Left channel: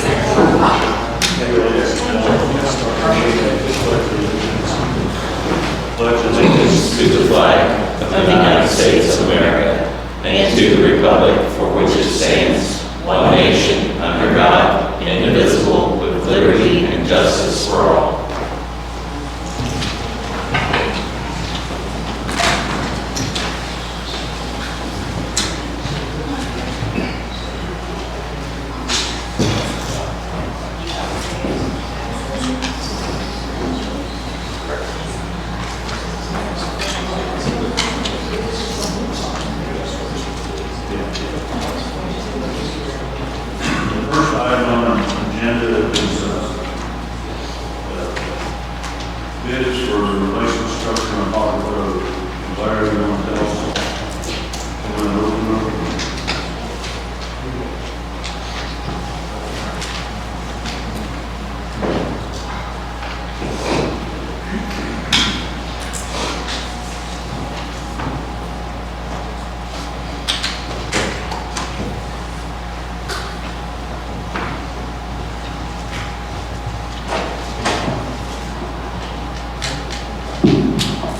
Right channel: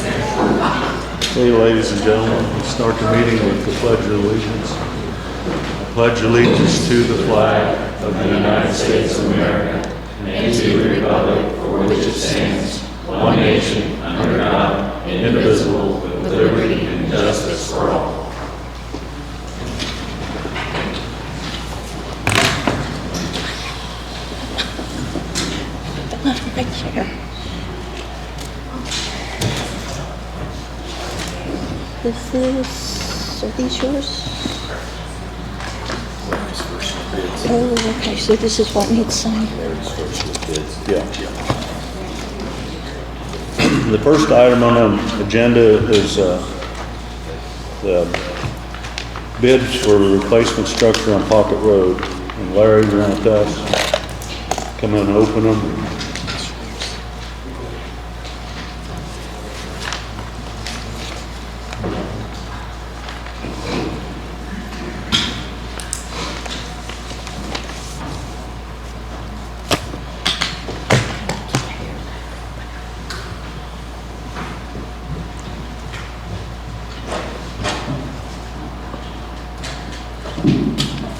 Okay, ladies and gentlemen, let's start the meeting with the Pledge of Allegiance. Pledge allegiance to the flag of the United States of America and to the republic for which it stands, one nation, under God, indivisible, with liberty and justice for all. So this is what needs signed. Yeah. The first item on the agenda is bids for replacement structure on Pocket Road. And Larry, you want to tell us? Come on and open them.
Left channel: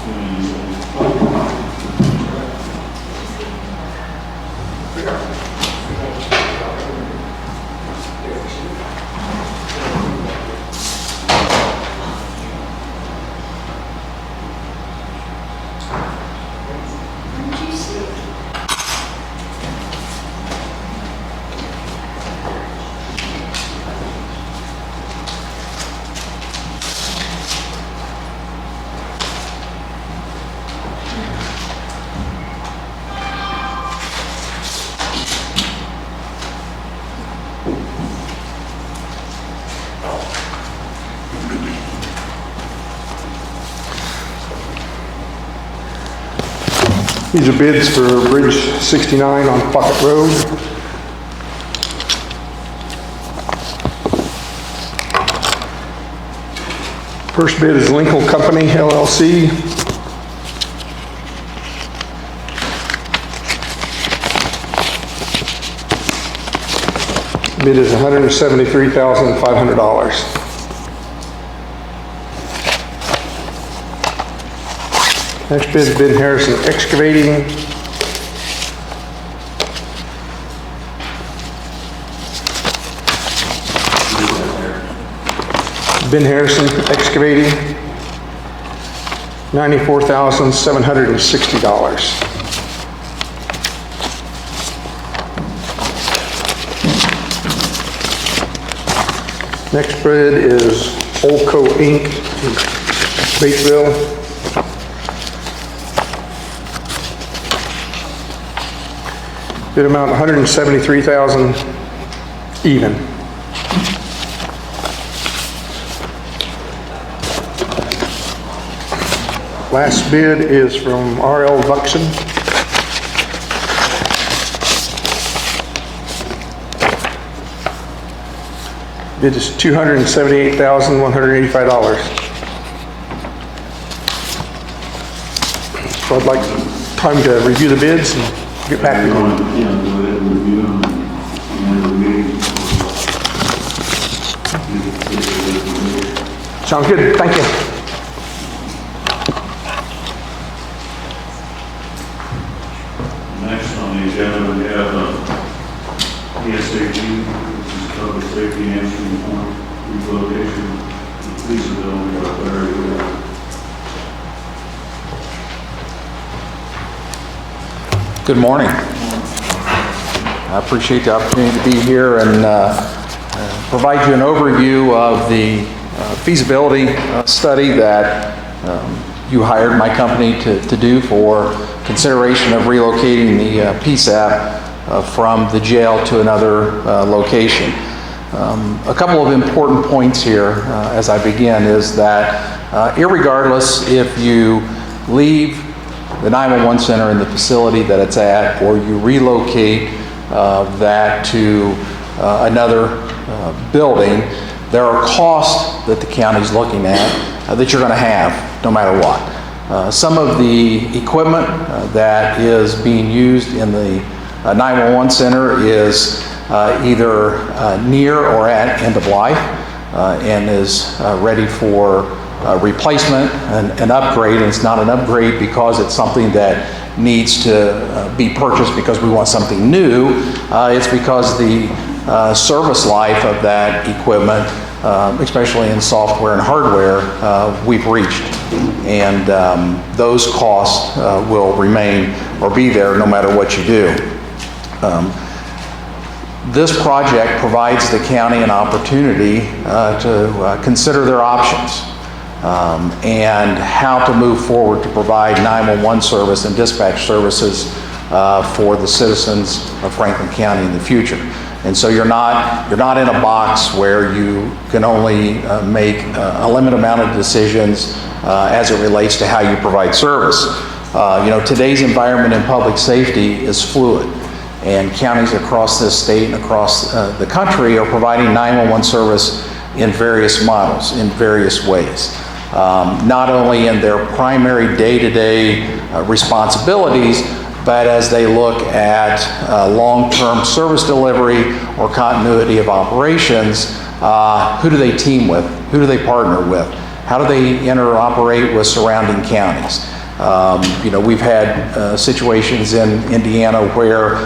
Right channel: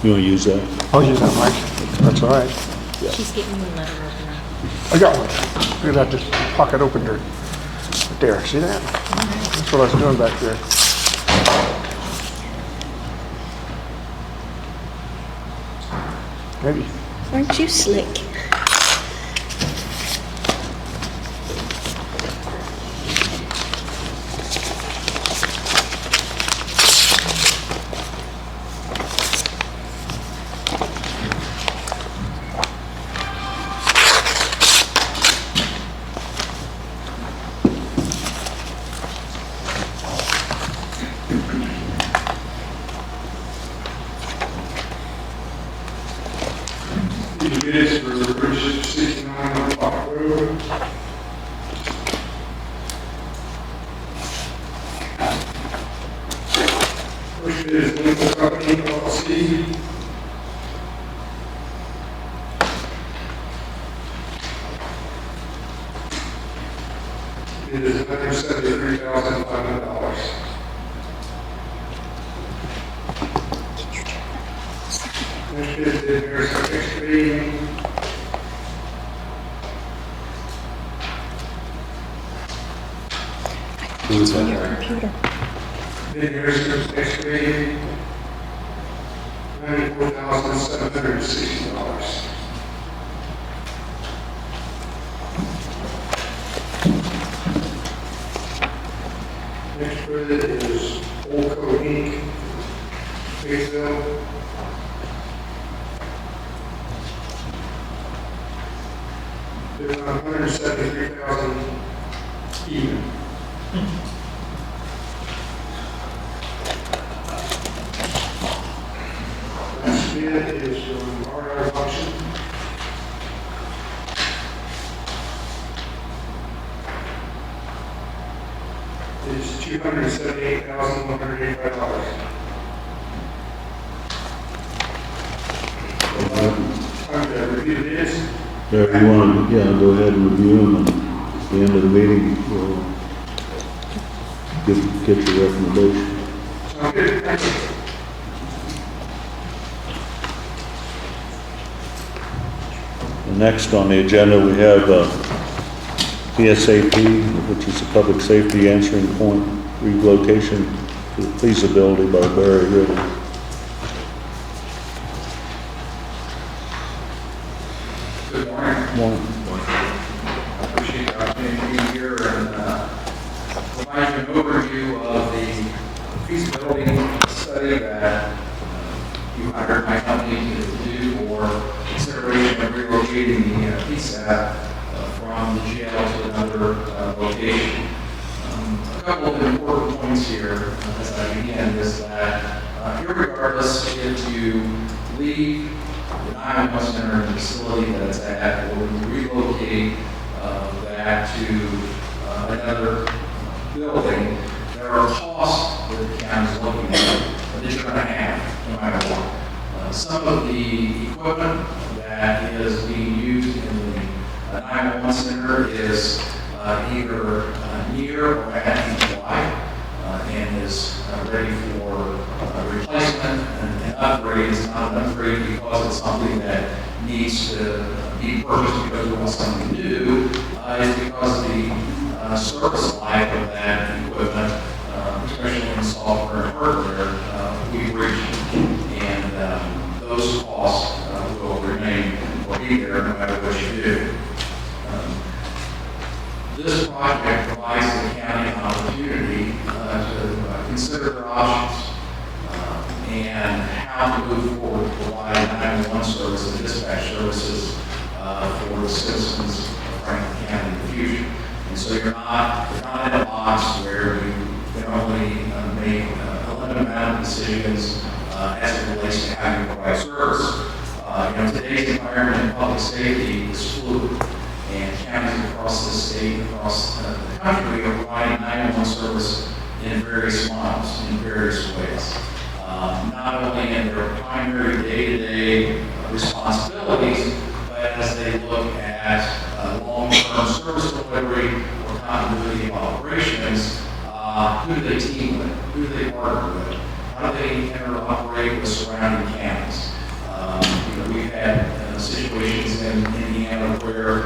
You want to use that? Oh, that's all right. She's getting in the... I got it. Maybe I just pocket opened her. There, see that? That's what I was doing back there. Ready? Aren't you slick? These are bids for Bridge 69 on Pocket Road. First bid is Linkel Co, LLC. Bid is $173,500. Next bid is Ben Harrison Excavating. Ben Harrison Excavating, $94,760. Next bid is Olco Inc, Batesville. Bid amount $173,000 even. Last bid is from RL Vuckson. Bid is $278,185. So I'd like time to review the bids and get back to you. Yeah, go ahead and review them at the end of the meeting. Get the recommendation. Sounds good, thank you. Next on the agenda, we have PSAP, which is a public safety answering point relocation for feasibility by Barry Ritter. Good morning. I appreciate the opportunity to be here and provide you an overview of the feasibility study that you hired my company to do for consideration of relocating the PSAP from the jail to another location. A couple of important points here as I begin is that irregardless if you leave the 911 center in the facility that it's at, or you relocate that to another building, there are costs that the county's looking at that you're going to have no matter what. Some of the equipment that is being used in the 911 center is either near or at end of life and is ready for replacement and an upgrade. And it's not an upgrade because it's something that needs to be purchased because we want something new. It's because the service life of that equipment, especially in software and hardware, we've reached. And those costs will remain or be there no matter what you do. This project provides the county an opportunity to consider their options and how to move forward to provide 911 service and dispatch services for the citizens of Franklin County in the future. And so you're not in a box where you can only make a limited amount of decisions as it relates to how you provide service. Today's environment in public safety is fluid, and counties across this state and across the country are providing 911 service in various models, in various ways. Not only in their primary day-to-day responsibilities, but as they look at long-term service delivery or continuity of operations, who do they team with? Who do they partner with? How do they interoperate with surrounding counties? We've had situations in Indiana where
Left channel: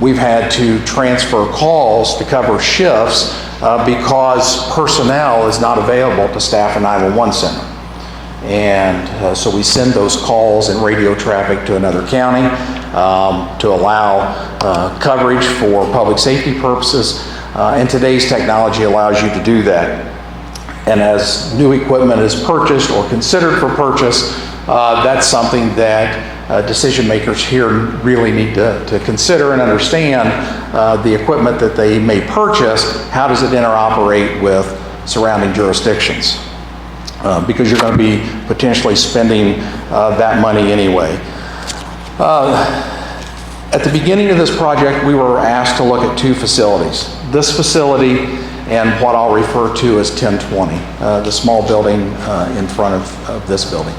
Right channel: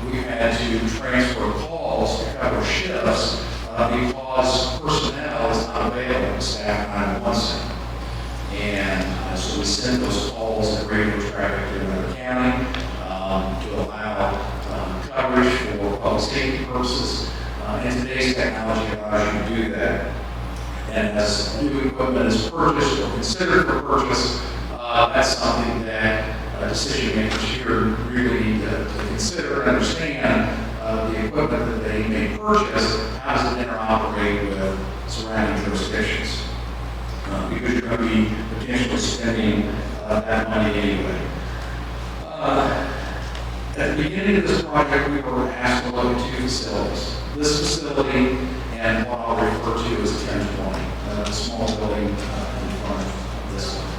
we've had to transfer calls to cover shifts because personnel is not available to staff a 911 center. And so we send those calls and radio traffic to another county to allow coverage for public safety purposes. And today's technology allows you to do that. And as new equipment is purchased or considered for purchase, that's something that decision makers here really need to consider and understand. The equipment that they may purchase, how does it interoperate with surrounding jurisdictions? Because you're going to be potentially spending that money anyway. At the beginning of this project, we were asked to look at two facilities. This facility and what I'll refer to as 1020, the small building in front of this building.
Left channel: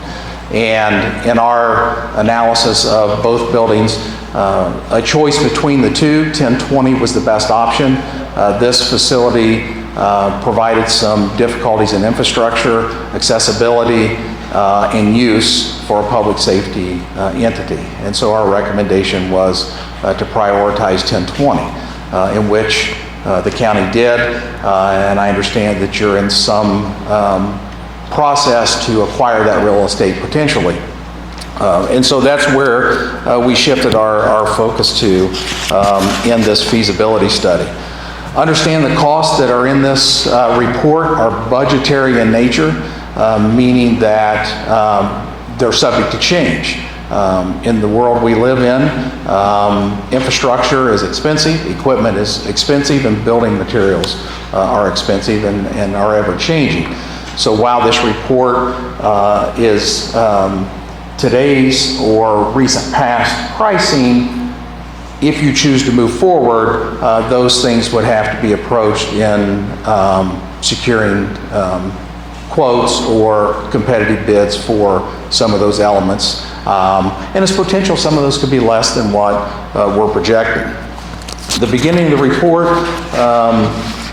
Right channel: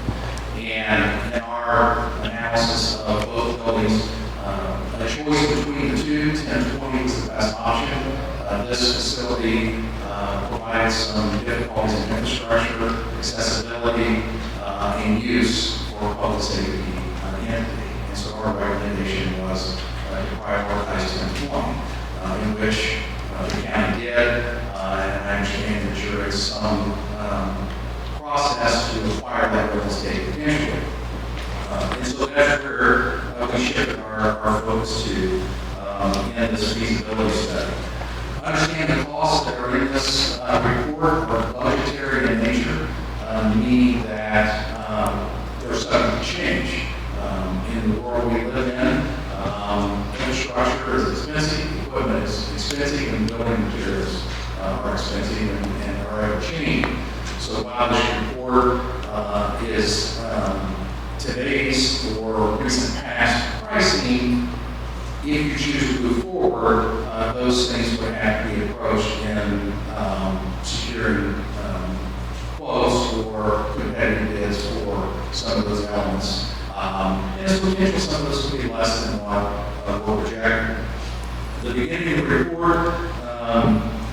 And in our analysis of both buildings, a choice between the two, 1020 was the best option. This facility provided some difficulties in infrastructure, accessibility, and use for a public safety entity. And so our recommendation was to prioritize 1020, in which the county did, and I understand that you're in some process to acquire that real estate potentially. And so that's where we shifted our focus to in this feasibility study. Understand the costs that are in this report are budgetary in nature, meaning that they're subject to change. In the world we live in, infrastructure is expensive, equipment is expensive, and building materials are expensive and are ever changing. So while this report is today's or recent past pricing, if you choose to move forward, those things would have to be approached in securing quotes or competitive bids for some of those elements. And it's potential some of those could be less than what we're projecting. The beginning of the report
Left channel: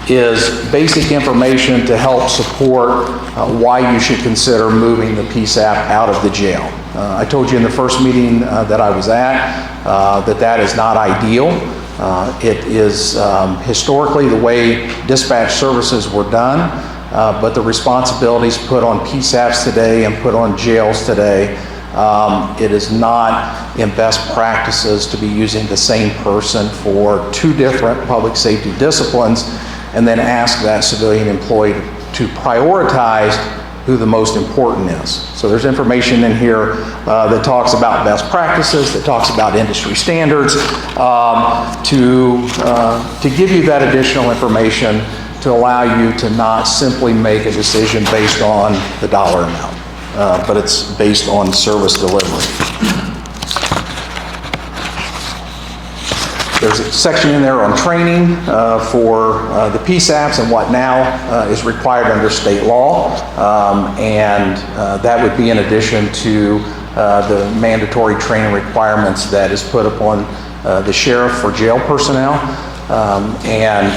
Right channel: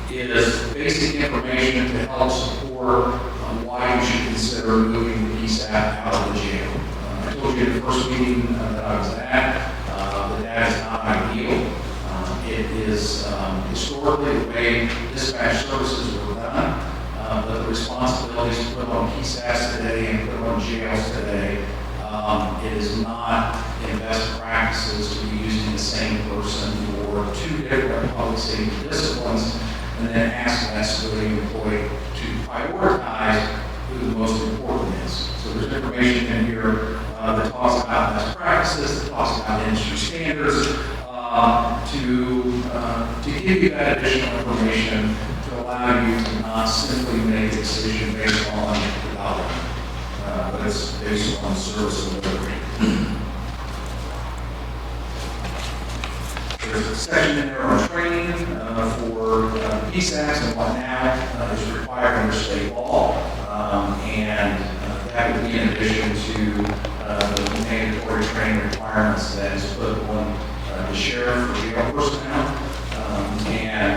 is basic information to help support why you should consider moving the PSAP out of the jail. I told you in the first meeting that I was at that is not ideal. It is historically the way dispatch services were done, but the responsibilities put on PSAPs today and put on jails today, it is not in best practices to be using the same person for two different public safety disciplines and then ask that civilian employee to prioritize who the most important is. So there's information in here that talks about best practices, that talks about industry standards, to give you that additional information to allow you to not simply make a decision based on the dollar amount, but it's based on service delivery. There's a section in there on training for the PSAPs and what now is required under state law. And that would be in addition to the mandatory training requirements that is put upon the sheriff for jail personnel. and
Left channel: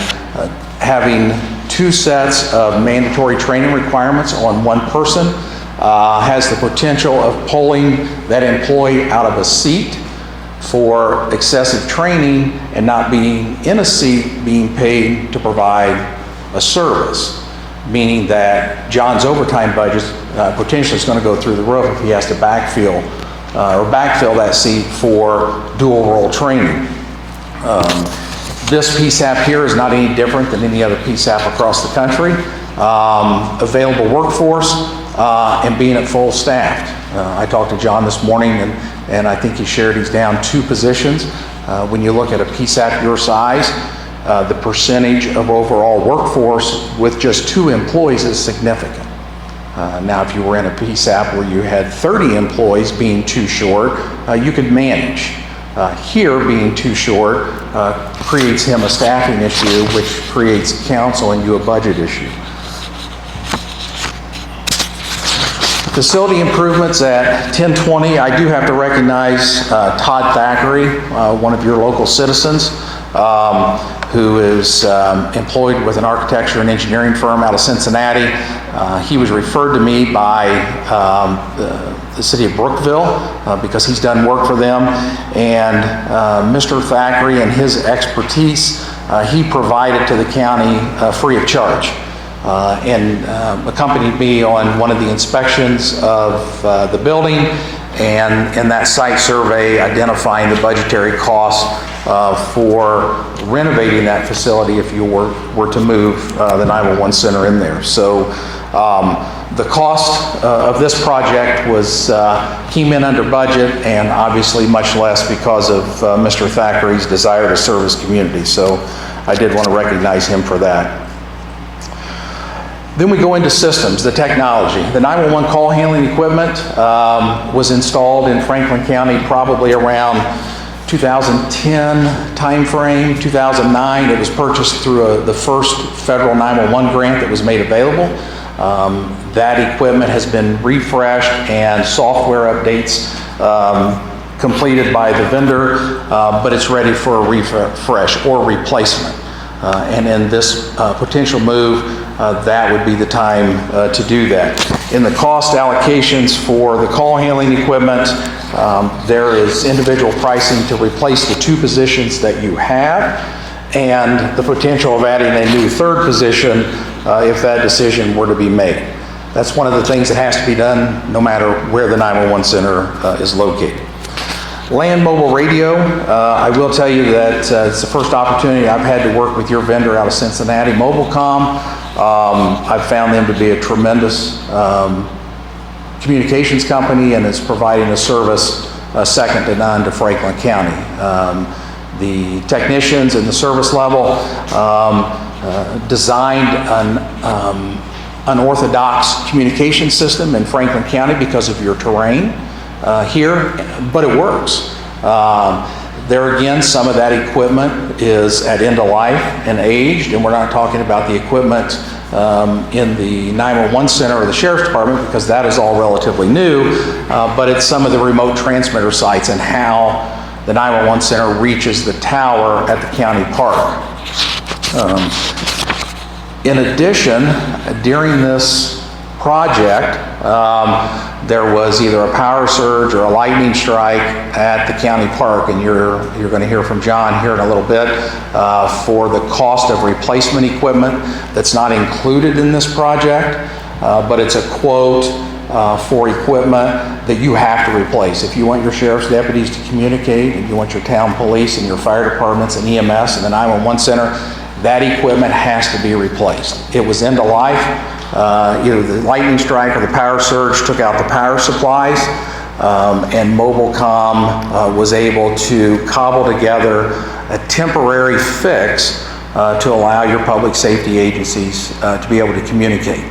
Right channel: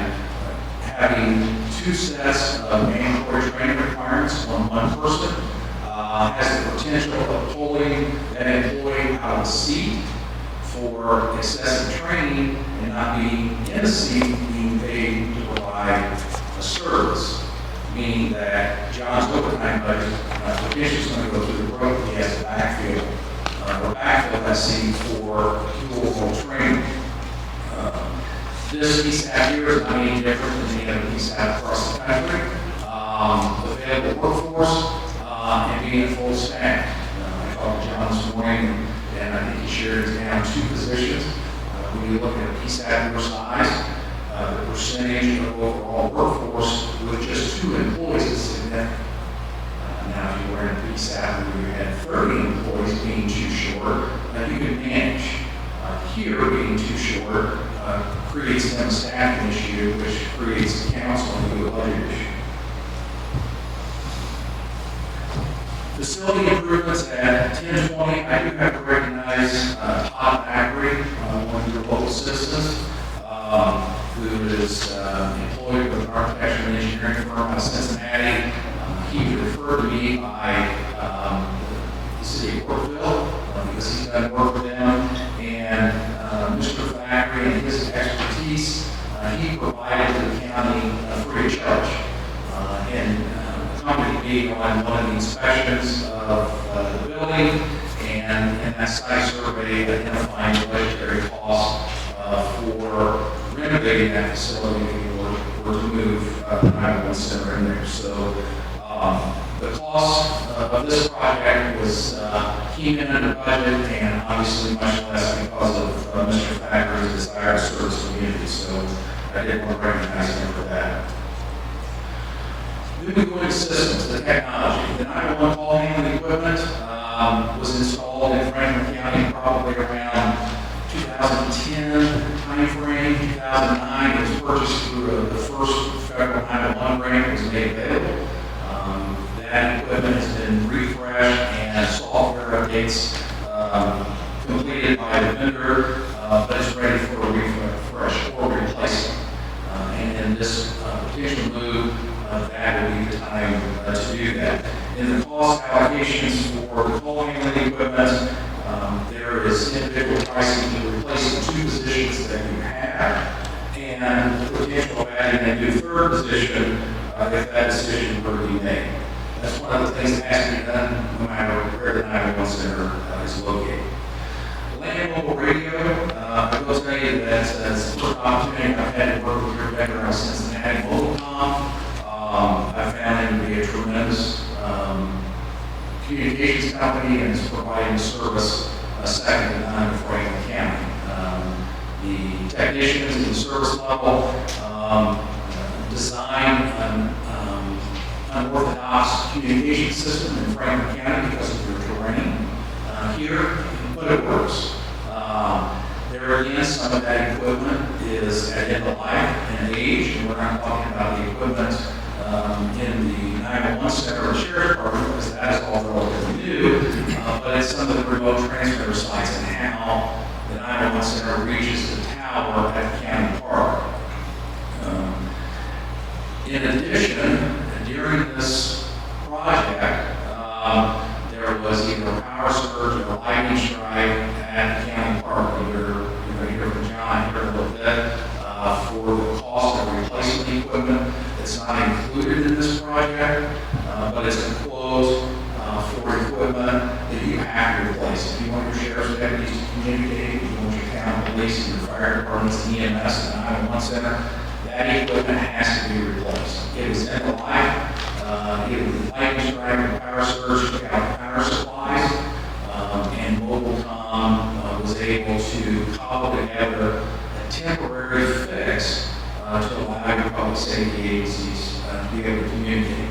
having 2 sets of mandatory training requirements on one person has the potential of pulling that employee out of a seat for excessive training and not being in a seat being paid to provide a service, meaning that John's overtime budget potentially is going to go through the roof if he has to backfill that seat for dual role training. This PSAP here is not any different than any other PSAP across the country. Available workforce and being at full staffed. I talked to John this morning and I think he shared he's down 2 positions. When you look at a PSAP your size, the percentage of overall workforce with just 2 employees is significant. Now, if you were in a PSAP where you had 30 employees being too short, you could manage. Here, being too short creates him a staffing issue, which creates council and you a budget issue. Facility improvements at 1020, I do have to recognize Todd Thackeray, one of your local citizens, who is employed with an architecture and engineering firm out of Cincinnati. He was referred to me by the city of Brookville because he's done work for them. And Mr. Thackeray and his expertise, he provided to the county free of charge. And accompanied me on one of the inspections of the building and in that site survey identifying the budgetary costs for renovating that facility if you were to move the 911 center in there. So the cost of this project came in under budget and obviously much less because of Mr. Thackeray's desire to serve his community. So I did want to recognize him for that. Then we go into systems, the technology. The 911 call handling equipment was installed in Franklin County probably around 2010 timeframe, 2009. It was purchased through the first federal 911 grant that was made available. That equipment has been refreshed and software updates completed by the vendor, but it's ready for a refresh or replacement. And in this potential move, that would be the time to do that. In the cost allocations for the call handling equipment, there is individual pricing to replace the 2 positions that you have and the potential of adding a new 3rd position if that decision were to be made. That's one of the things that has to be done no matter where the 911 center is located. Land mobile radio, I will tell you that it's the first opportunity I've had to work with your vendor out of Cincinnati, Mobilecom. I've found them to be a tremendous communications company and is providing a service second to none to Franklin County. The technicians and the service level designed an unorthodox communication system in Franklin County because of your terrain here, but it works. There again, some of that equipment is at end of life and aged, and we're not talking about the equipment in the 911 center or the sheriff's department because that is all relatively new, but it's some of the remote transmitter sites and how the 911 center reaches the tower at the county park. In addition, during this project, there was either a power surge or a lightning strike at the county park, and you're going to hear from John here in a little bit for the cost of replacement equipment that's not included in this project, but it's a quote for equipment that you have to replace. If you want your sheriff's deputies to communicate, and you want your town police and your fire departments and EMS and the 911 center, that equipment has to be replaced. It was end of life. Either the lightning strike or the power surge took out the power supplies, and Mobilecom was able to cobble together a temporary fix to allow your public safety agencies to be able to communicate.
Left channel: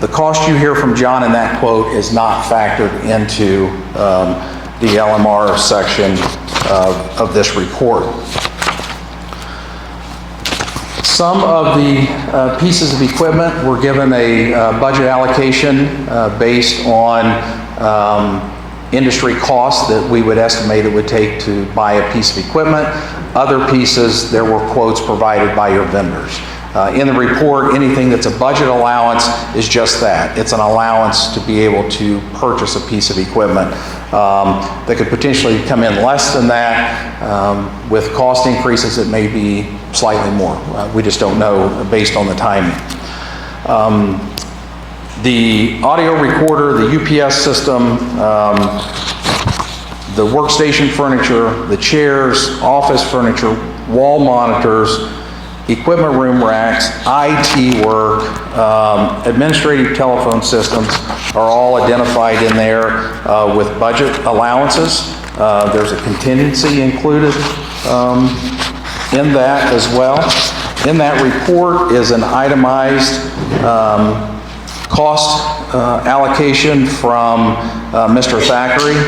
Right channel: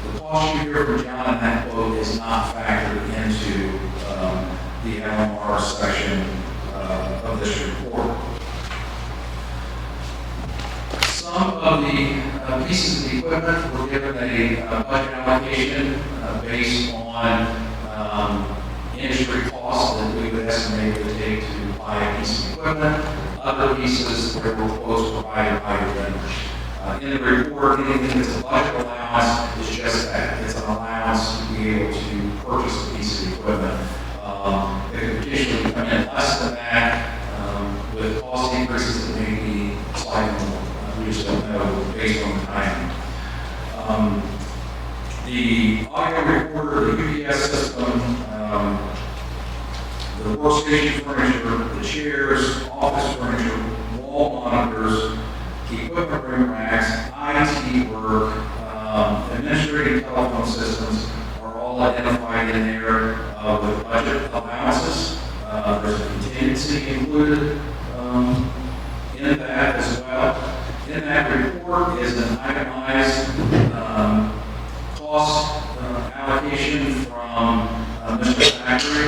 The cost you hear from John in that quote is not factored into the LMR section of this report. Some of the pieces of equipment were given a budget allocation based on industry costs that we would estimate it would take to buy a piece of equipment. other pieces, there were quotes provided by your vendors. In the report, anything that's a budget allowance is just that. It's an allowance to be able to purchase a piece of equipment. That could potentially come in less than that. With cost increases, it may be slightly more. We just don't know based on the timing. The audio recorder, the UPS system, the workstation furniture, the chairs, office furniture, wall monitors, equipment room racks, IT work, administrative telephone systems are all identified in there with budget allowances. There's a contingency included in that as well. In that report is an itemized cost allocation from Mr. Thackeray.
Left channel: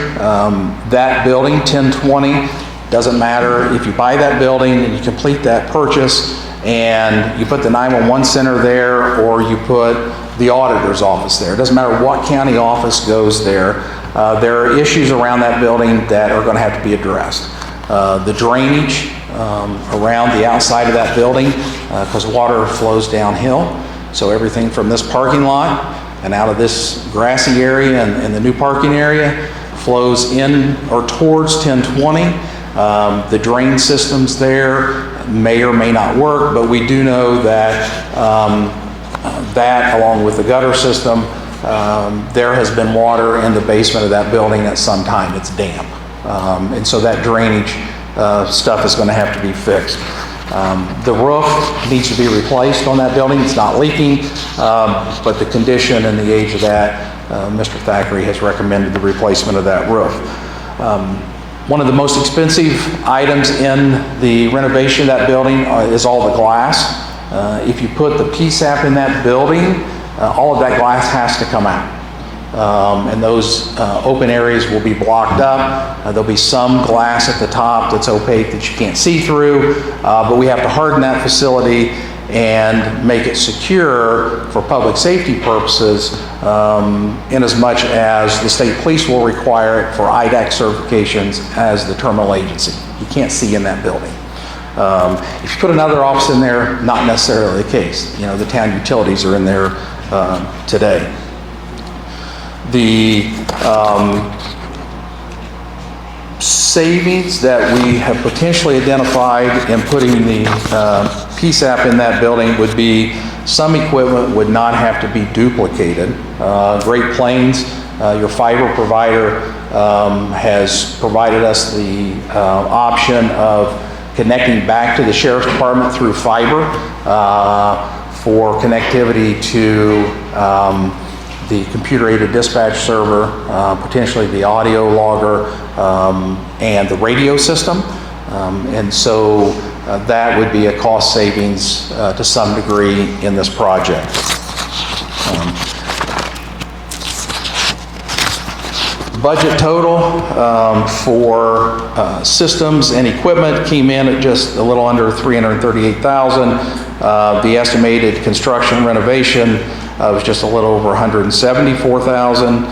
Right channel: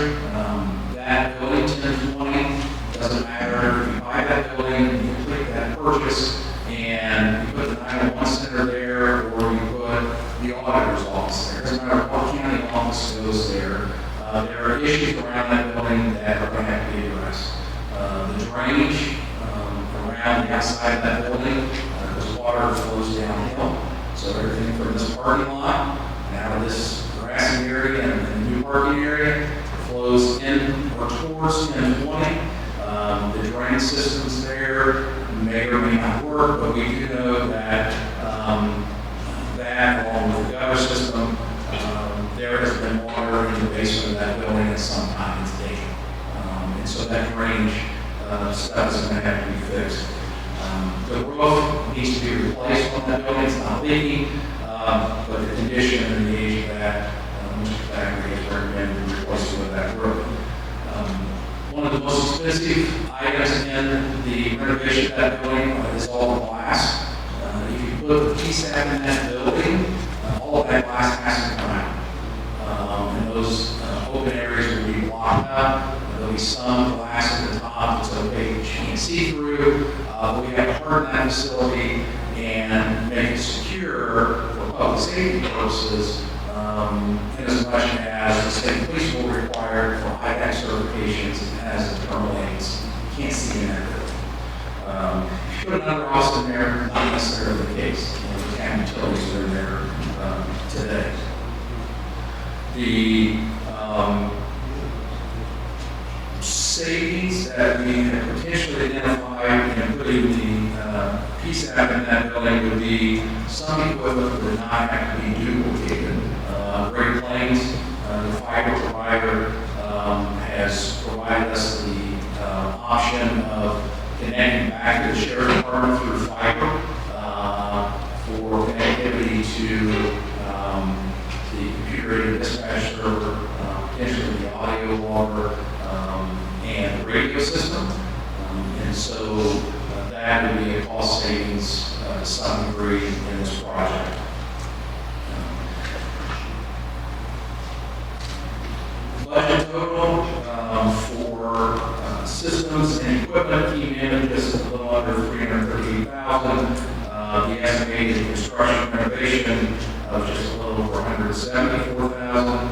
That building, 1020, doesn't matter if you buy that building and you complete that purchase and you put the 911 center there or you put the auditor's office there. It doesn't matter what county office goes there. There are issues around that building that are going to have to be addressed. The drainage around the outside of that building, because water flows downhill. So everything from this parking lot and out of this grassy area and the new parking area flows in or towards 1020. The drain systems there may or may not work, but we do know that that, along with the gutter system, there has been water in the basement of that building at some time. It's damp. And so that drainage stuff is going to have to be fixed. The roof needs to be replaced on that building. It's not leaking, but the condition and the age of that, Mr. Thackeray has recommended the replacement of that roof. One of the most expensive items in the renovation of that building is all the glass. If you put the PSAP in that building, all of that glass has to come out. And those open areas will be blocked up. There'll be some glass at the top that's opaque that you can't see through, but we have to harden that facility and make it secure for public safety purposes, in as much as the state police will require it for IDAC certifications as the terminal agency. You can't see in that building. If you put another office in there, not necessarily the case. You know, the town utilities are in there today. The savings that we have potentially identified in putting the PSAP in that building would be some equipment would not have to be duplicated. Great Plains, your fiber provider, has provided us the option of connecting back to the Sheriff's Department through fiber for connectivity to the computer-aided dispatch server, potentially the audio logger, and the radio system. And so that would be a cost savings to some degree in this project. Budget total for systems and equipment came in at just a little under $338,000. The estimated construction renovation was just a little over $174,000.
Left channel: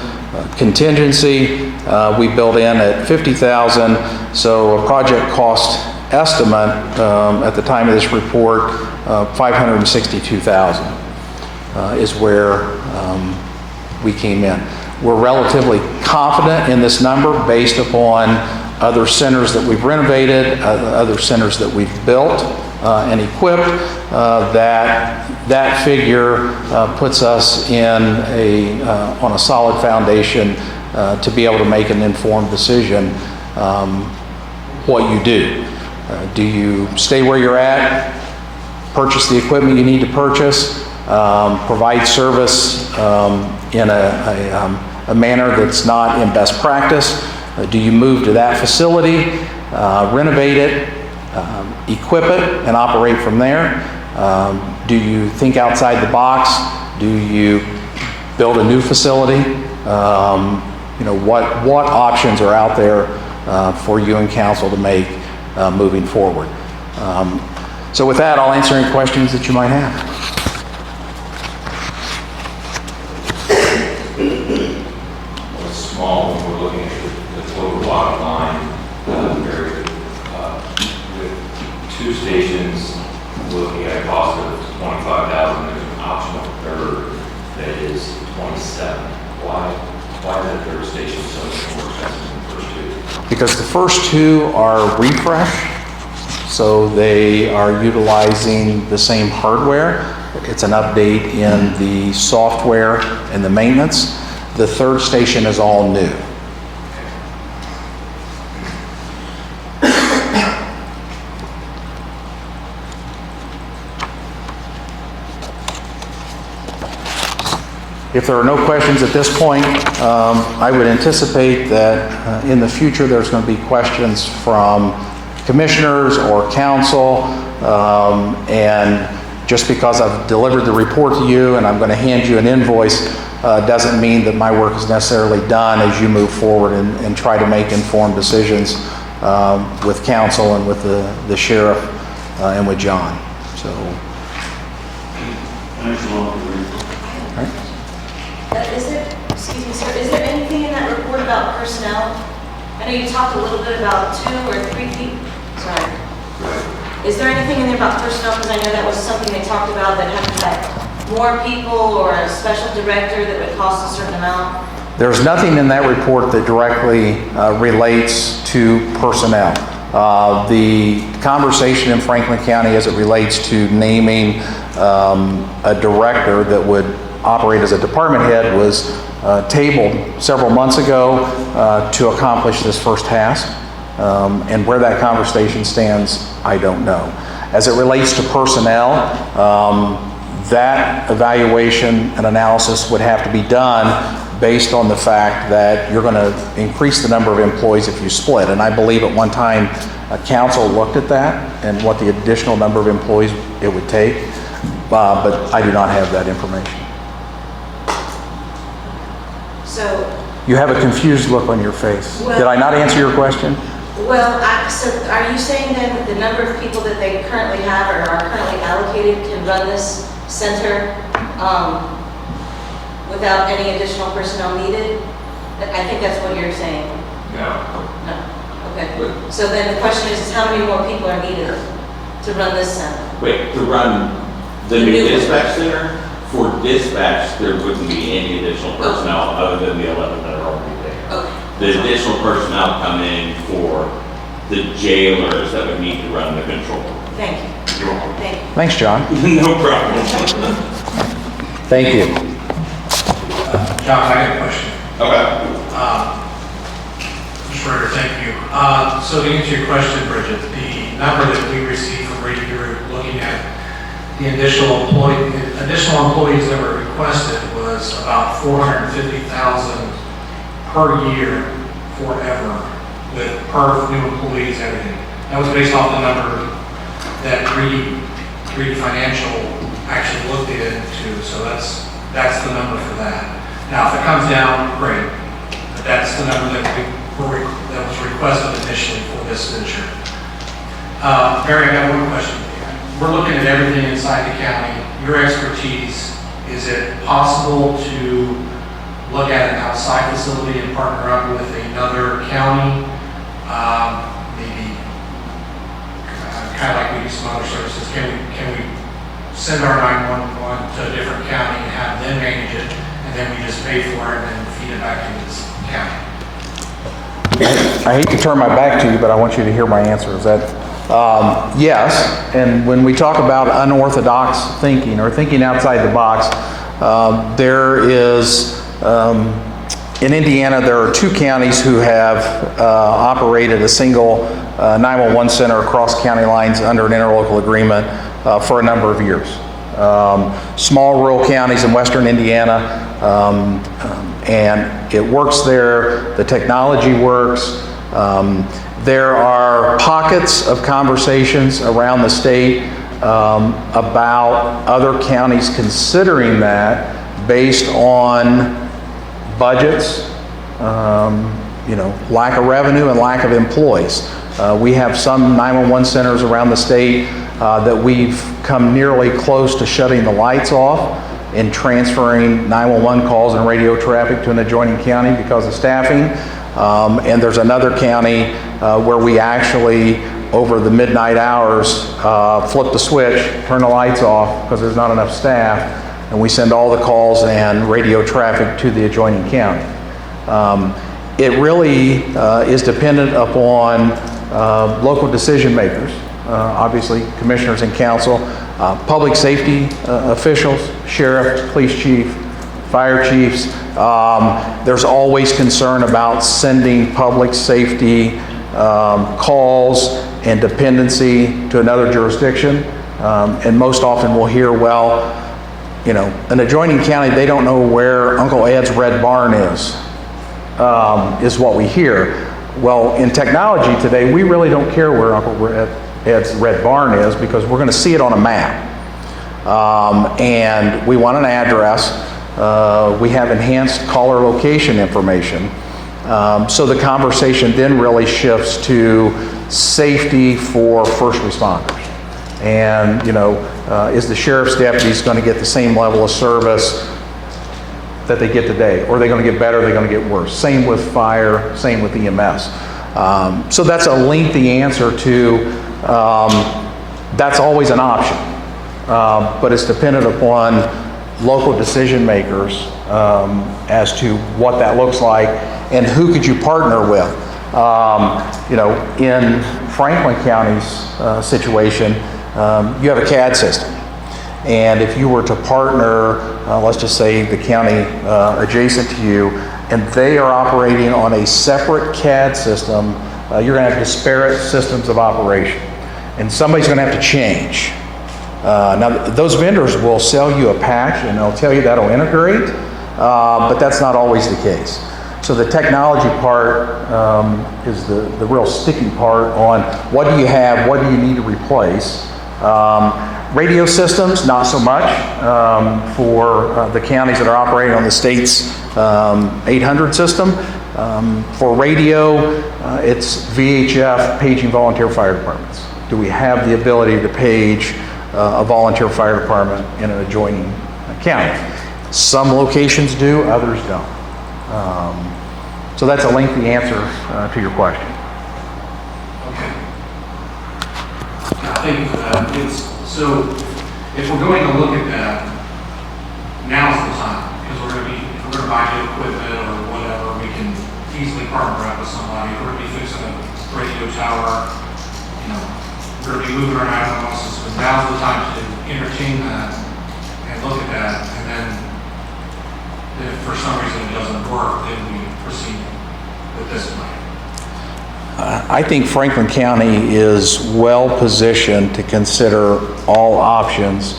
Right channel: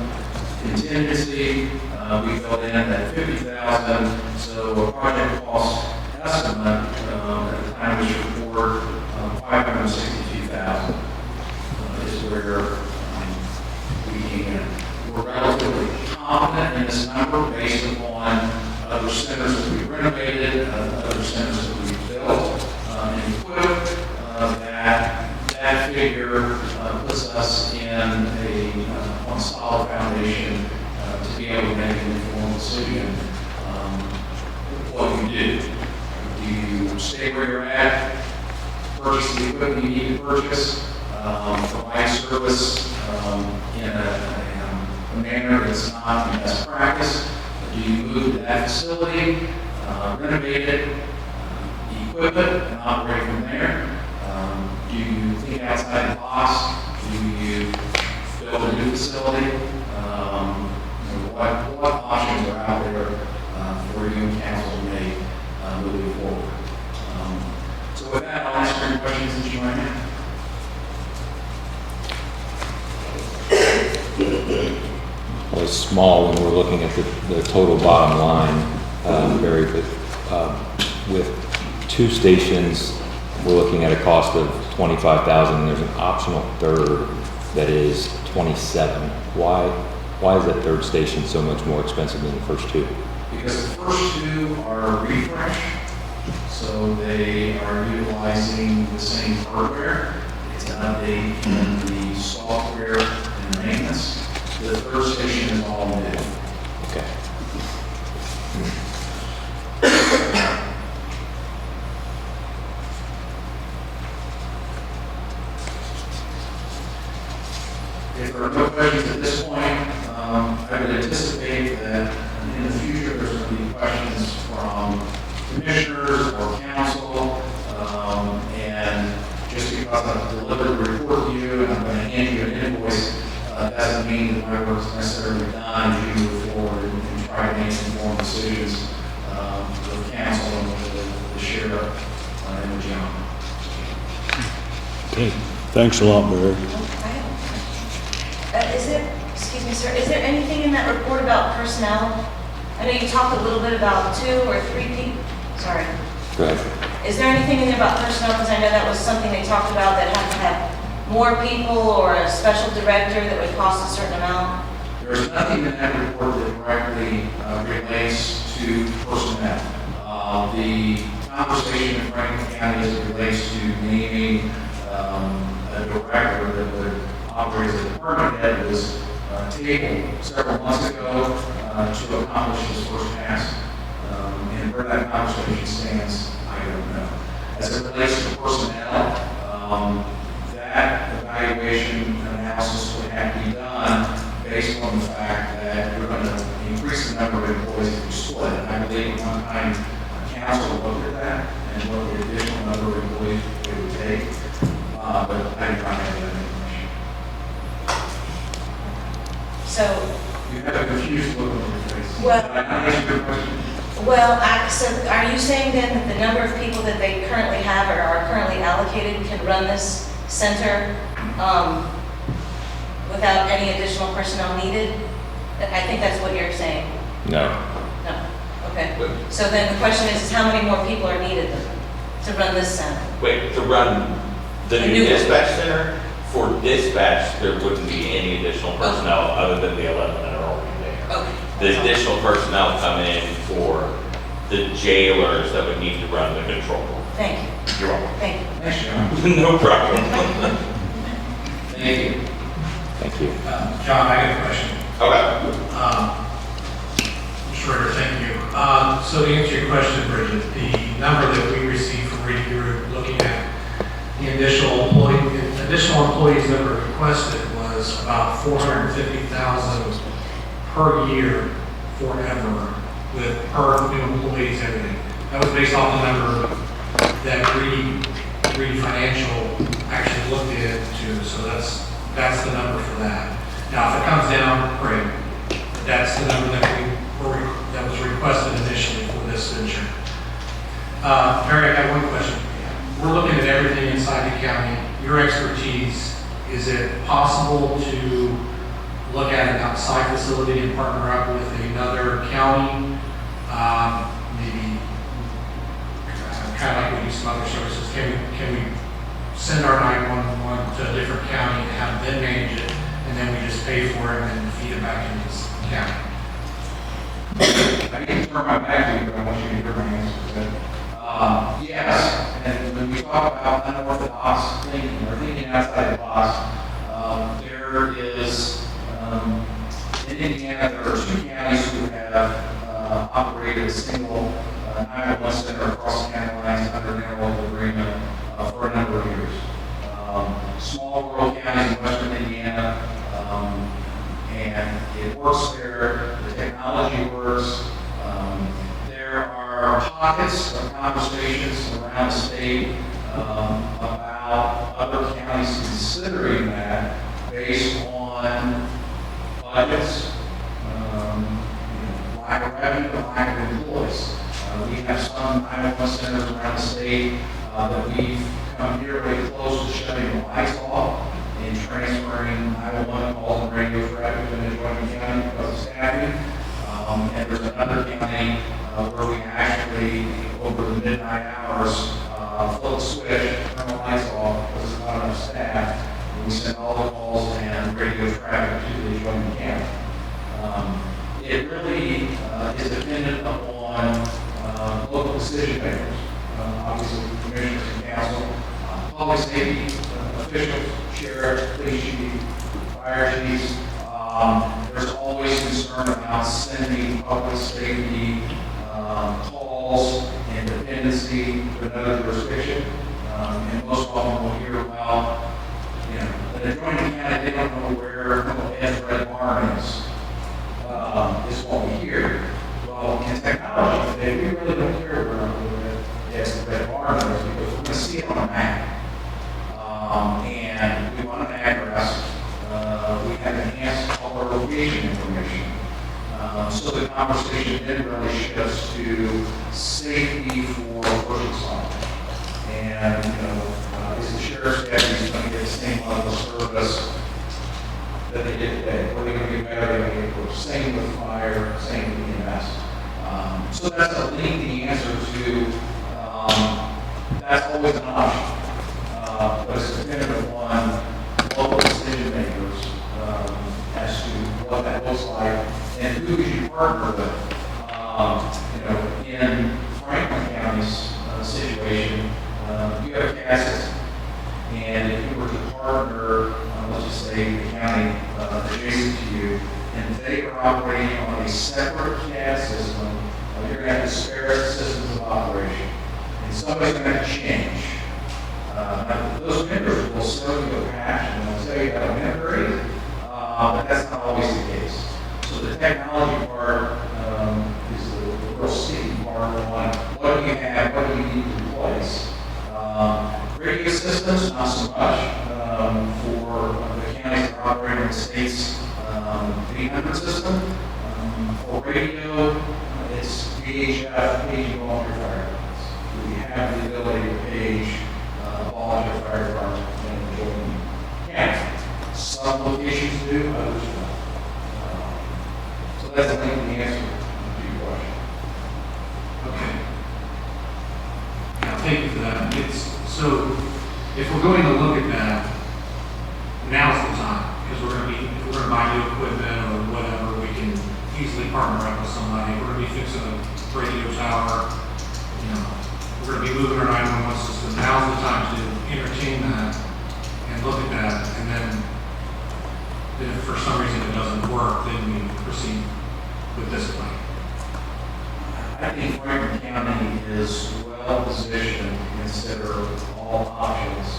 Contingency, we built in at $50,000. So a project cost estimate at the time of this report, $562,000 is where we came in. We're relatively confident in this number based upon other centers that we've renovated, other centers that we've built and equipped, that figure puts us in on a solid foundation to be able to make an informed decision what you do. Do you stay where you're at, purchase the equipment you need to purchase, provide service in a manner that's not in best practice? Do you move to that facility, renovate it, equip it, and operate from there? Do you think outside the box? Do you build a new facility? You know, what options are out there for you and council to make moving forward? So with that, I'll answer any questions that you might have. Well, it's small when we're looking at the total bottom line, very good, with 2 stations, we're looking at a cost of $25,000. There's an optional third that is $27,000. Why is that third station so much more expensive than the first 2? Because the first 2 are refresh, so they are utilizing the same hardware. It's an update in the software and the maintenance. The third station is all new. Okay. If there are no questions at this point, I would anticipate that in the future there's going to be questions from commissioners or council, and just because I've delivered the report to you and I'm going to hand you an invoice doesn't mean that my work is necessarily done as you move forward and try to make informed decisions with council and with the sheriff and with John. So, Thanks a lot, Barry. Is there, excuse me, sir, is there anything in that report about personnel? I know you talked a little bit about 2 or 3 people, sorry. Right. Is there anything in there about personnel? Because I know that was something they talked about, that had to have more people or a special director that would cost a certain amount. there's nothing in that report that directly relates to personnel. The conversation in Franklin County as it relates to naming a director that would operate as a department head was tabled several months ago to accomplish this first task. And where that conversation stands, I don't know. As it relates to personnel, that evaluation and analysis would have to be done based on the fact that you're going to increase the number of employees if you split. And I believe at one time, council looked at that and what the additional number of employees it would take, but I do not have that information. So, You have a confused look on your face. Well- Did I not answer your question? well, so are you saying then that the number of people that they currently have or are currently allocated can run this center without any additional personnel needed? I think that's what you're saying. No. No, okay. So then the question is how many more people are needed to run this center? Wait, to run the The new new one. dispatch center? For dispatch, there wouldn't be any additional personnel other than the 11 that are already there. Okay. The additional personnel come in for the jailers that would need to run the control room. Thank you. You're welcome. Thank you. Thanks, John. No problem. Thank you. John, I have a question. Okay. Mr. Ritter, thank you. So to answer your question, Bridget, the number that we received from Ritter Group, looking at the additional employees that were requested was about $450,000 per year forever, with per new employees, everything. That was based off the number that Reedy Financial actually looked into, so that's the number for that. Now, if it comes down, great. But that's the number that that was requested initially for this venture. Barry, I have one question. We're looking at everything inside the county. Your expertise, is it possible to look at an outside facility and partner up with another county? Maybe kind of like we do some other services. Can we send our 911 to a different county and have them manage it, and then we just pay for it and then feed it back into this county? I hate to turn my back to you, but I want you to hear my answer. Is that yes? And when we talk about unorthodox thinking or thinking outside the box, there is in Indiana there are 2 counties who have operated a single 911 center across county lines under an interlocal agreement for a number of years. Small rural counties in western Indiana. And it works there, the technology works. There are pockets of conversations around the state about other counties considering that based on budgets, lack of revenue and lack of employees. We have some 911 centers around the state that we've come nearly close to shutting the lights off and transferring 911 calls and radio traffic to an adjoining county because of staffing. And there's another county where we actually over the midnight hours, flip the switch, turn the lights off because there's not enough staff, and we send all the calls and radio traffic to the adjoining county. It really is dependent upon local decision makers, obviously commissioners and council, public safety officials, sheriff, police chief, fire chiefs. There's always concern about sending public safety calls and dependency to another jurisdiction. And most often we'll hear, well, you know, an adjoining county, they don't know where Uncle Ed's red barn is what we hear. Well, in technology today, we really don't care where Uncle Ed's red barn is because we're going to see it on a map. And we want an address. We have enhanced caller location information. So the conversation then really shifts to safety for first responders. And, you know, is the sheriff's deputies going to get the same level of service that they get today? Or are they going to get better, or are they going to get worse? Same with fire, same with EMS. So that's a lengthy answer to, that's always an option. But it's dependent upon local decision makers as to what that looks like and who could you partner with. You know, in Franklin County's situation, you have a CAD system. And if you were to partner, let's just say the county adjacent to you, and they are operating on a separate CAD system, you're going to have disparate systems of operation. And somebody's going to have to change. Now, those vendors will sell you a patch and they'll tell you that'll integrate, but that's not always the case. So the technology part is the real sticky part on what do you have, what do you need to replace. Radio systems, not so much for the counties that are operating on the state's 800 system. For radio, it's VHF, paging volunteer fire departments. Do we have the ability to page a volunteer fire department in an adjoining county? Some locations do, others don't. So that's a lengthy answer to your question. Okay. I think so if we're going to look at that, now's the time, because if we're going to buy new equipment or whatever, we can easily partner up with somebody. If we're going to be fixing a radio tower, you know, we're going to be moving our 911 system. Now's the time to entertain that and look at that, and then if for some reason it doesn't work, then we proceed with this plan. I think Franklin County is well positioned to consider all options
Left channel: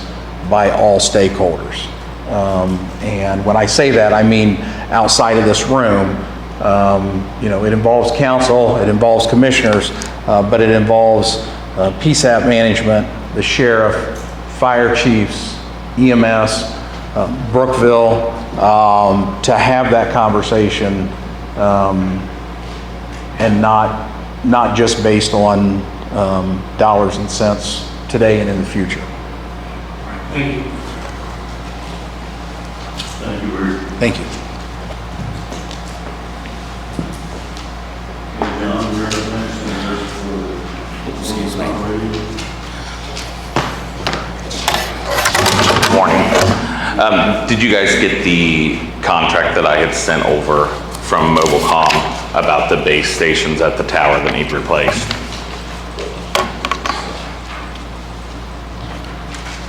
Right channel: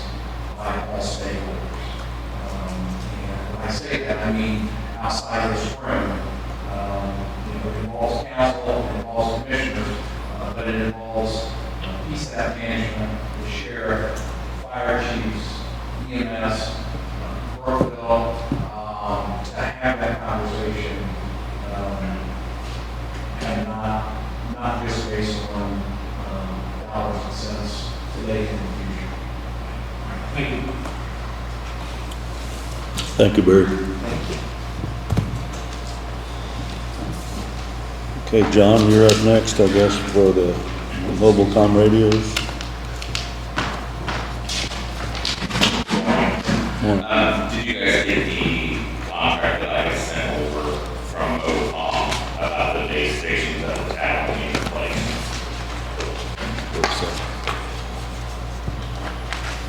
by all stakeholders. And when I say that, I mean outside of this room. You know, it involves council, it involves commissioners, but it involves PSAP management, the sheriff, fire chiefs, EMS, Brookville, to have that conversation and not just based on dollars and cents today and in the future. Thank you. Thank you, Barry. Thank you. Okay, John, you're up next, I guess, for the mobile phone radios. Morning. Did you guys get the contract that I had sent over from Mobilecom about the base stations at the tower that need replaced?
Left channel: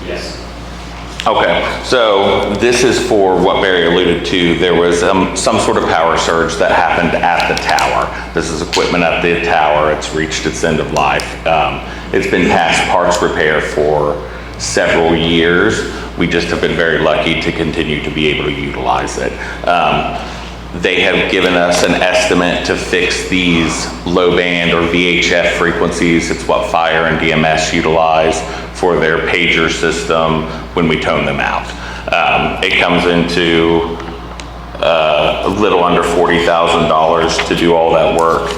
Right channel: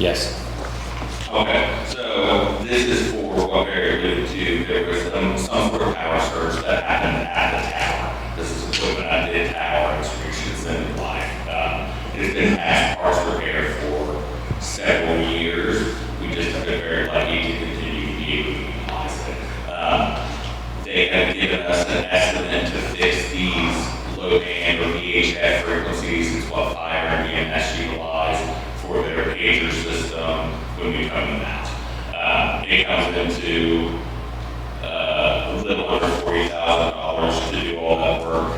Yes. Okay, so this is for what Barry alluded to. There was some sort of power surge that happened at the tower. This is equipment at the tower. It's reached its end of life. It's been past parts repair for several years. We just have been very lucky to continue to be able to utilize it. They have given us an estimate to fix these low band or VHF frequencies. It's what fire and DMS utilize for their pager system when we tone them out. It comes into a little under $40,000 to do all that work.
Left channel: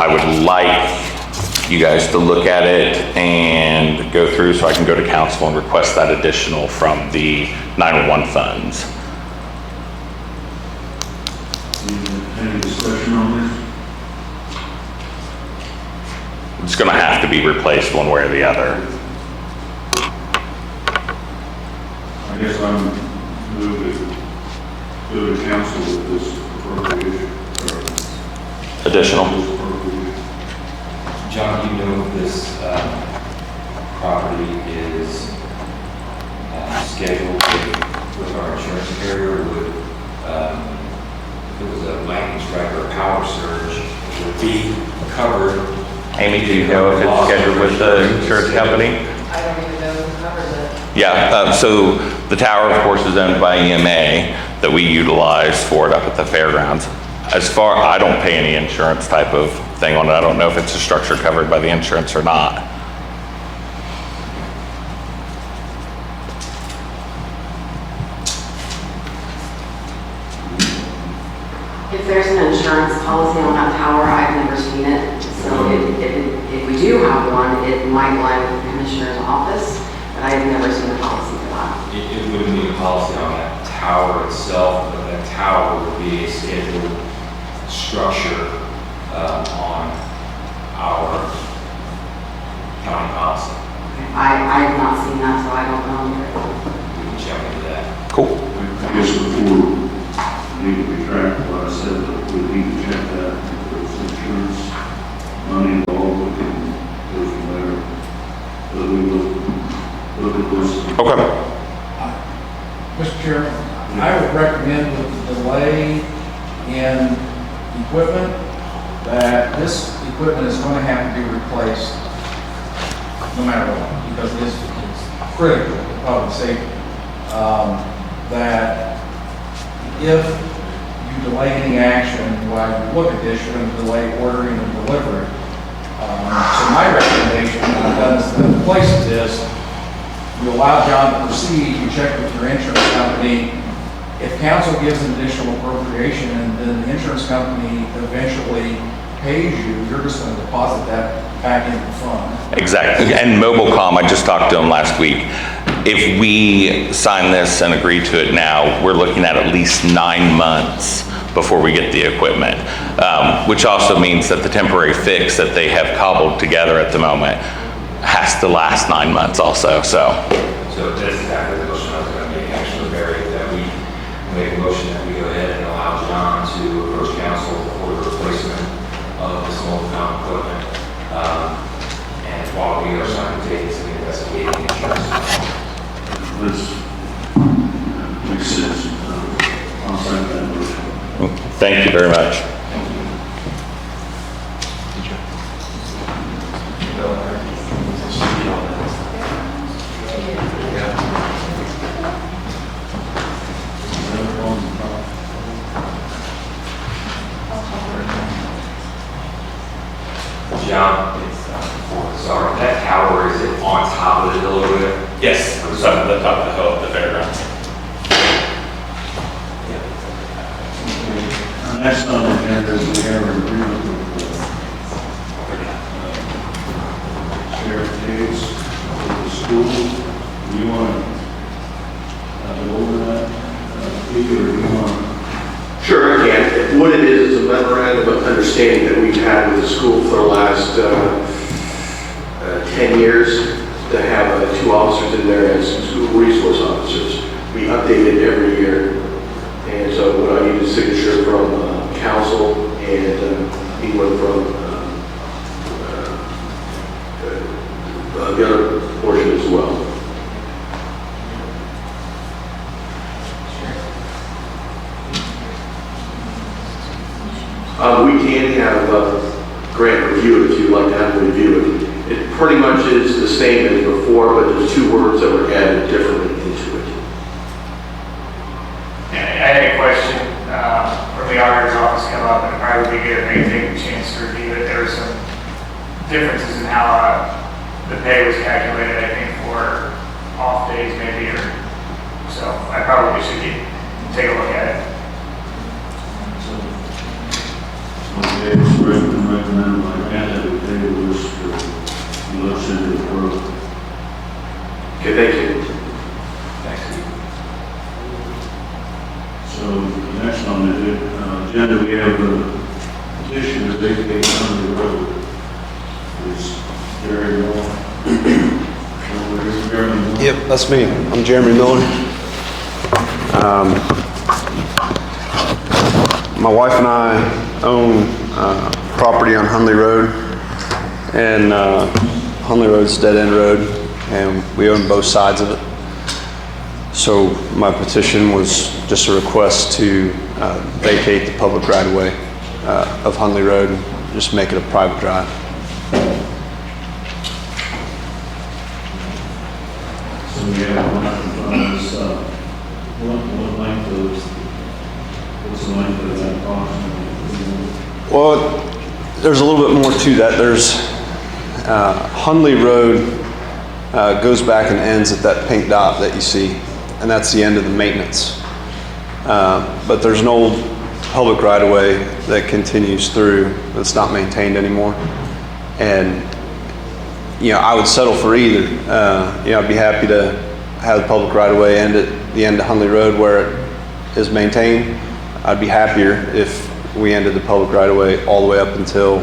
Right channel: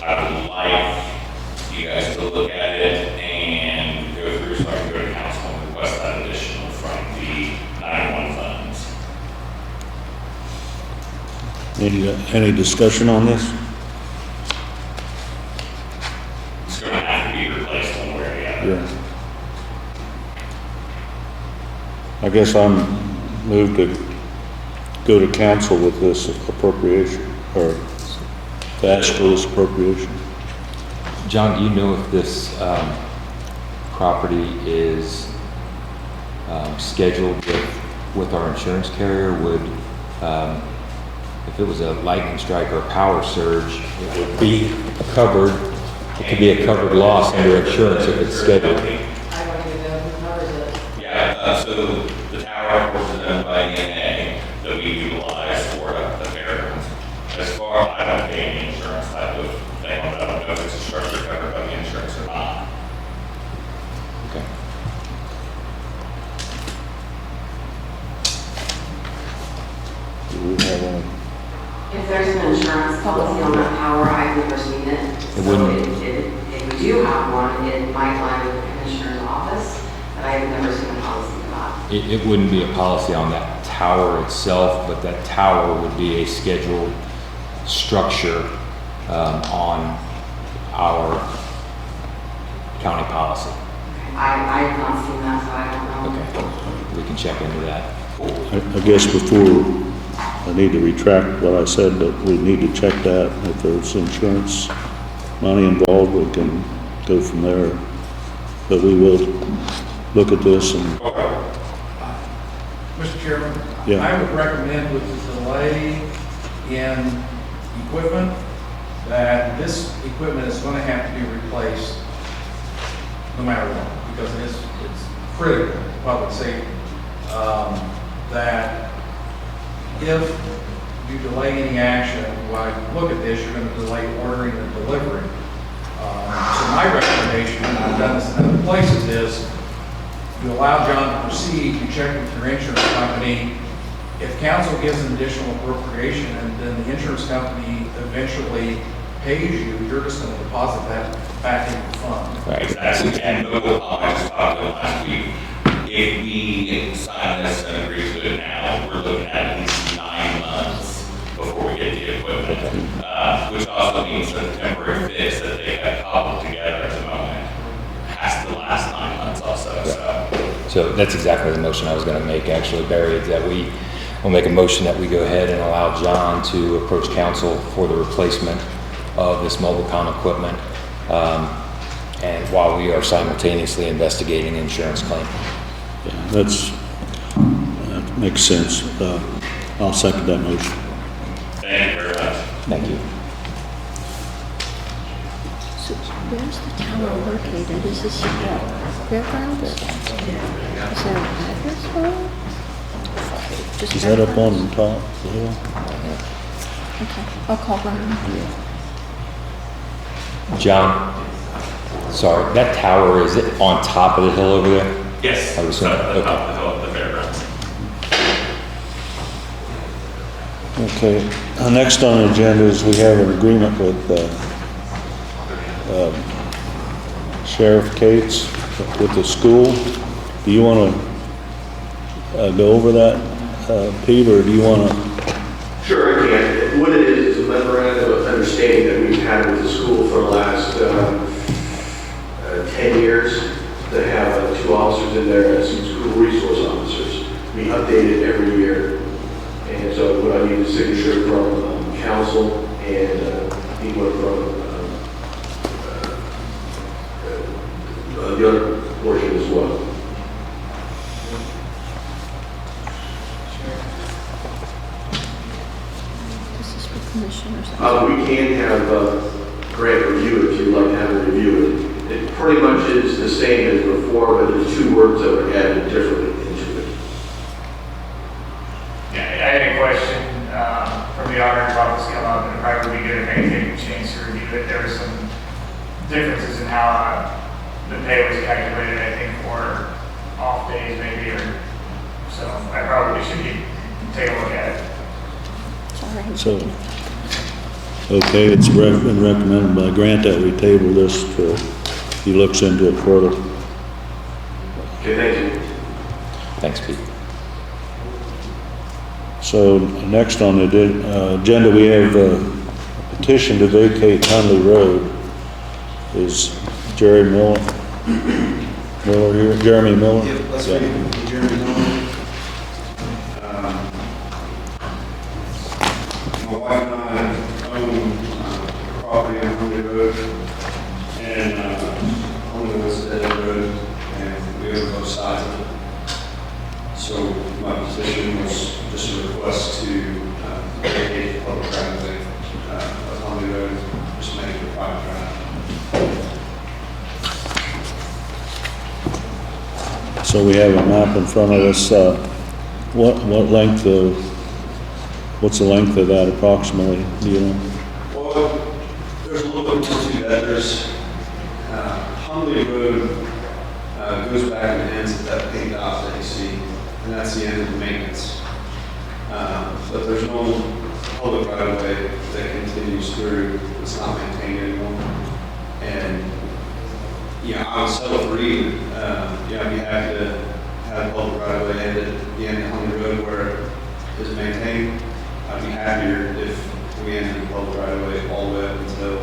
I would like you guys to look at it and go through so I can go to council and request that additional from the 911 funds. Any discussion on this? It's gonna have to be replaced one way or the other. I guess I'm moved to go to council with this appropriation, or Additional. this appropriation. John, do you know if this property is scheduled with our insurance carrier? Would, if it was a lightning strike or a power surge, it would be covered? Amy, do you know if it's scheduled with the insurance company? I don't even know who covers it. Yeah, so the tower, of course, is owned by EMA that we utilize for it up at the fairgrounds. As far, I don't pay any insurance type of thing on it. I don't know if it's a structure covered by the insurance or not. Do we have, If there's an insurance policy on that tower, I've never seen it. So if we do have one, it might lie with the commissioner's office, but I've never seen a policy for that. It wouldn't be a policy on that tower itself, but that tower would be a scheduled structure on our county policy. I have not seen that, so I don't know. We can check into that. Cool. I guess before, I need to retract what I said, that we need to check that. If there's insurance money involved, we can go from there. But we will look at this and, Okay. Mr. Chairman, Yeah. I would recommend the delay in equipment, that this equipment is going to have to be replaced no matter what, because it's critical to public safety. That if you delay any action while you look at this, you're going to delay ordering and delivery. So my recommendation, and I've done this in other places, is you allow John to proceed, you check with your insurance company. If council gives an additional appropriation and then the insurance company eventually pays you, you're just going to deposit that back in the fund. Exactly. And Mobilecom, I just talked to them last week. If we sign this and agree to it now, we're looking at least 9 months before we get the equipment, which also means that the temporary fix that they have cobbled together at the moment has to last 9 months also, so. So that's exactly the motion I was going to make, actually, Barry, that we will make a motion that we go ahead and allow John to approach council for the replacement of this Mobilecom equipment. And while we are simultaneously investigating the insurance company. that's, makes sense. I'll second that motion. Thank you very much. Thank you. Is that up on the top? I'll call her. John, sorry, that tower, is it on top of the hill over there? Yes, Or it's up at the top of the hill at the fairgrounds. Okay, next on the agenda is we have an agreement with Sheriff Cates with the school. Do you want to go over that, Pete, or do you want to? Sure, I can. What it is a memorandum of understanding that we've had with the school for the last 10 years to have 2 officers in there as some school resource officers. We update it every year. And so what I need is a signature from council and anyone from the other portion as well. We can have Grant review it if you'd like to have him review it. It pretty much is the same as before, but there's 2 words that were added differently into it. I had a question from the auditor's office come up, and it probably would be good if they take a chance to review it. There were some differences in how the pay was calculated, I think, for off days maybe, or so. I probably should take a look at it. So, okay, it's been recommended by Grant that we table this for, he looks into it further. Okay, thank you. Thanks, Pete. So next on the agenda, we have a petition to vacate Hundley Road. is Jerry Miller. Jeremy Miller? Yep, that's me. I'm Jeremy Miller. My wife and I own property on Hundley Road, and Hundley Road's a dead-end road, and we own both sides of it. So my petition was just a request to vacate the public right-of-way of Hundley Road, just make it a private drive. So we have a map in front of us. What's the length of that approximately? Do you know? Well, there's a little bit more to that. There's Hundley Road goes back and ends at that pink dot that you see, and that's the end of the maintenance. But there's an old public right-of-way that continues through that's not maintained anymore. And I would settle for either. I'd be happy to have the public right-of-way end at the end of Hundley Road where it is maintained. I'd be happier if we ended the public right-of-way all the way up until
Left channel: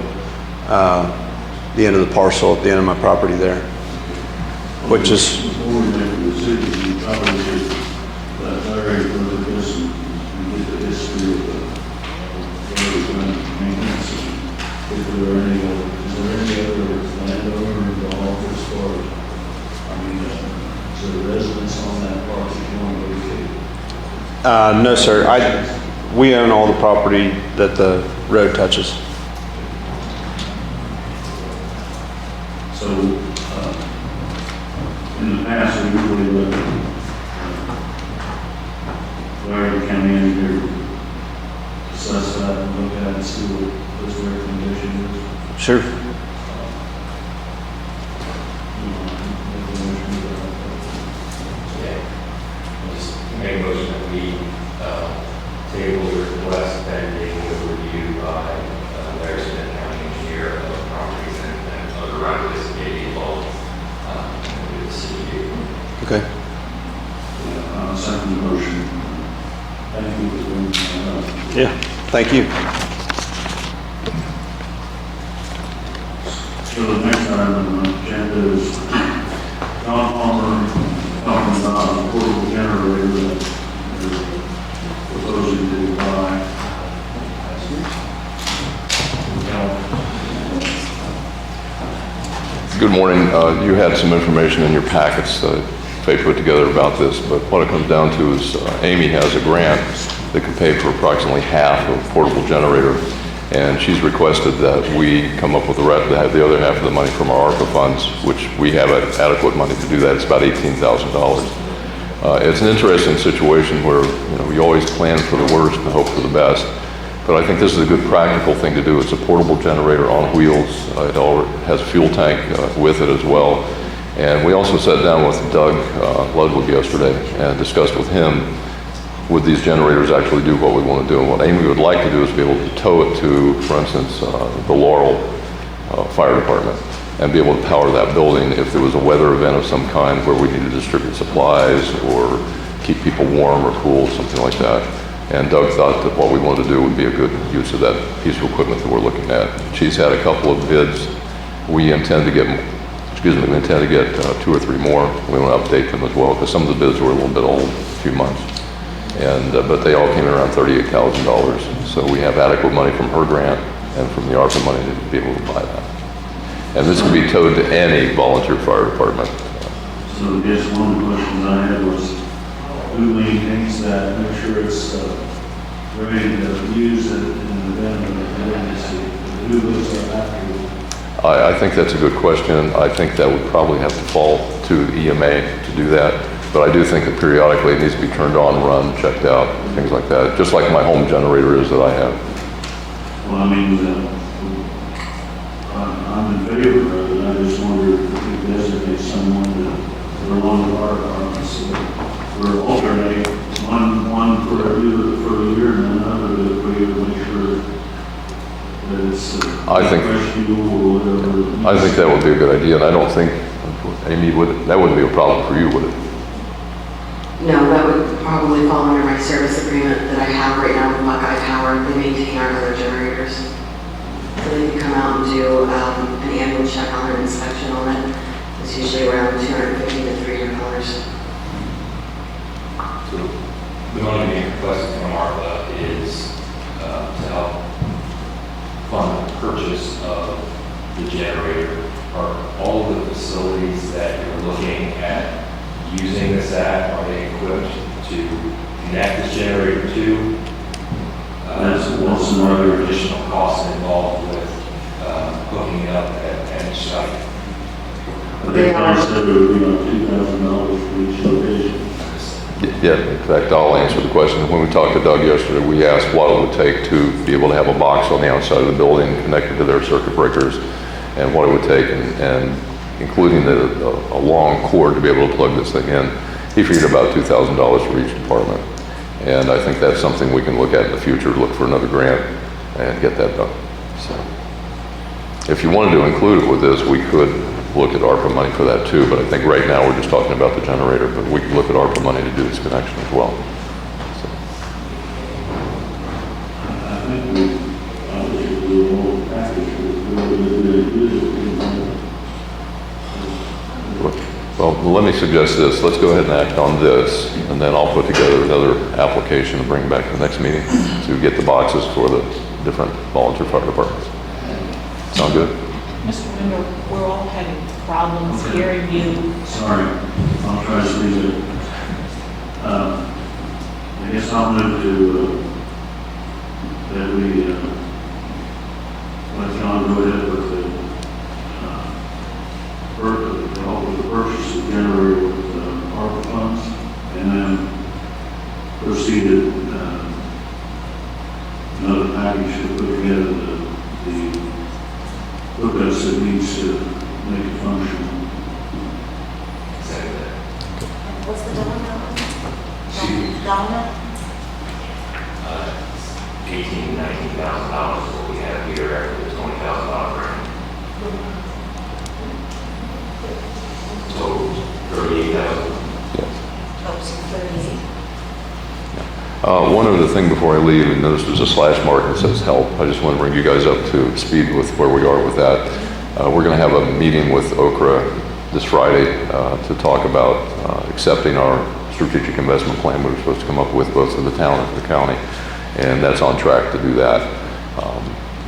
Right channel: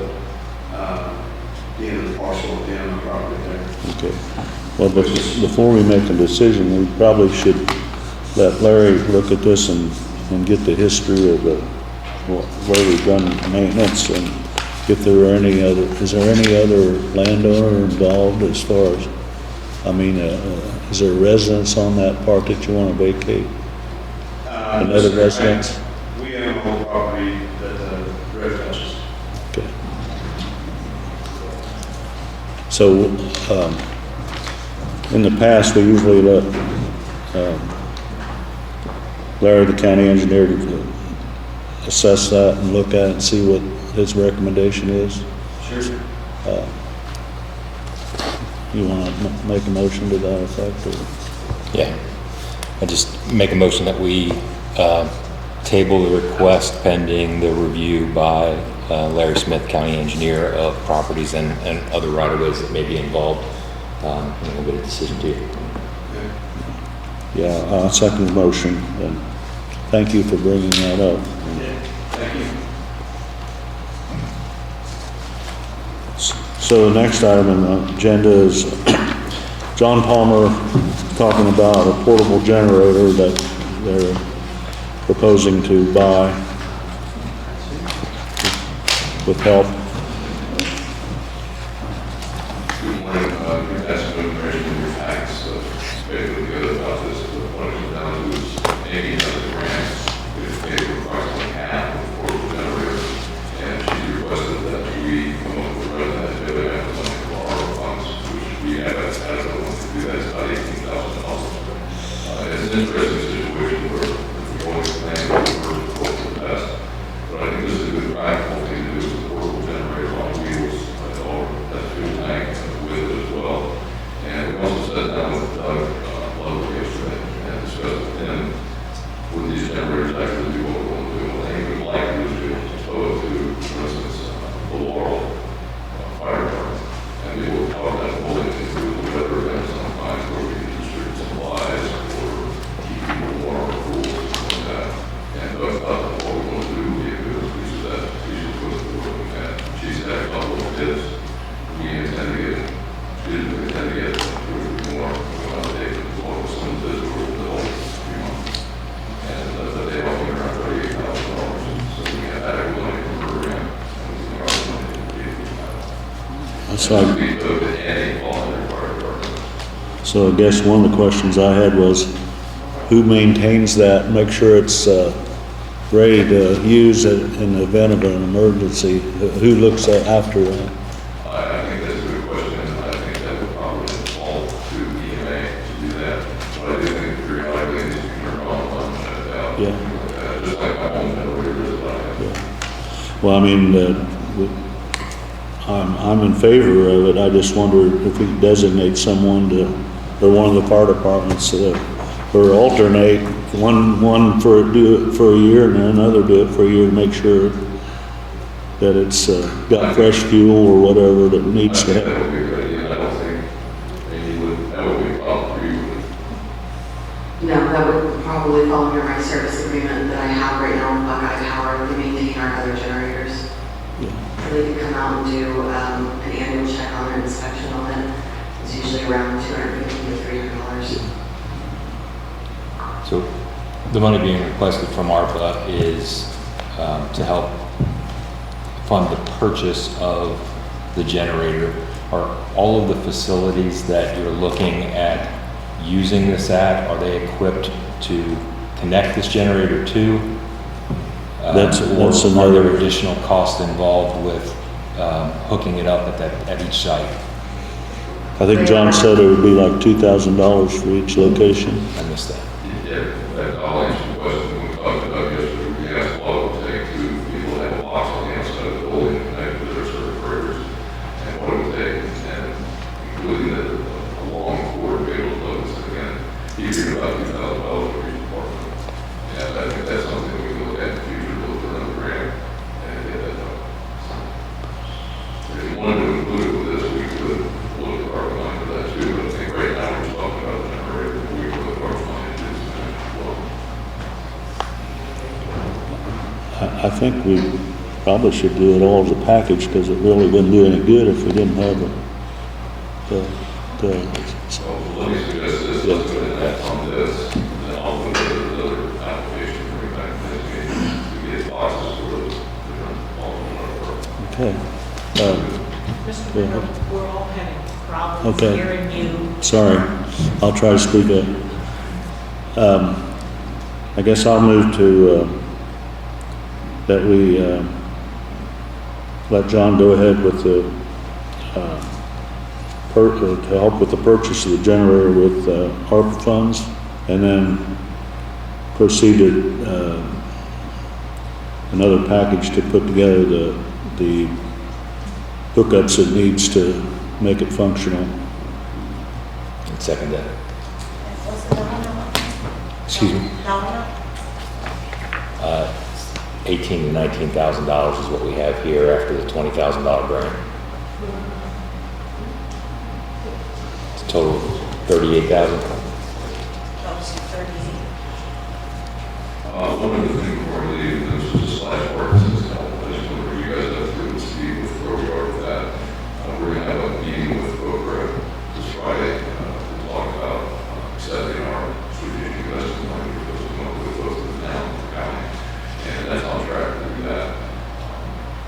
the end of the parcel at the end of my property there. Okay. Well, before we make a decision, we probably should let Larry look at this and get the history of where we've done maintenance, and if there are is there any other landowner involved as far as, is there a residence on that part that you want to vacate? No, sir. We own all the property that the road touches. Okay. So, in the past, we usually let Larry, the county engineer, to assess that and look at it and see what his recommendation is. Sure. You want to make a motion to that effect? Yeah. I just make a motion that we table the request pending the review by Larry Smith, county engineer, of properties and other right-of-ways that may be involved in the decision too. Okay. Yeah, I'll second the motion. Thank you for bringing that up. Yeah. Thank you. So the next item on the agenda is John Palmer talking about a portable generator that they're proposing to buy with help. Good morning. You had some information in your packets that they put together about this, but what it comes down to is Amy has a grant that can pay for approximately half of a portable generator, and she's requested that we come up with the rest, to have the other half of the money from our ARPA funds, which we have adequate money to do that. It's about $18,000. It's an interesting situation where we always plan for the worst and hope for the best. But I think this is a good practical thing to do. It's a portable generator on wheels. It has a fuel tank with it as well. And we also sat down with Doug Ludwig yesterday and discussed with him, would these generators actually do what we want to do? And what Amy would like to do is be able to tow it to, for instance, the Laurel Fire Department, and be able to power that building if there was a weather event of some kind where we need to distribute supplies or keep people warm or cool, something like that. And Doug thought that what we wanted to do would be a good use of that piece of equipment that we're looking at. She's had a couple of bids. We intend to get, two or three more. We want to update them as well, because some of the bids were a little bit old, a few months. And but they all came in around $38,000. So we have adequate money from her grant and from the ARPA money to be able to buy that. And this will be towed to any volunteer fire department. So I guess one of the questions I had was, who maintains that, make sure it's ready to use it in the event of an emergency? Who looks after that? I think that's a good question. I think that would probably have to fall to EMA to do that. But I do think that periodically it needs to be turned on, run, checked out, things like that. Just like my home generator is that I have. Well, I mean, I'm in favor of it. I just wonder if we designate someone or one of the fire departments or alternate one for do it for a year and then another do it for a year to make sure that it's got fresh fuel or whatever that needs. I think that would be a good idea, and I don't think, Amy, that wouldn't be a problem for you, would it? No, that would probably fall under my service agreement that I have right now with Buckeye Power. They maintain our other generators. So they can come out and do an annual check on an inspection on it. It's usually around $250 to $300. So the money being requested from ARPA is to help fund the purchase of the generator. Are all of the facilities that you're looking at using this at, are they equipped to connect this generator to? That's Or are another- there additional costs involved with hooking it up at each site? I think John said it would be like $2,000 for each location. I missed that. Yeah, in fact, I'll answer the question. When we talked to Doug yesterday, we asked what it would take to be able to have a box on the outside of the building connected to their circuit breakers and what it would take, and including a long cord to be able to plug this thing in. He figured about $2,000 for each department. And I think that's something we can look at in the future, look for another grant and get that done. So, if you wanted to include it with this, we could look at ARPA money for that too, but I think right now we're just talking about the generator, but we can look at ARPA money to do this connection as well. I think we probably should do it all as a package, because it really wouldn't do any good if we didn't have it. So let me suggest this, let's go ahead and act on this, and then I'll put together another application to bring back to the next meeting to get the boxes for the different volunteer fire departments. Okay. Sound good? Mr. Ritter, we're all having problems Okay. hearing you. Sorry, I'll try to speak up. I guess I'll move to, that we let John go ahead with the, to help with the purchase of the generator with ARPA funds, and then proceeded another package to put together the hookups it needs to make it functional. Second that. What's the dollar amount? Excuse me? Dollar amount? $18,000 to $19,000 is what we have here after the $20,000 grant. Total $38,000. Oh, so 38. One other thing before I leave, and this was a slash mark that says help. I just want to bring you guys up to speed with where we are with that. We're going to have a meeting with Okra this Friday to talk about accepting our strategic investment plan we were supposed to come up with both for the town and the county, and that's on track to do that.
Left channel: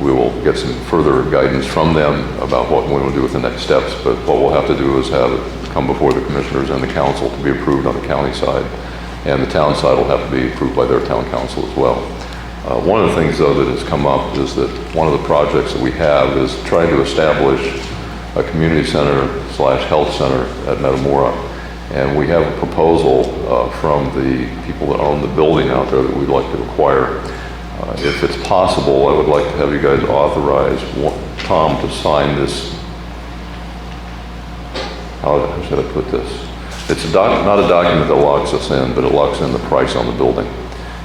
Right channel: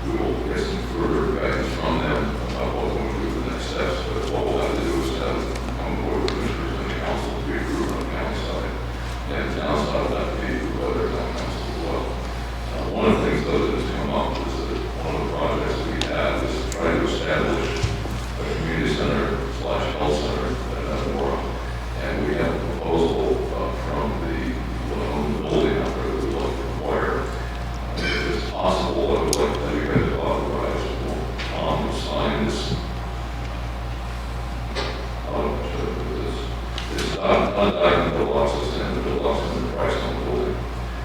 We will get some further guidance from them about what we will do with the next steps, but what we'll have to do is have it come before the commissioners and the council to be approved on the county side, and the town side will have to be approved by their town council as well. One of the things, though, that has come up is that one of the projects that we have is trying to establish a community center / health center at Metamora, and we have a proposal from the people that own the building out there that we'd like to acquire. If it's possible, I would like to have you guys authorize Tom to sign this. How should I put this? It's not a document that locks us in, but it locks in the price on the building.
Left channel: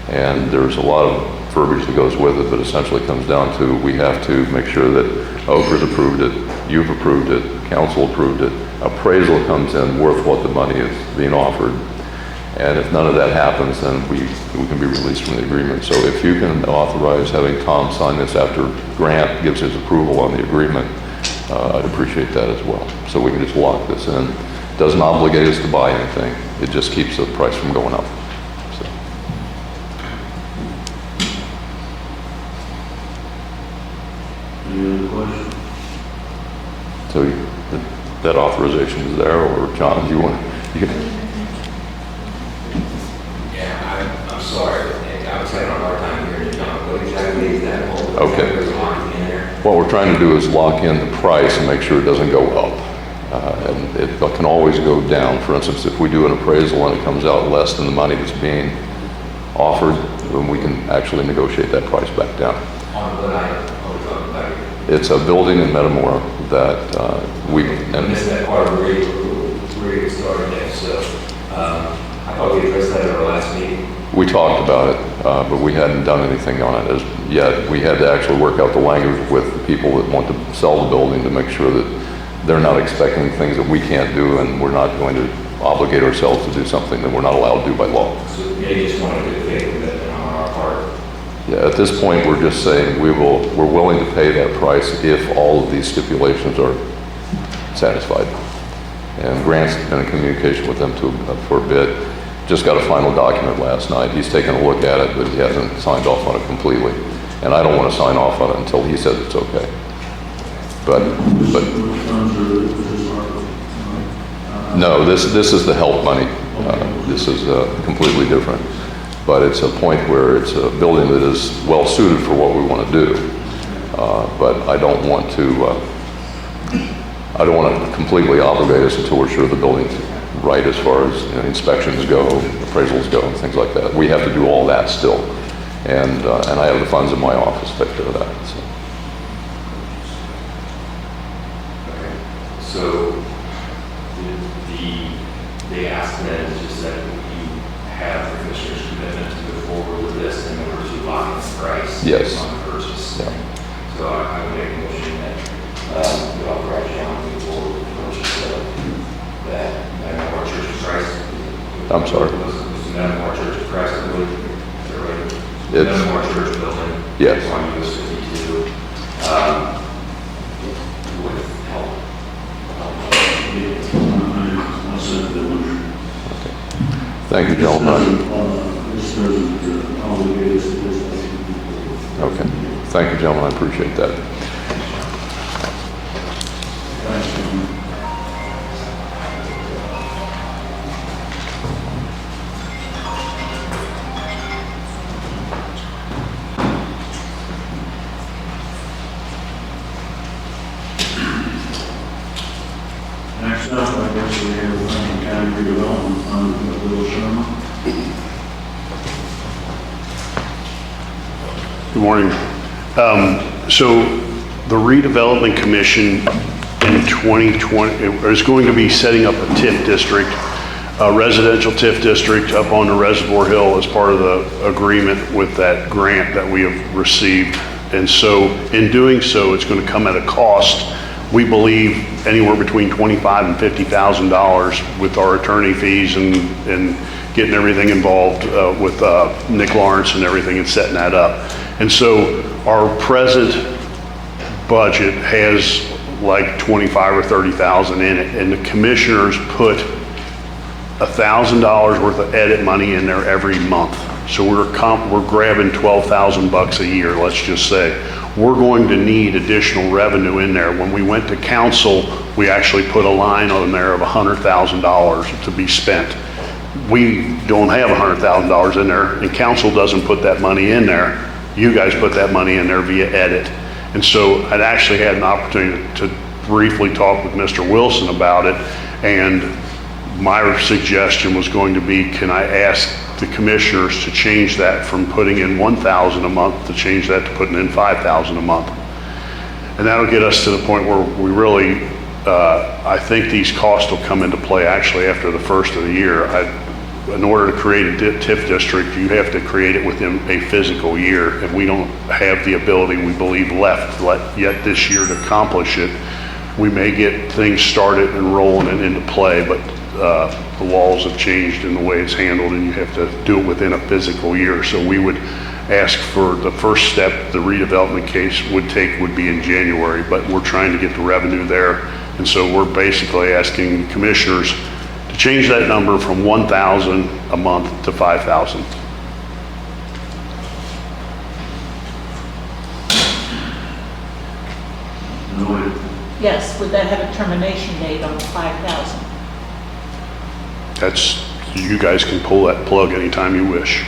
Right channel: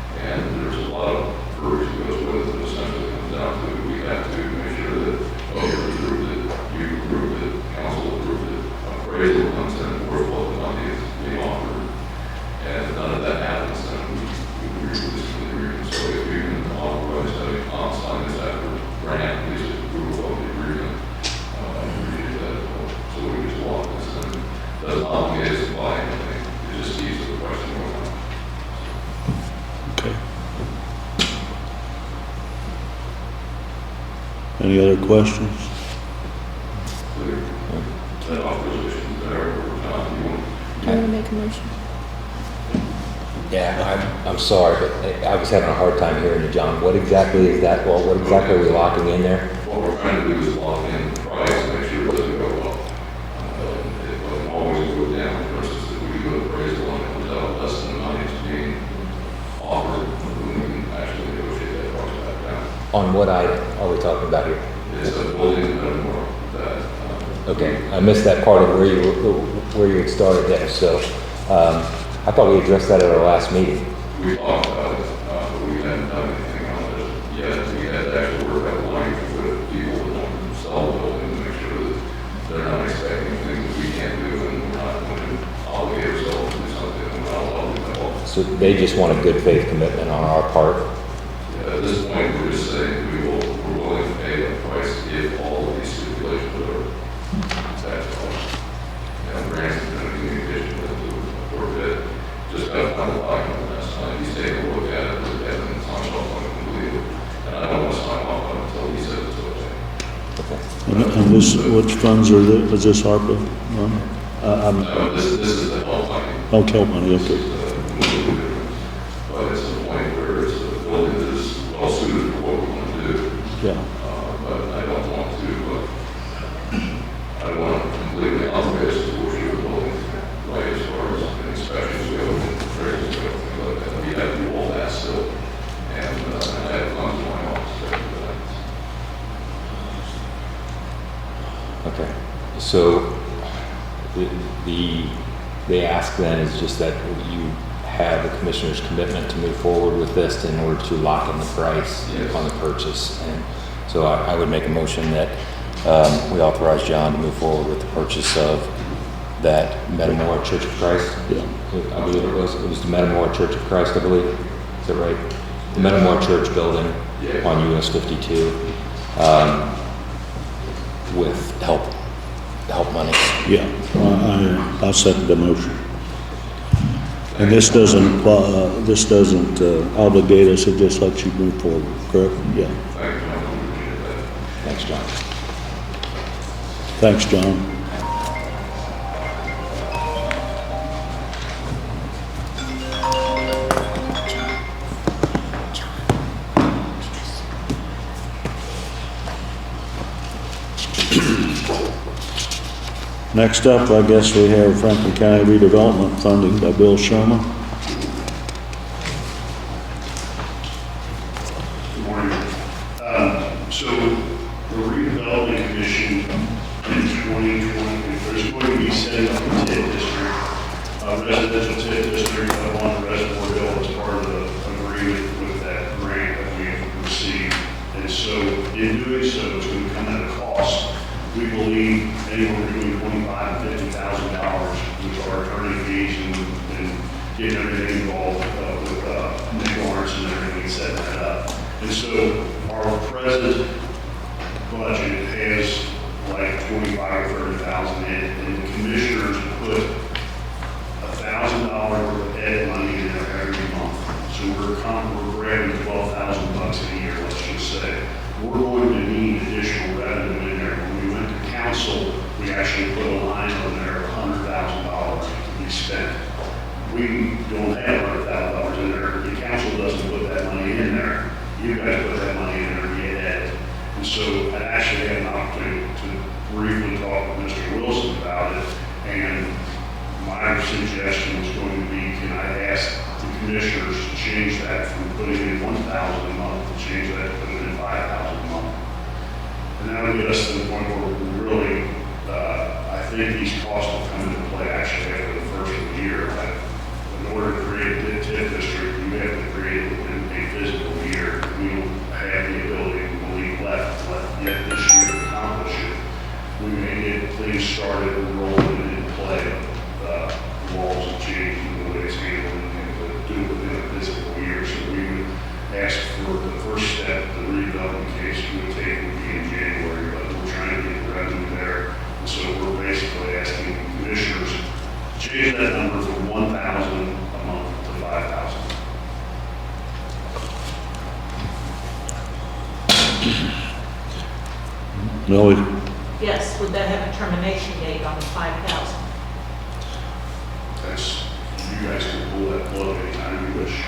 And there's a lot of verbiage that goes with it, but essentially comes down to we have to make sure that Okra's approved it, you've approved it, council approved it, appraisal comes in worth what the money is being offered. And if none of that happens, then we can be released from the agreement. So if you can authorize having Tom sign this after Grant gives his approval on the agreement, I'd appreciate that as well. So we can just lock this in. Doesn't obligate us to buy anything. It just keeps the price from going up. So. Okay. Any other questions? So that authorization is there, or John, do you want, you can. Yeah, I'm sorry. I was having a hard time hearing you, John. What exactly is that? What exactly are we locking in there? What we're trying to do is lock in the price and make sure it doesn't go up. And it can always go down. For instance, if we do an appraisal and it comes out less than the money that's being offered, then we can actually negotiate that price back down. On what item are we talking about here? It's a building in Metamora that I missed that part of where you started there. So I thought we addressed that at our last meeting. we talked about it, but we hadn't done anything on it as yet. We had to actually work out the language with people that want to sell the building to make sure that they're not expecting things that we can't do, and we're not going to obligate ourselves to do something that we're not allowed to do by law. So they just want a good faith commitment on our part Yeah, at this point, we're just saying we're willing to pay that price if all of these stipulations are satisfied. And Grant's been in communication with them for a bit. Just got a final document last night. He's taken a look at it, but he hasn't signed off on it completely. And I don't want to sign off on it until he says it's okay. But Which funds is this ARPA? no, this is the help money. Okay. This is completely different. But it's a point where it's a building that is well suited for what we want to do. But I don't want to completely obligate us until we're sure the building's right as far as inspections go, appraisals go, and things like that. We have to do all that still. And I have the funds in my office to take care of that. Okay, so they ask then is just that you have the commissioner's commitment to move forward with this in order to lock in the price Yes. on the purchase. And so I would make a motion that we authorize John to move forward with the purchase of that Metamora Church of Christ. I'm sorry. It was the Metamora Church of Christ, I believe. Is that right? The Yes. Metamora Church building. Yes. On US 52. With help money. Yeah, I'll second the motion. Thank you, This gentlemen. this doesn't obligate us, it just lets you move forward, correct? Okay. Yeah. Thank you, gentlemen. I appreciate that. Thanks, John. Thanks, John. Next up, I guess we have Franklin County redevelopment funding by Bill Sherman. Good morning. So the redevelopment commission in 2020 is going to be setting up a TIF district, a residential TIF district up on the Reservoir Hill as part of the agreement with that grant that we have received. And so in doing so, it's going to come at a cost, we believe, anywhere between $25,000 and $50,000 with our attorney fees and getting everything involved with Nick Lawrence and everything and setting that up. And so our present budget has like 25 or 30,000 in it, and the commissioners put $1,000 worth of edit money in there every month. So we're grabbing 12,000 bucks a year, let's just say. We're going to need additional revenue in there. When we went to council, we actually put a line on there of $100,000 to be spent. We don't have $100,000 in there, and council doesn't put that money in there. You guys put that money in there via edit. And so I'd actually had an opportunity to briefly talk with Mr. Wilson about it, and my suggestion was going to be, can I ask the commissioners to change that from putting in $1,000 a month to change that to putting in $5,000 a month? And that'll get us to the point where we really, I think these costs will come into play actually after the first of the year. In order to create a TIF district, you have to create it within a physical year, and we don't have the ability, we believe, left yet this year to accomplish it. We may get things started and rolling and into play, but the laws have changed in the way it's handled, and you have to do it within a physical year. So we would ask for the first step the redevelopment case would be in January, but we're trying to get the revenue there. And so we're basically asking commissioners to change that number from 1,000 a month to 5,000. No, Yes, would that have a termination date on 5,000? That's, you guys can pull that plug anytime you wish.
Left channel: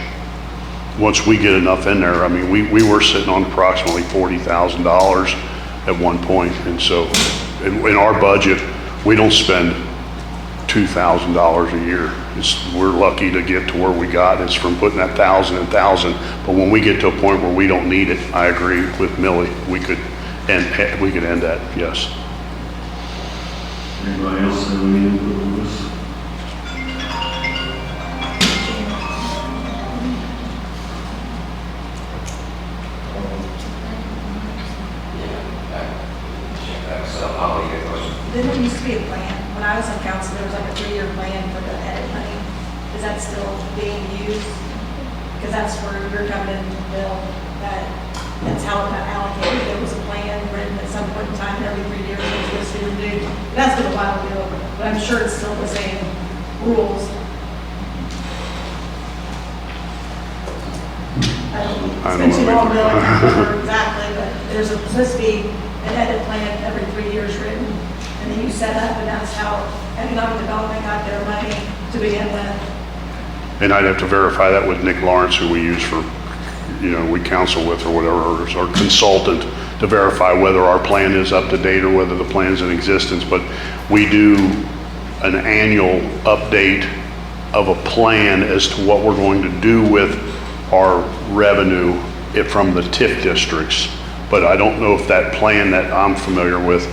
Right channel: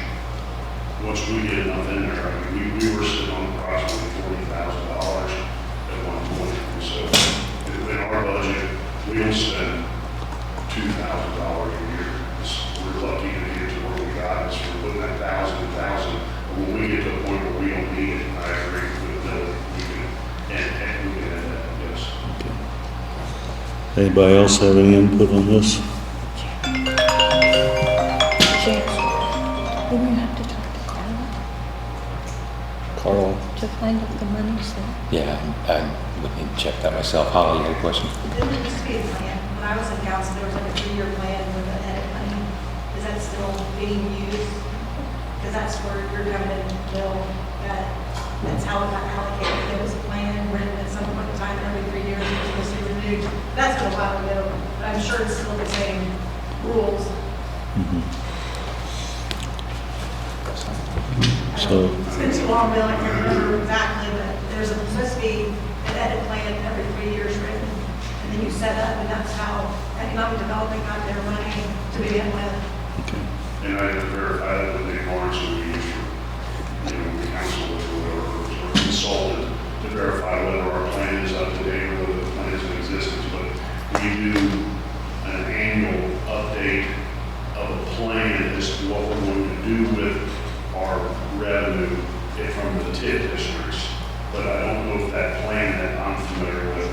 Once we get enough in there, I mean, we were sitting on approximately $40,000 at one point. And so in our budget, we don't spend $2,000 a year. We're lucky to get to where we got. It's from putting that 1,000 and 1,000. But when we get to a point where we don't need it, I agree with Millie, we could end that, yes. anybody else have any input on this? Carl? Yeah, we can check that myself. Holly, any question? There used to be a plan. When I was on council, there was like a 3-year plan for the edit money. Is that still being used? because that's where you're coming in, Bill, that's how it got allocated. There was a plan written at some point in time, and every 3 years it was supposed to be renewed. That's been a while ago, but I'm sure it's still the same rules. So, It's been too long, Bill, I can't remember exactly, but there's supposed to be an edit plan every 3 years written, and then you set up, and that's how economic development got their money to begin with. And I'd have to verify that with Nick Lawrence, who we use for, we counsel with or whatever, or as our consultant, to verify whether our plan is up to date or whether the plan's in existence. But we do an annual update of a plan as to what we're going to do with our revenue from the TIF districts. But I don't know if that plan that I'm familiar with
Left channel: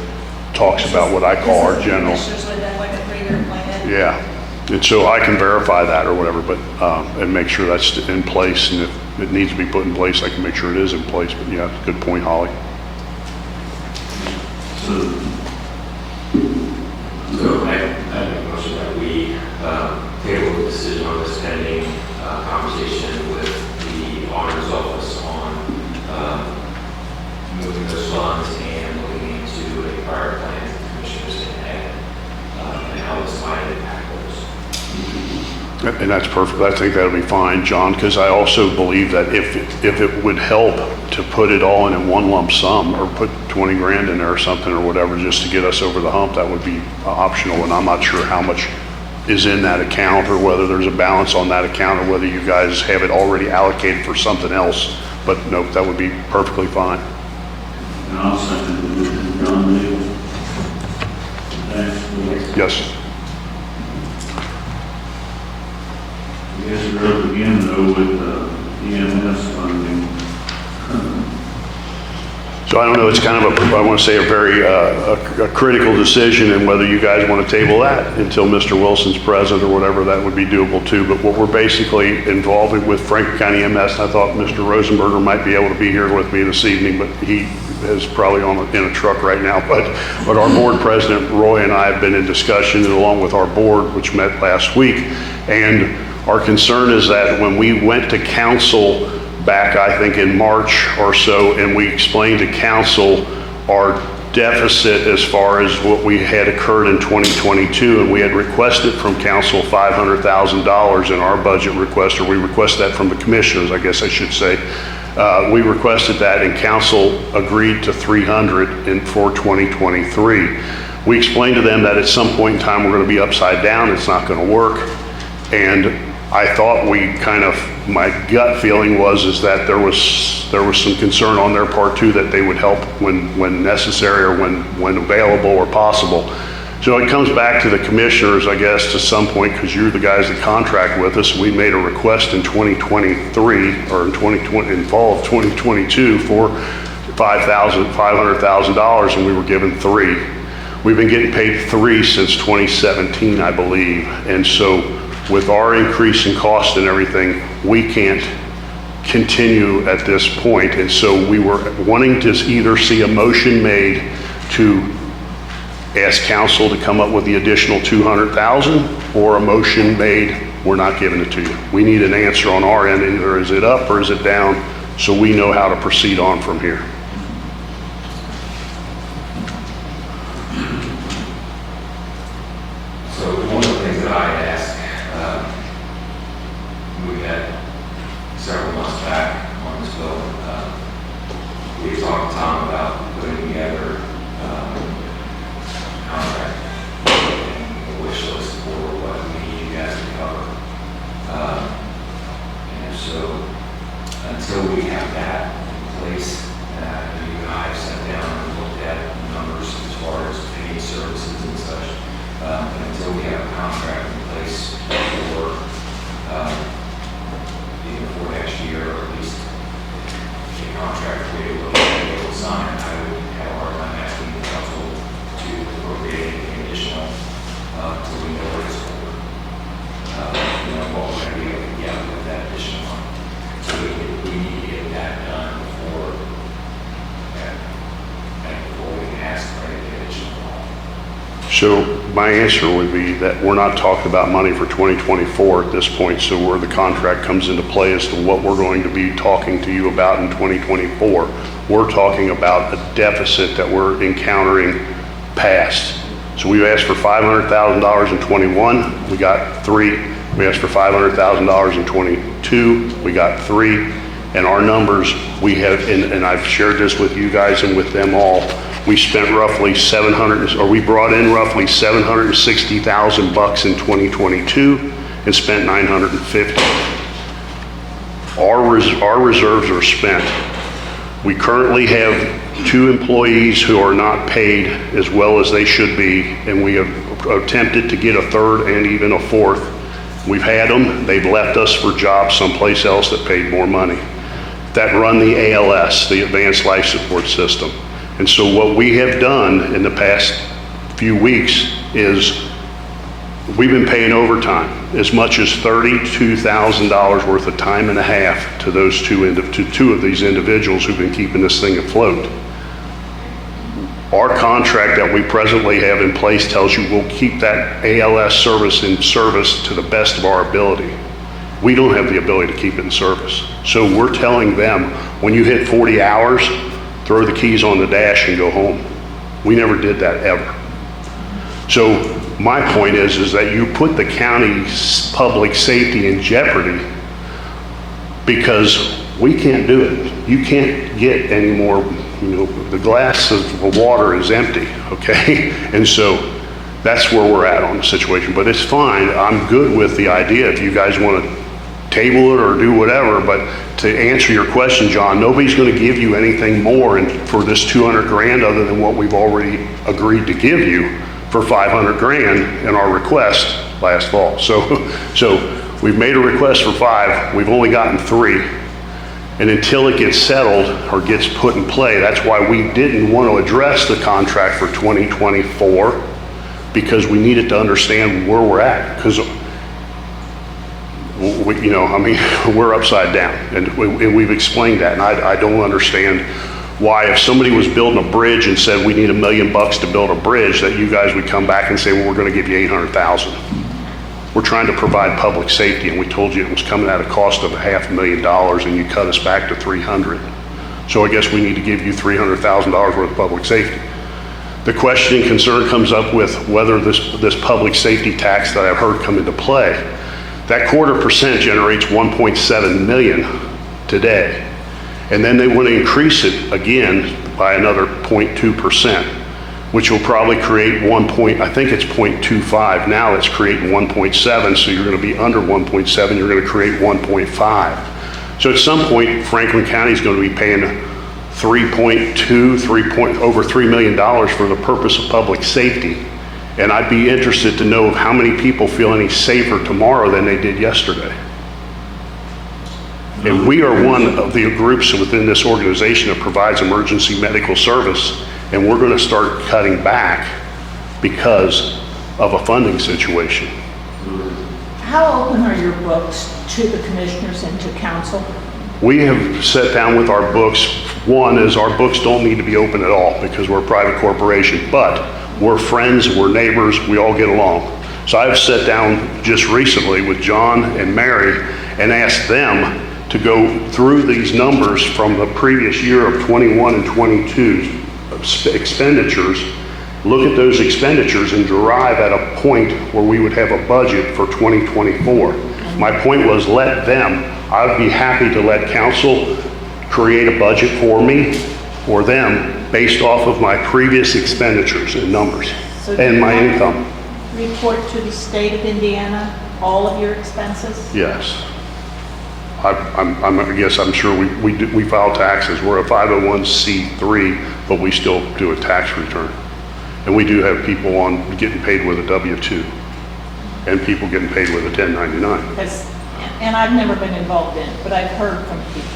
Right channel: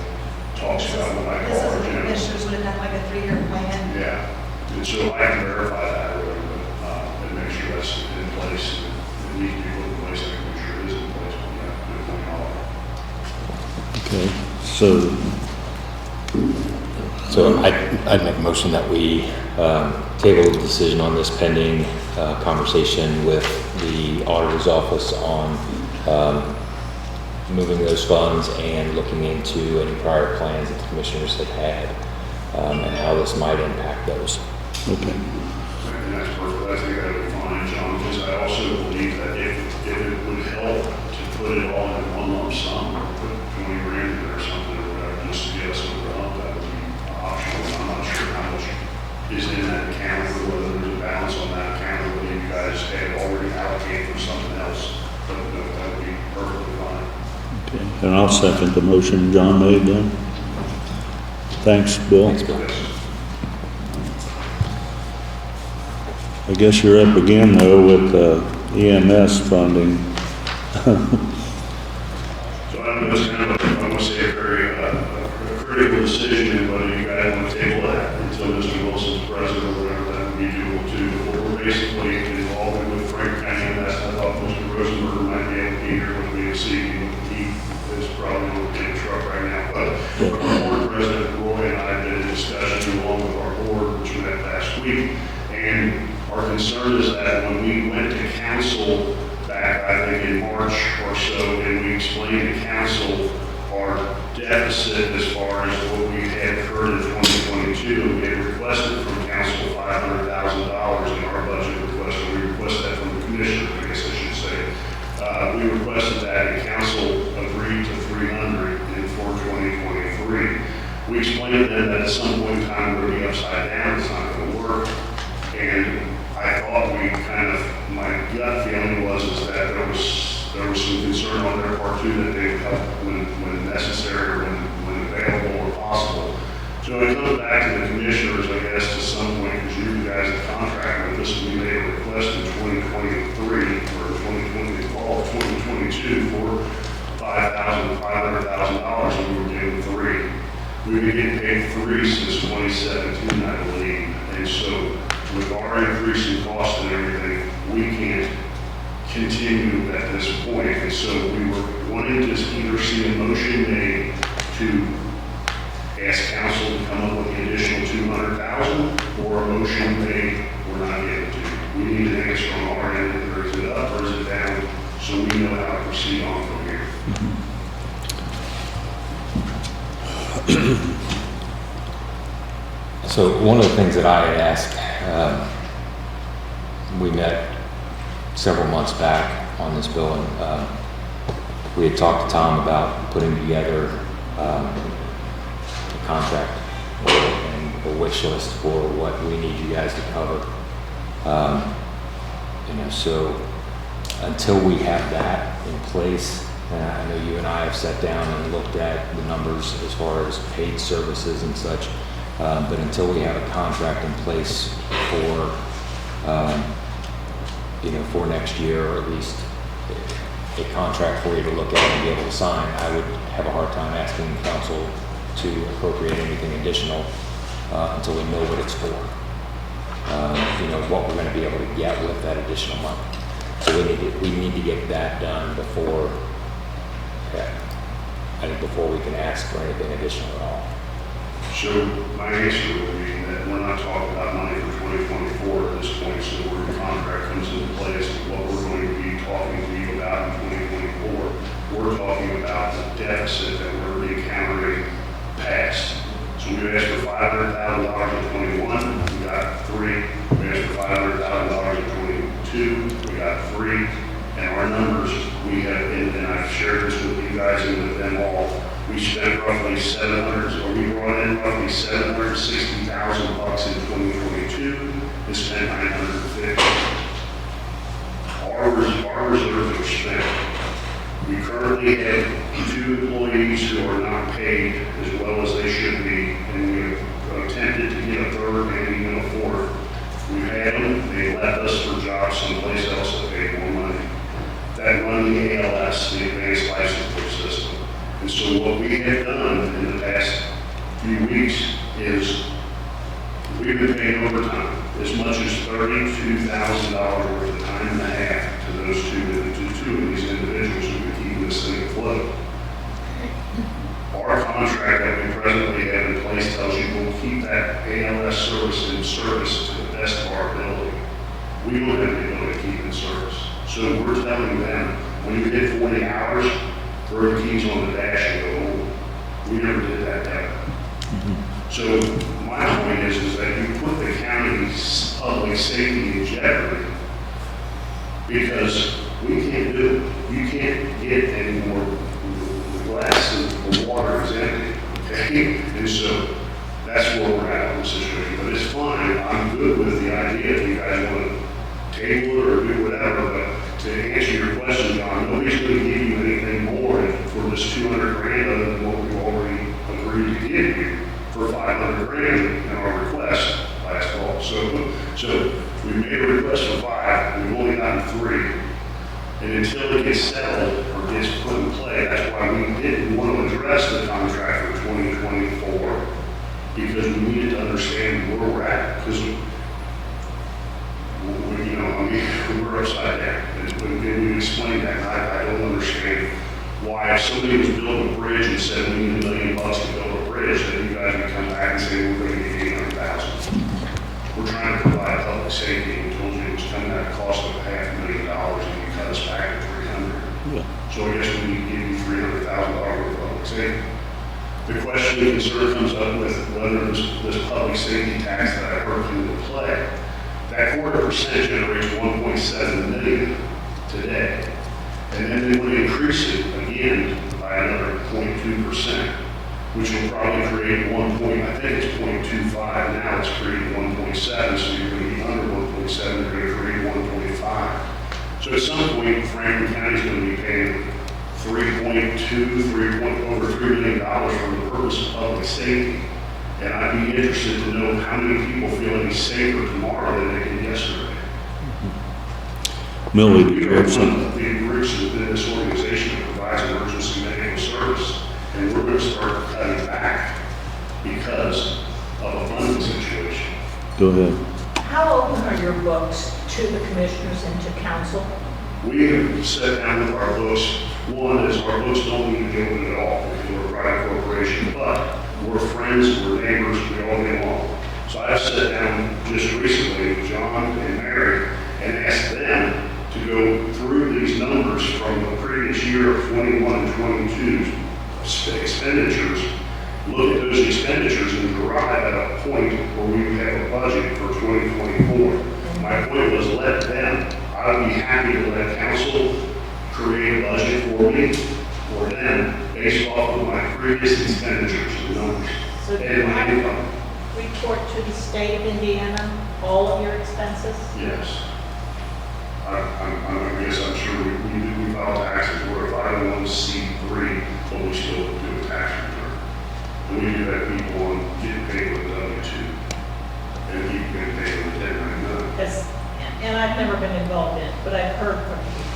talks about what I call our general. It's usually that like a 3-year plan. Yeah, and so I can verify that or whatever, but, and make sure that's in place, and if it needs to be put in place, I can make sure it is in place, but yeah, good point, Holly. okay. So, So I'd make a motion that we table the decision on this pending conversation with the auditor's office on moving those funds and looking into any prior plans that the commissioners had had and how this might impact those. And that's perfect. I think that'll be fine, John, because I also believe that if it would help to put it all in one lump sum or put 20 grand in there or something or whatever, just to get us over the hump, that would be optional. And I'm not sure how much is in that account or whether there's a balance on that account or whether you guys have it already allocated for something else. But nope, that would be perfectly fine. and I'll second the motion John made then. Thanks, Bill. Yes. I guess you're up again though with EMS funding. So I don't know, it's kind of I want to say a very a critical decision, and whether you guys want to table that until Mr. Wilson's present or whatever, that would be doable too. But what we're basically involving with Franklin County EMS, and I thought Mr. Rosenberger might be able to be here with me this evening, but he is probably in a truck right now. But our board president, Roy, and I have been in discussion along with our board, which met last week. And our concern is that when we went to council back, I think in March or so, and we explained to council our deficit as far as what we had occurred in 2022, and we had requested from council $500,000 in our budget request, or we requested that from the commissioners, I guess I should say. We requested that, and council agreed to $300 for 2023. We explained to them that at some point in time we're going to be upside down, it's not going to work, and I thought my gut feeling is that there was some concern on their part too, that they would help when necessary or when available or possible. So it comes back to the commissioners, I guess, to some point, because you're the guys that contract with us. We made a request in 2023 or in fall of 2022 for $500,000, and we were given $3. We've been getting paid $3 since 2017, I believe, and so with our increase in cost and everything, we can't continue at this point. And so we were wanting to either see a motion made to ask council to come up with the additional $200,000, or a motion made, we're not giving it to you. We need an answer on our end, either is it up or is it down, so we know how to proceed on from here. So one of the things that I asked, we met several months back on this bill, and we had talked to Tom about putting together a contract and a wish list for what we need you guys to cover. So until we have that in place, and you and I have sat down and looked at the numbers as far as paid services and such, but until we have a contract in place for for next year, or at least a contract for you to look at and be able to sign, I would have a hard time asking the council to appropriate anything additional until we know what it's for. What we're going to be able to get with that additional money. So we need to get that done before we can ask for anything additional at all. So my answer would be that we're not talking about money for 2024 at this point, so where the contract comes into play as to what we're going to be talking to you about in 2024. We're talking about a deficit that we're encountering past. So we asked for $500,000 in 21, we got 3. We asked for $500,000 in 22, we got 3. And our numbers, we have, and I've shared this with you guys and with them all, we spent roughly we brought in roughly $760,000 in 2022 and spent $950. Our reserves are spent. We currently have 2 employees who are not paid as well as they should be, and we have attempted to get a 3rd and even a 4th. We've had them, they've left us for jobs someplace else that paid more money, that run the ALS, the Advanced Life Support System. And so what we have done in the past few weeks is we've been paying overtime, as much as $32,000 worth of time and a half to those two of these individuals who've been keeping this thing afloat. Our contract that we presently have in place tells you we'll keep that ALS service in service to the best of our ability. We don't have the ability to keep it in service. So we're telling them, when you hit 40 hours, throw the keys on the dash and go home. We never did that ever. So my point is that you put the county's public safety in jeopardy because we can't do it. You can't get any more, the glass of water is empty, okay? And so that's where we're at on the situation, but it's fine. I'm good with the idea if you guys want to table it or do whatever, but to answer your question, John, nobody's going to give you anything more for this 200 grand other than what we've already agreed to give you for 500 grand in our request last fall. So we've made a request for 5, we've only gotten 3. And until it gets settled or gets put in play, that's why we didn't want to address the contract for 2024, because we needed to understand where we're at. Because we're upside down, and we've explained that, and I don't understand why, if somebody was building a bridge and said we need $1 million to build a bridge, that you guys would come back and say, well, we're going to give you 800,000. We're trying to provide public safety, and we told you it was coming at a cost of $500,000, and you cut us back to 300. So I guess we need to give you $300,000 worth of public safety. The question and concern comes up with whether this public safety tax that I've heard come into play. That 0.25% generates 1.7 million today. And then they want to increase it again by another 0.2%, which will probably create I think it's 0.25. Now it's creating 1.7, so you're going to be under 1.7, you're going to create 1.5. So at some point, Franklin County is going to be paying over $3 million for the purpose of public safety. And I'd be interested to know how many people feel any safer tomorrow than they did yesterday. And we are one of the groups within this organization that provides emergency medical service, and we're going to start cutting back because of a funding situation. Go ahead. How open are your books to the commissioners and to council? We have sat down with our books. One is our books don't need to be open at all because we're a private corporation, but we're friends, we're neighbors, we all get along. So I've sat down just recently with John and Mary and asked them to go through these numbers from the previous year of 21 and 22 expenditures, look at those expenditures and derive at a point where we would have a budget for 2024. My point was let them, I'd be happy to let council create a budget for me or them based off of my previous expenditures and numbers and my income. Report to the state of Indiana all of your expenses? Yes. I guess I'm sure we file taxes. We're a 501c3, but we still do a tax return. And we do have people getting paid with a W-2 and people getting paid with a 1099. And I've never been involved in it, but I've heard from people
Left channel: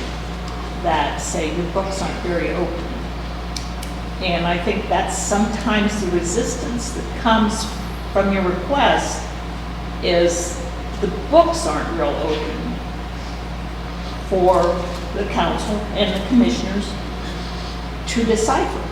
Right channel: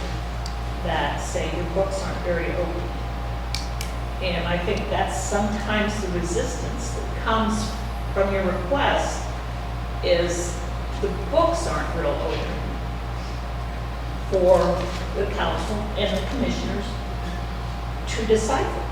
that say your books aren't very open. And I think that's sometimes the resistance that comes from your request is the books aren't real open for the council and the commissioners to decipher.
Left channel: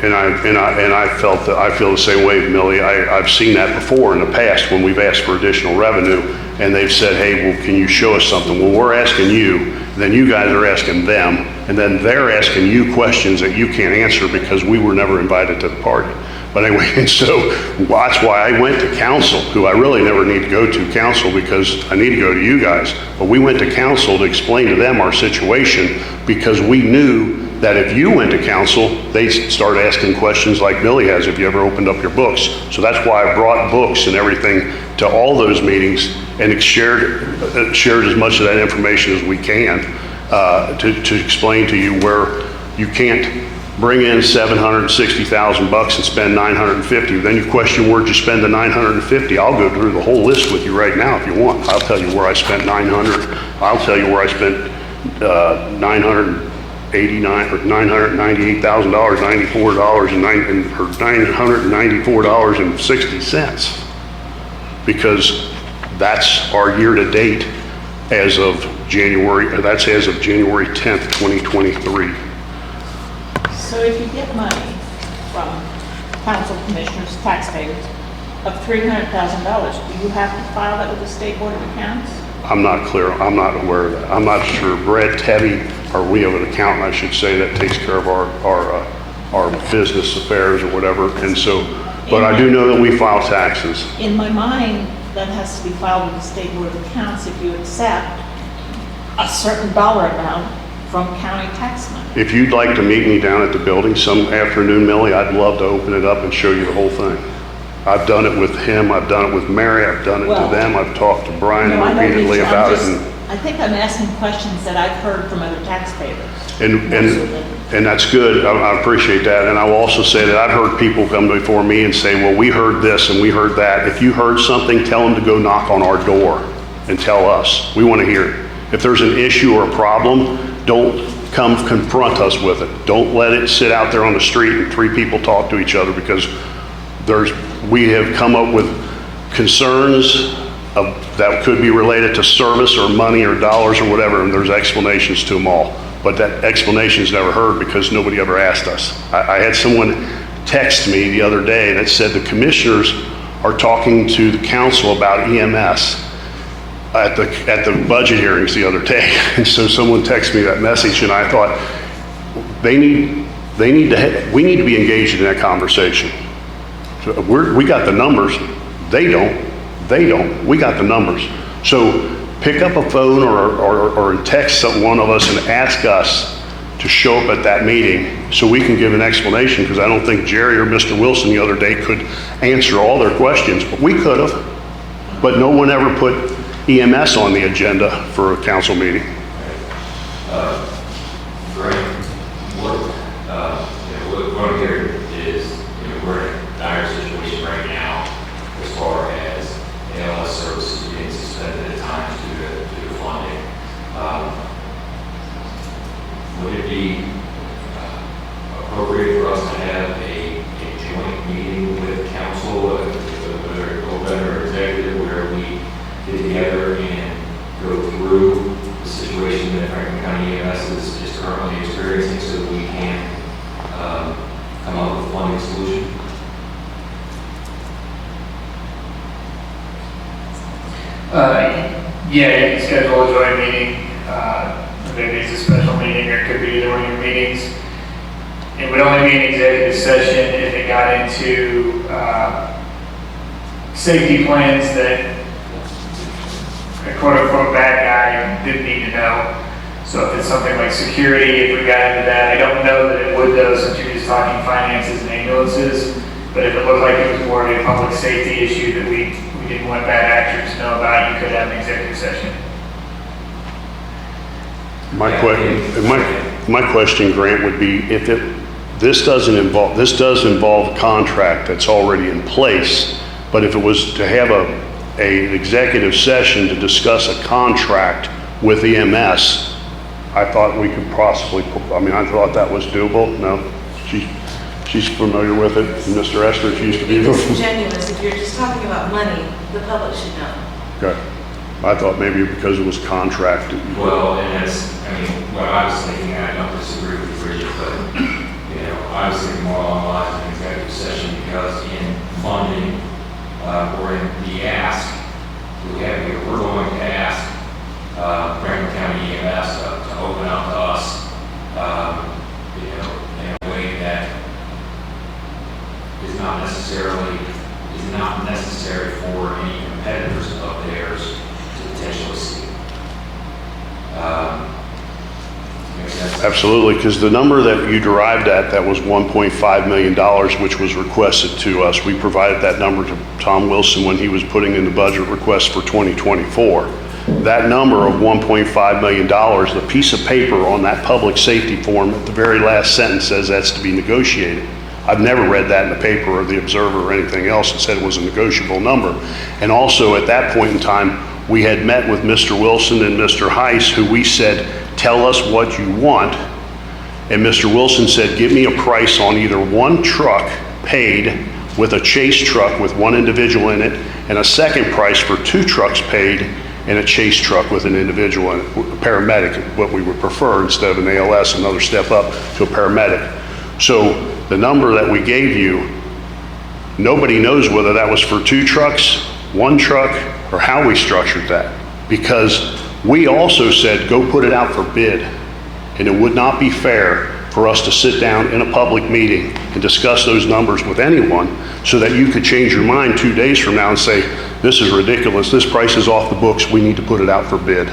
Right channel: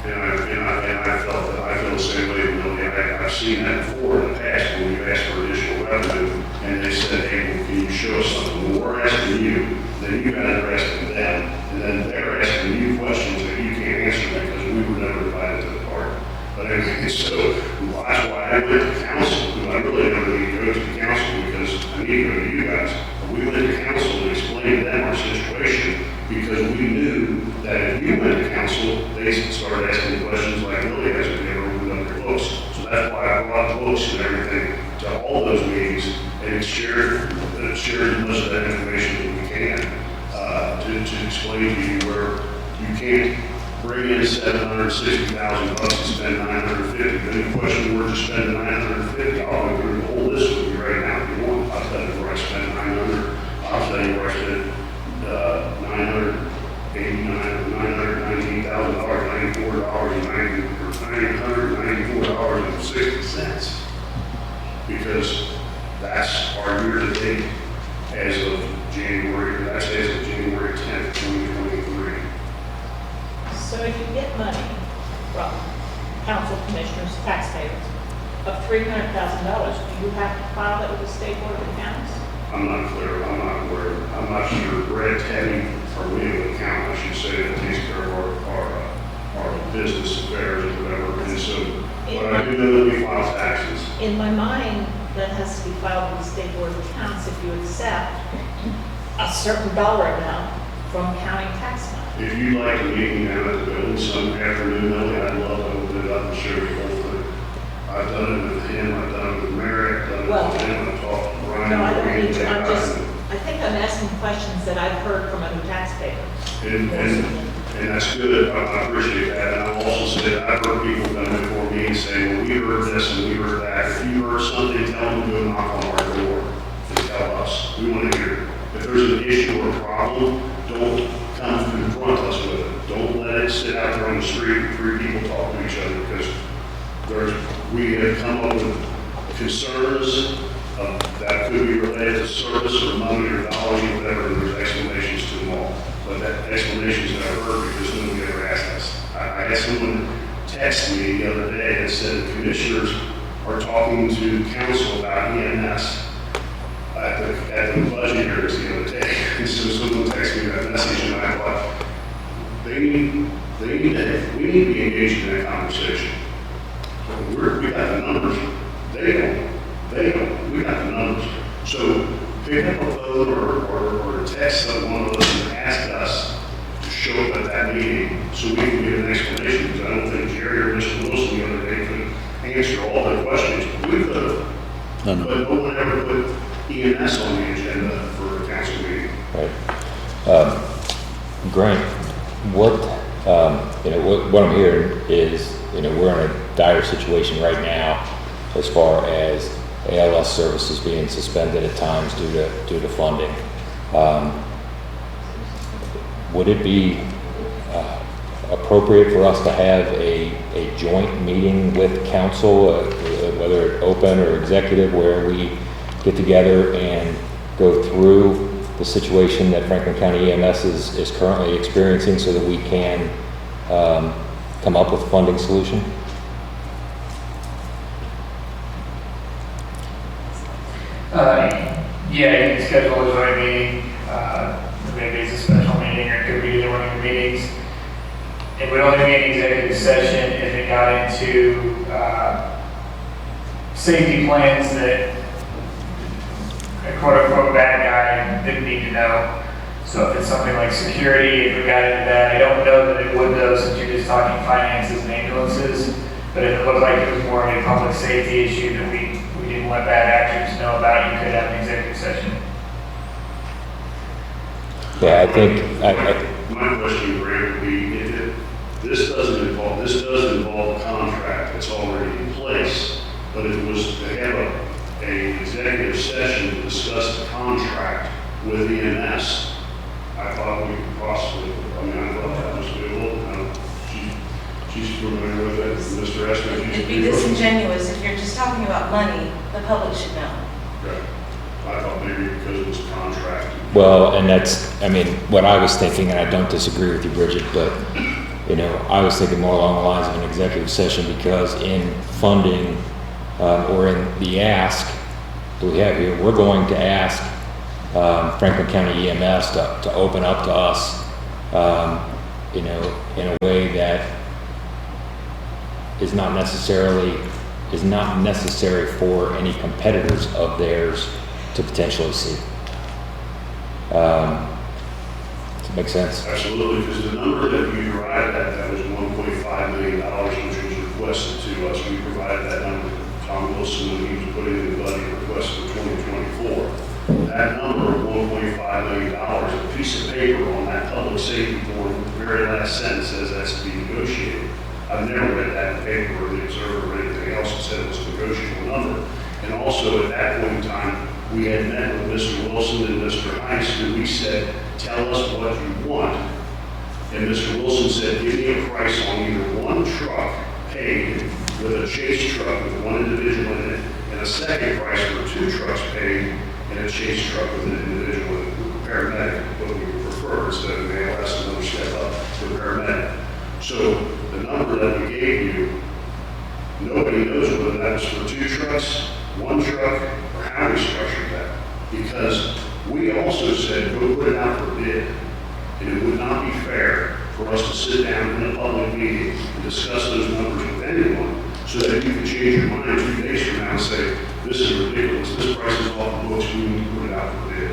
And I felt that, I feel the same way, Millie. I've seen that before in the past when we've asked for additional revenue and they've said, hey, well, can you show us something? Well, we're asking you, then you guys are asking them, and then they're asking you questions that you can't answer because we were never invited to the party. But anyway, and so that's why I went to council, who I really never need to go to council because I need to go to you guys. But we went to council to explain to them our situation because we knew that if you went to council, they'd start asking questions like Billy has, have you ever opened up your books? So that's why I brought books and everything to all those meetings and shared as much of that information as we can to explain to you where you can't bring in $760,000 and spend $950. Then you question where'd you spend the $950? I'll go through the whole list with you right now if you want. I'll tell you where I spent $900. I'll tell you where I spent $998,000, $994.60, because that's our year-to-date as of January. That's as of January 10th, 2023. So if you get money from council commissioners, taxpayers of $300,000, do you have to file that with the State Board of Accounts? I'm not clear. I'm not aware of that. I'm not sure. Brad Teddy, or we have an accountant, I should say, that takes care of our business affairs or whatever. And so, but I do know that we file taxes. In my mind, that has to be filed with the State Board of Accounts if you accept a certain dollar amount from county tax money. If you'd like to meet me down at the building some afternoon, Millie, I'd love to open it up and show you the whole thing. I've done it with him, I've done it with Mary, I've done it to them, I've talked to Brian repeatedly about it. I think I'm asking questions that I've heard from other taxpayers. And that's good, I appreciate that. And I will also say that I've heard people come before me and say, well, we heard this and we heard that. If you heard something, tell them to go knock on our door and tell us. We want to hear it. If there's an issue or a problem, don't come confront us with it. Don't let it sit out there on the street and three people talk to each other, because we have come up with concerns that could be related to service or money or dollars or whatever, and there's explanations to them all. But that explanation's never heard because nobody ever asked us. I had someone text me the other day that said the commissioners are talking to the council about EMS at the budget hearings the other day. And so someone texted me that message, and I thought we need to be engaged in that conversation. So we got the numbers. They don't. We got the numbers. So pick up a phone or text one of us and ask us to show up at that meeting so we can give an explanation, because I don't think Jerry or Mr. Wilson the other day could answer all their questions, but we could have. But no one ever put EMS on the agenda for a council meeting. Right. Grant, what I'm hearing is, we're in a dire situation right now as far as ALS services being suspended at times due to funding. Would it be appropriate for us to have a joint meeting with council, whether open or executive, where we get together and go through the situation that Franklin County EMS is currently experiencing, so that we can come up with a funding solution? Yeah, you can schedule a joint meeting. Maybe it's a special meeting, or it could be either one of your meetings. It would only be an executive session if it got into safety plans that a quote-unquote bad guy didn't need to know. So if it's something like security, if it got into that, I don't know that it would, though, since you're just talking finances and ambulances. But if it looked like it was more of a public safety issue that we didn't want bad actors to know about, you could have an executive session. My question, Grant, would be this does involve a contract that's already in place, but if it was to have an executive session to discuss a contract with EMS, I thought we could possibly, I thought that was doable. No, she's familiar with it. And Mr. Esther, she's It'd be disingenuous if you're just talking about money, the public should know. Okay. I thought maybe because it was contracted. Well, and that's, what I was thinking, and I don't disagree with you, Bridget, but I was thinking more along the lines of an executive session because in funding or in the ask that we have here, we're going to ask Franklin County EMS to open up to us, in a way that is not necessary for any competitors of theirs to potentially see. Make sense? Absolutely, because the number that you derived at, that was $1.5 million, which was requested to us. We provided that number to Tom Wilson when he was putting in the budget request for 2024. That number of $1.5 million, the piece of paper on that public safety form at the very last sentence says that's to be negotiated. I've never read that in the paper or the Observer or anything else. It said it was a negotiable number. And also at that point in time, we had met with Mr. Wilson and Mr. Heiss, who we said, tell us what you want. And Mr. Wilson said, give me a price on either one truck paid with a chase truck with one individual in it, and a second price for 2 trucks paid and a chase truck with an individual in it, a paramedic, what we would prefer instead of an ALS, another step up to a paramedic. So the number that we gave you, nobody knows whether that was for 2 trucks, 1 truck, or how we structured that. Because we also said, go put it out for bid. And it would not be fair for us to sit down in a public meeting and discuss those numbers with anyone so that you could change your mind 2 days from now and say, this is ridiculous, this price is off the books, we need to put it out for bid.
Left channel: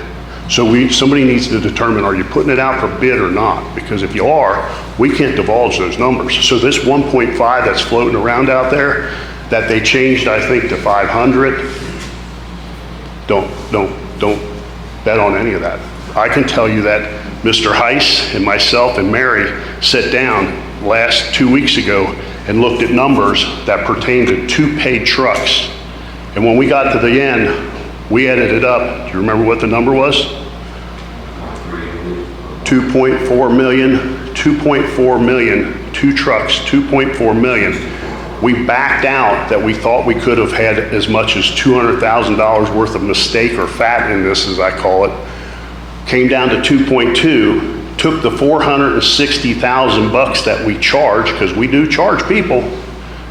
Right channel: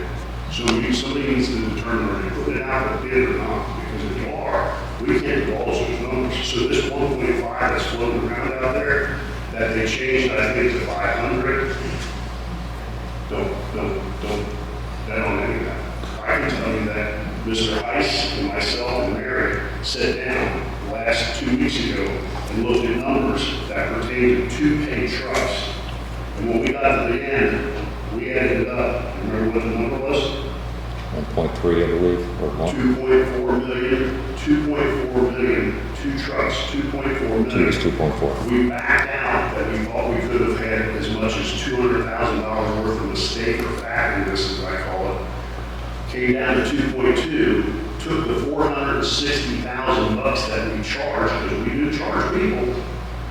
So somebody needs to determine, are you putting it out for bid or not? Because if you are, we can't divulge those numbers. So this 1.5 that's floating around out there, that they changed, I think, to 500, don't bet on any of that. I can tell you that Mr. Heiss and myself and Mary sat down last 2 weeks ago and looked at numbers that pertain to 2 paid trucks. And when we got to the end, we added it up. Do you remember what the number was? 1.3, I believe. 2.4 million, 2.4 million, 2 trucks, 2.4 million. 2.4. We backed out that we thought we could have had as much as $200,000 worth of mistake or fat in this, as I call it. Came down to 2.2, took the $460,000 that we charge, because we do charge people.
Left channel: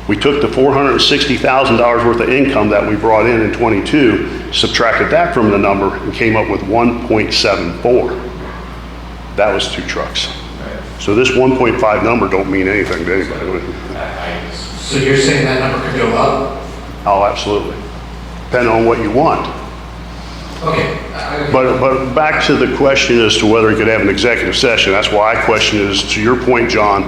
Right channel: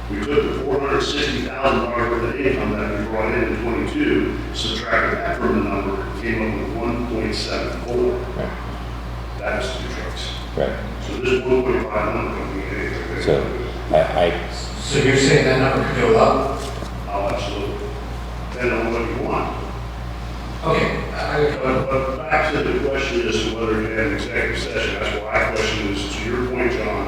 We took the $460,000 worth of income that we brought in 22, subtracted that from the number, and came up with 1.74. That was 2 trucks. Right. So this 1.5 number don't mean anything, Dave. So you're saying that number could go up? Oh, absolutely. Depending on what you want. Okay. But back to the question as to whether we could have an executive session, that's why I question is, to your point, John,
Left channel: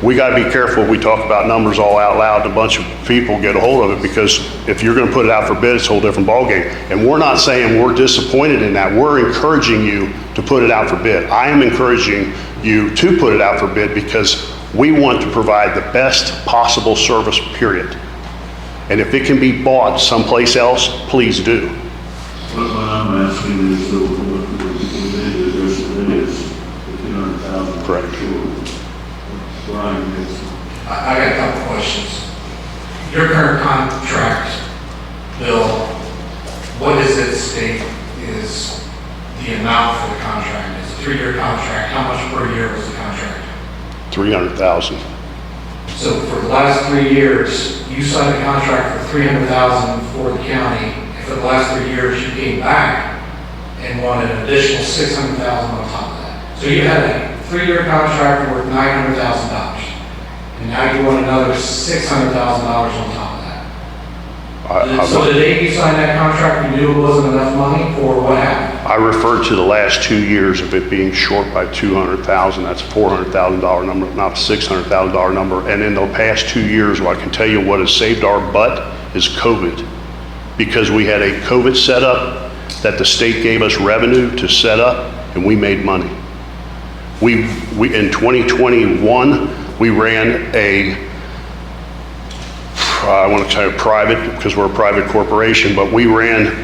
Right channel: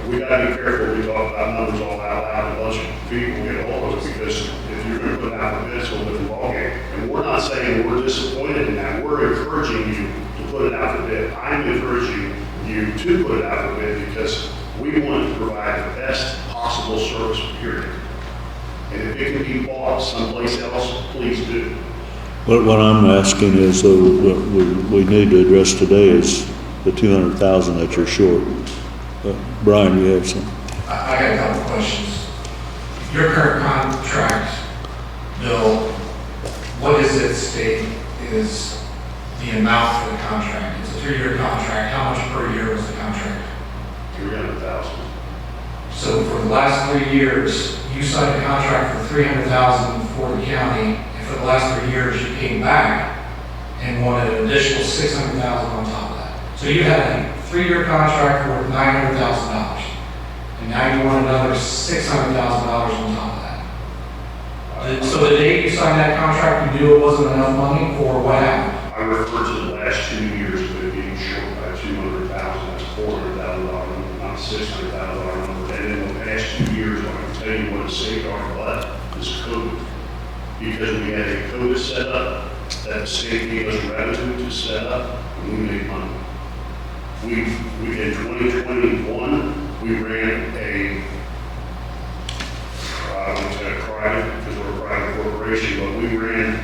we got to be careful we talk about numbers all out loud, a bunch of people get a hold of it, because if you're going to put it out for bid, it's a whole different ballgame. And we're not saying we're disappointed in that. We're encouraging you to put it out for bid. I am encouraging you to put it out for bid because we want to provide the best possible service, period. And if it can be bought someplace else, please do. What I'm asking is, what we need to address today is the 200,000 that you're short. Brian, you have some? I got a couple questions. Your current contract, Bill, what does it state is the amount for the contract? It's a 3-year contract. How much per year is the contract? 300,000. So for the last 3 years, you signed a contract for 300,000 for the county. For the last 3 years, you came back and wanted an additional 600,000 on top of that. So you had a 3-year contract worth $900,000, and now you want another $600,000 on top of that. So the day you signed that contract, you knew it wasn't enough money, or what happened? I referred to the last 2 years of it being short by 200,000. That's a $400,000 number, not a $600,000 number. And in the past 2 years, I can tell you what has saved our butt is COVID. Because we had a COVID setup that the state gave us revenue to set up, and we made money. We in 2021, we ran I want to say private, because we're a private corporation, but we ran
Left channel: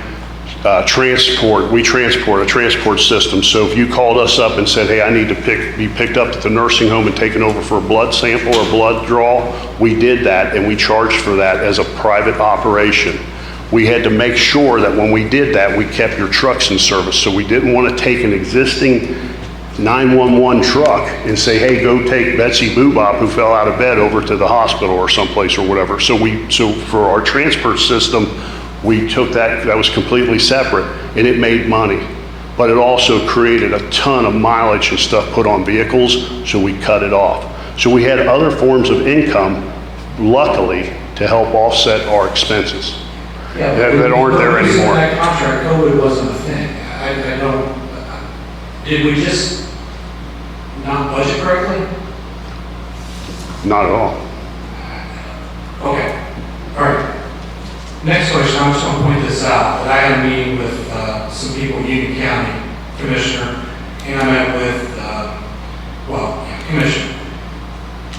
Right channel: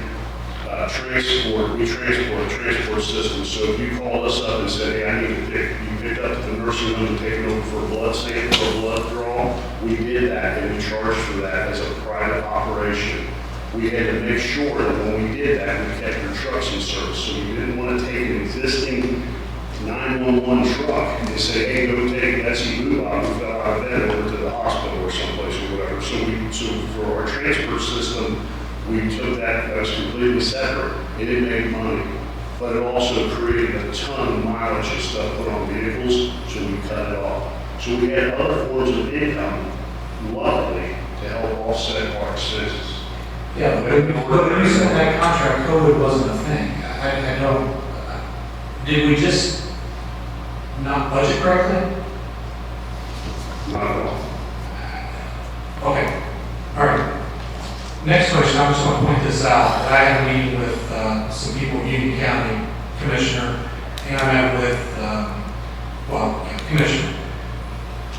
transport. We transport a transport system. So if you called us up and said, hey, I need to be picked up at the nursing home and taken over for a blood sample or blood draw, we did that, and we charged for that as a private operation. We had to make sure that when we did that, we kept your trucks in service. So we didn't want to take an existing 911 truck and say, hey, go take Betsy Boobop who fell out of bed over to the hospital or someplace or whatever. So for our transport system, we took that was completely separate, and it made money. But it also created a ton of mileage and stuff put on vehicles, so we cut it off. So we had other forms of income, luckily, to help offset our expenses Yeah, that aren't there When we signed anymore. that contract, COVID wasn't a thing. I know, did we just not budget correctly? Not at all. Okay, all right. Next question, I'm just going to point this out. I had a meeting with some people in Union County, Commissioner, and I met with, Commissioner.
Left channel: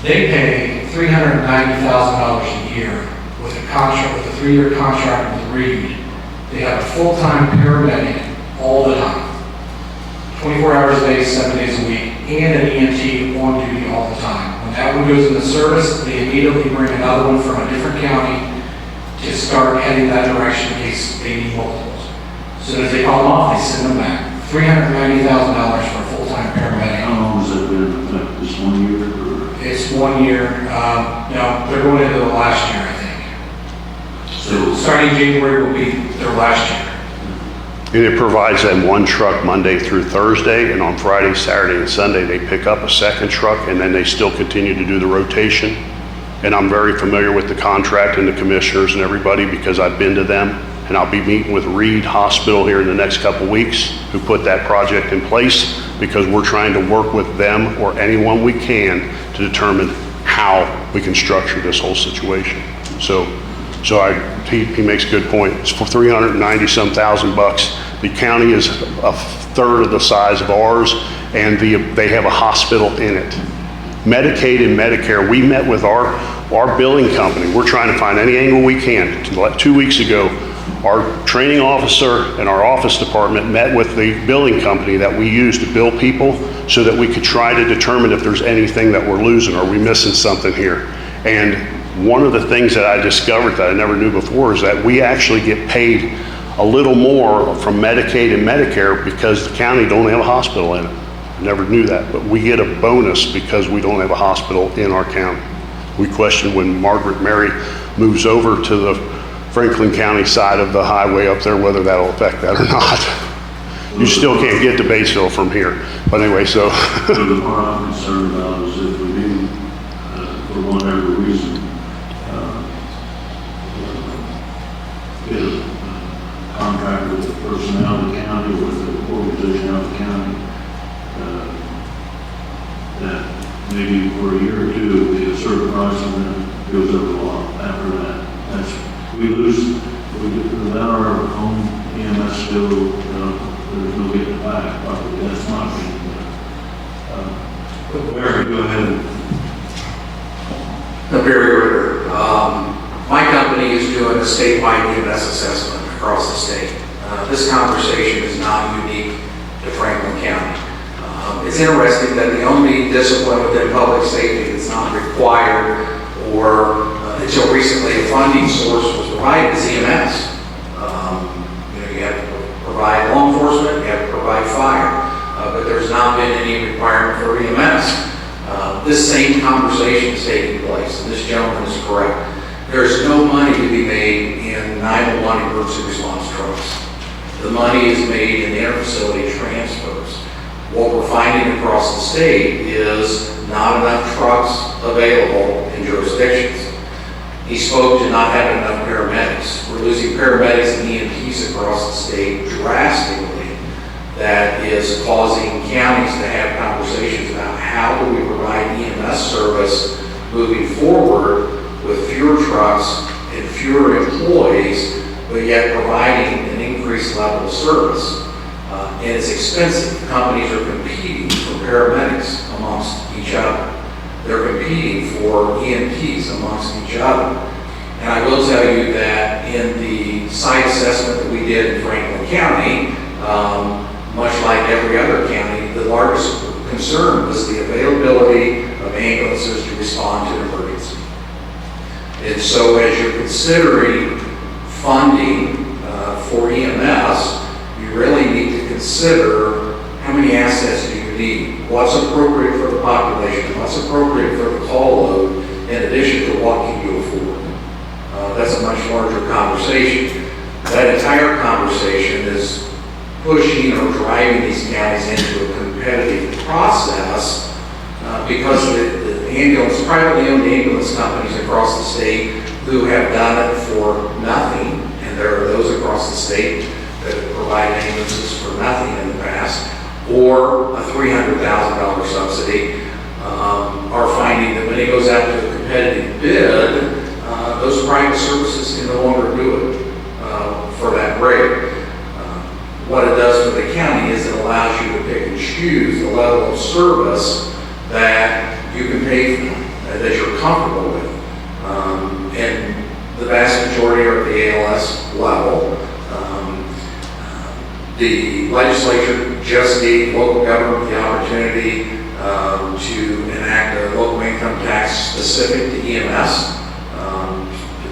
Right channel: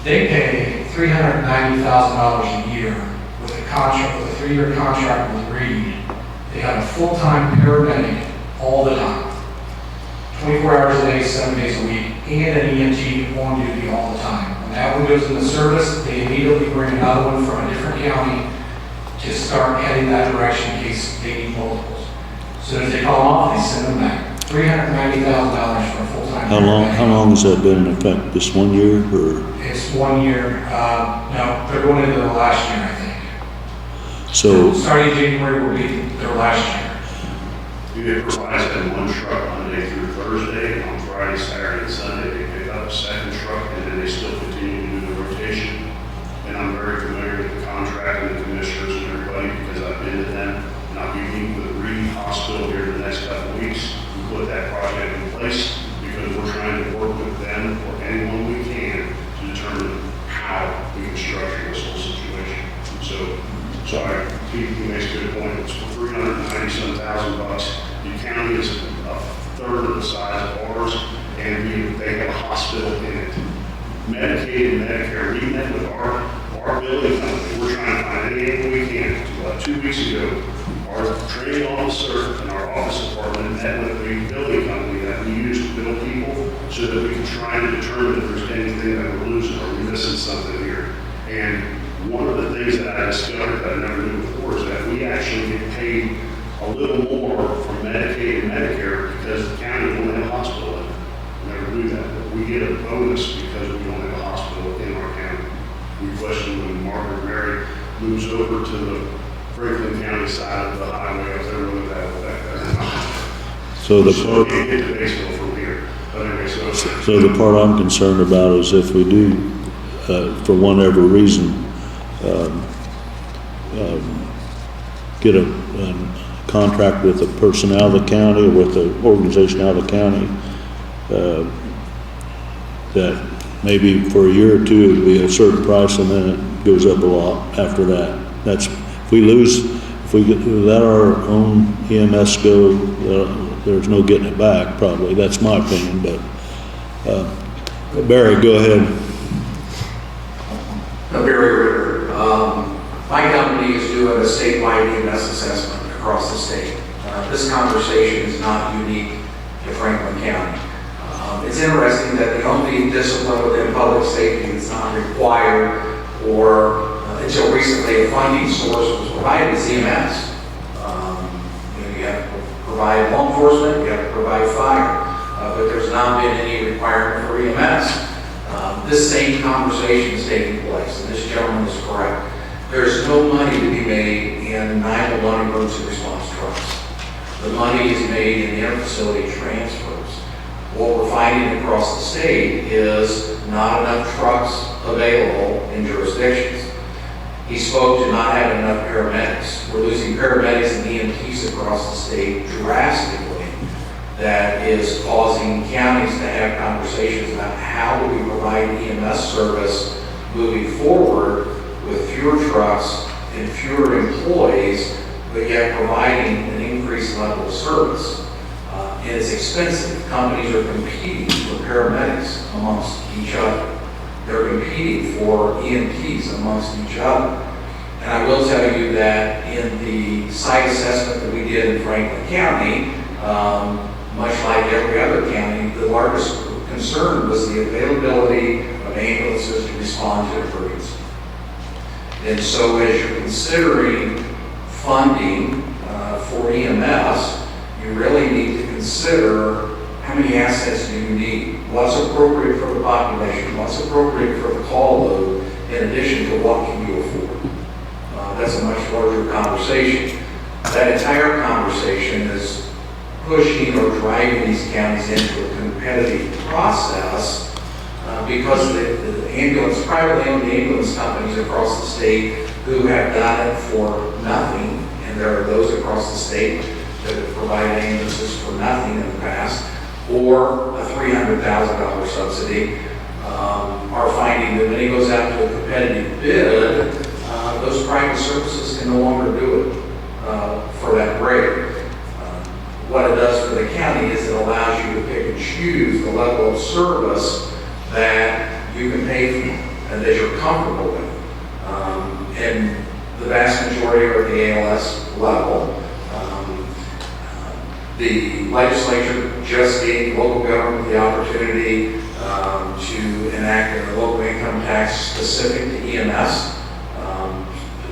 They pay $390,000 a year with a contract, with a 3-year contract with Reed. They have a full-time paramedic all the time, 24 hours a day, 7 days a week, and an EMT on duty all the time. When that one goes into service, they immediately bring another one from a different county to start heading that direction in case they need multiples. So as they call them off, they send them back. $390,000 for a full-time paramedic. How long has that been in effect? Just 1 year or? It's 1 year. No, they're going into the last year, I think. So, Starting January will be their last year. And it provides them one truck Monday through Thursday, and on Friday, Saturday, and Sunday, they pick up a second truck, and then they still continue to do the rotation. And I'm very familiar with the contract and the commissioners and everybody because I've been to them, and I'll be meeting with Reed Hospital here in the next couple weeks who put that project in place because we're trying to work with them or anyone we can to determine how we can structure this whole situation. He makes a good point. It's for $390-some thousand bucks. The county is a third of the size of ours, and they have a hospital in it. Medicaid and Medicare, we met with our billing company. We're trying to find any angle we can. 2 weeks ago, our training officer and our office department met with the billing company that we use to bill people so that we could try to determine if there's anything that we're losing. Are we missing something here? And one of the things that I discovered that I never knew before is that we actually get paid a little more from Medicaid and Medicare because the county don't have a hospital in it. I never knew that, but we get a bonus because we don't have a hospital in our county. We question when Margaret Mary moves over to the Franklin County side of the highway up there, whether that'll affect that or not. So You still can't get to Batesville from here. But anyway, so. the part I'm concerned about is if we do, for whatever reason, get a contract with a person out of the county or with an organization out of the county, that maybe for a year or two it'll be a certain price and then it goes up a lot after that. If we get that our own EMS go, there's no getting it back probably. That's my opinion, but Barry, go ahead. Barry Ritter. My company is doing a statewide EMS assessment across the state. This conversation is not unique to Franklin County. It's interesting that the only discipline within public safety that's not required or until recently a funding source was provided is EMS. You have to provide law enforcement, you have to provide fire, but there's not been any requirement for EMS. This same conversation is taking place, and this gentleman is correct. There's no money to be made in 911 emergency response trucks. The money is made in interfacility transfers. What we're finding across the state is not enough trucks available in jurisdictions. He spoke to not having enough paramedics. We're losing paramedics and EMTs across the state drastically. That is causing counties to have conversations about how do we provide EMS service moving forward with fewer trucks and fewer employees, but yet providing an increased level of service. And it's expensive. Companies are competing for paramedics amongst each other. They're competing for EMTs amongst each other. And I will tell you that in the site assessment that we did in Franklin County, much like every other county, the largest concern was the availability of ambulances to respond to emergency. And so as you're considering funding for EMS, you really need to consider how many assets do you need? What's appropriate for the population? What's appropriate for the call load in addition to what can you afford? That's a much larger conversation. That entire conversation is pushing or driving these counties into a competitive process because the ambulance, privately owned ambulance companies across the state who have done it for nothing, and there are those across the state that provide ambulances for nothing in the past, or a $300,000 subsidy, are finding that when it goes out to a competitive bid, those private services can no longer do it for that rate. What it does for the county is it allows you to pick and choose the level of service that you can pay for and that you're comfortable with. And the vast majority are at the ALS level. The legislature just gave local government the opportunity to enact a local income tax specific to EMS.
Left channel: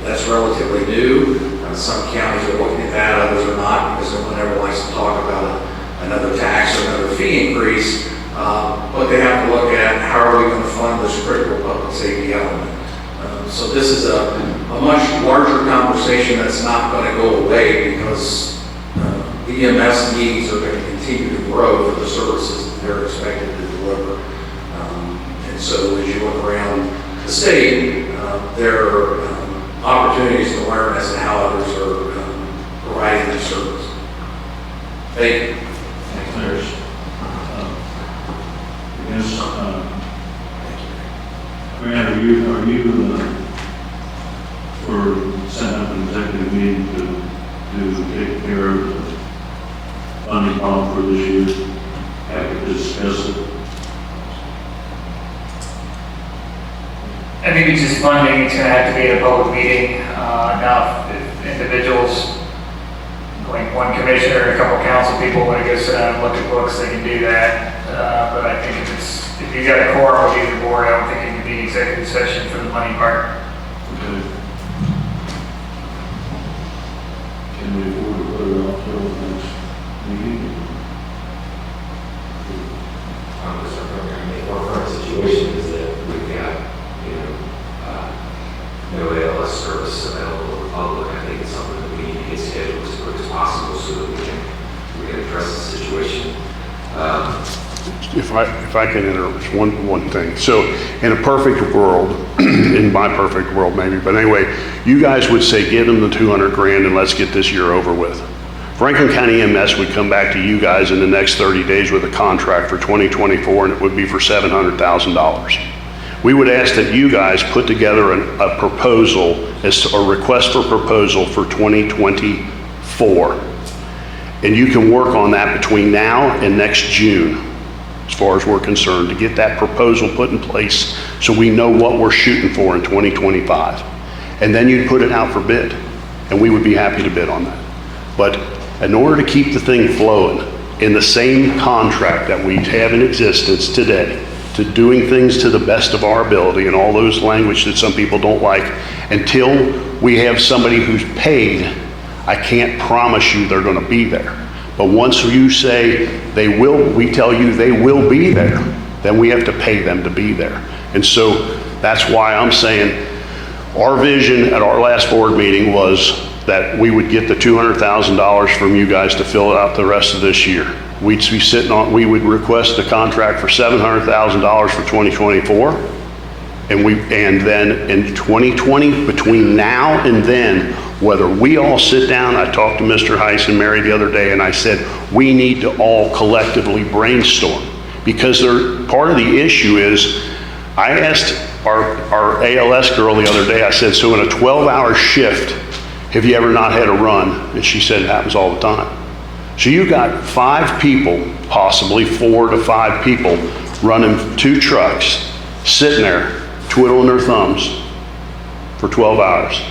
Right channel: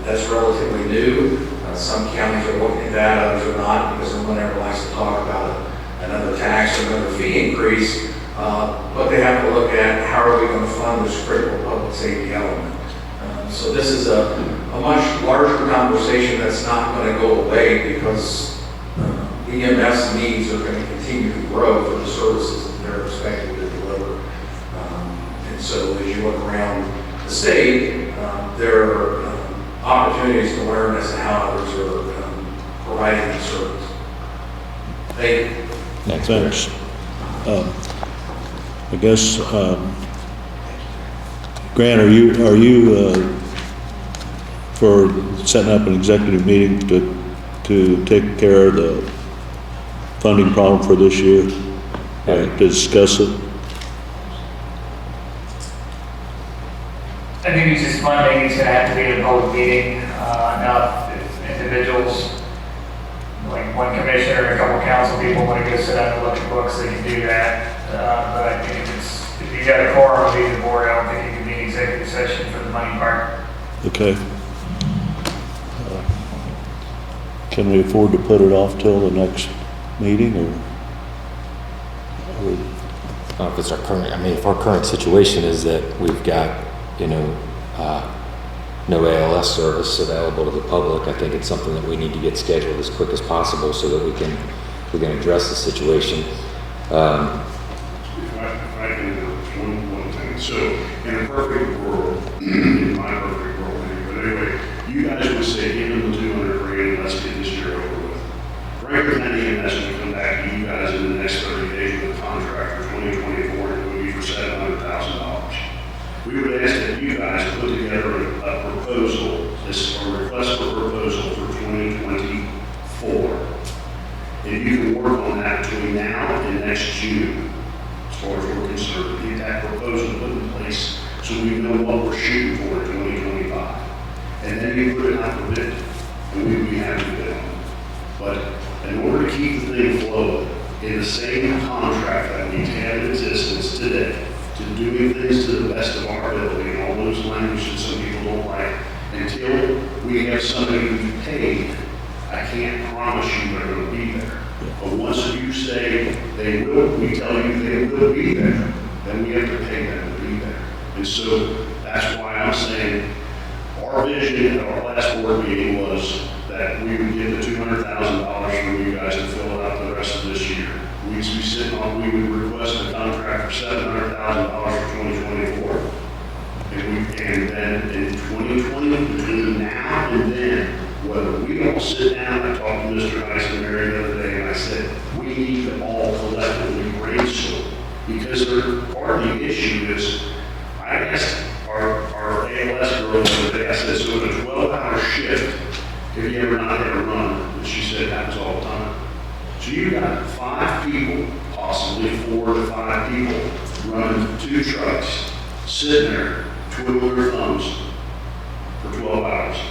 That's relatively new. Some counties are looking at that, others are not, because no one ever likes to talk about another tax or another fee increase. But they have to look at how are we going to fund this critical public safety element. So this is a much larger conversation that's not going to go away because the EMS needs are going to continue to grow for the services that they're expected to deliver. And so as you look around the state, there are opportunities to learn as to how others are providing that service. Thank you. Thanks. I guess, Grant, are you for setting up an executive meeting to take care of the funding problem for this year, to discuss it? I think it's just funding, it's gonna have to be at a public meeting. Now, if individuals, like one commissioner and a couple council people want to go sit down and look at books, they can do that. But I think if you got a quorum of either board, I don't think you can need executive session for the money part. Okay. Can we afford to put it off till the next meeting, or? If it's our current, I mean, if our current situation is that we've got, no ALS service available to the public, I think it's something that we need to get scheduled as quick as possible so that we can address the situation. If I can interrupt one thing. So in a perfect world, in my perfect world maybe, but anyway, you guys would say give them the 200 grand and let's get this year over with. Franklin County EMS would come back to you guys in the next 30 days with a contract for 2024 and it would be for $700,000. We would ask that you guys put together a proposal, a request for proposal for 2024. And you can work on that between now and next June, as far as we're concerned, to get that proposal put in place so we know what we're shooting for in 2025. And then you'd put it out for bid, and we would be happy to bid on that. But in order to keep the thing flowing in the same contract that we have in existence today, to doing things to the best of our ability and all those language that some people don't like, until we have somebody who's paid, I can't promise you they're going to be there. But once you say they will, we tell you they will be there, then we have to pay them to be there. And so that's why I'm saying our vision at our last board meeting was that we would get the $200,000 from you guys to fill out the rest of this year. We'd be sitting on, we would request a contract for $700,000 for 2024. And then in 2020, between now and then, whether we all sit down, I talked to Mr. Heiss and Mary the other day, and I said, we need to all collectively brainstorm. Because part of the issue is, I asked our ALS girl the other day, I said, so in a 12-hour shift, have you ever not had a run? And she said, it happens all the time. So you got 5 people, possibly 4 to 5 people, running 2 trucks, sitting there, twiddling their thumbs for 12 hours.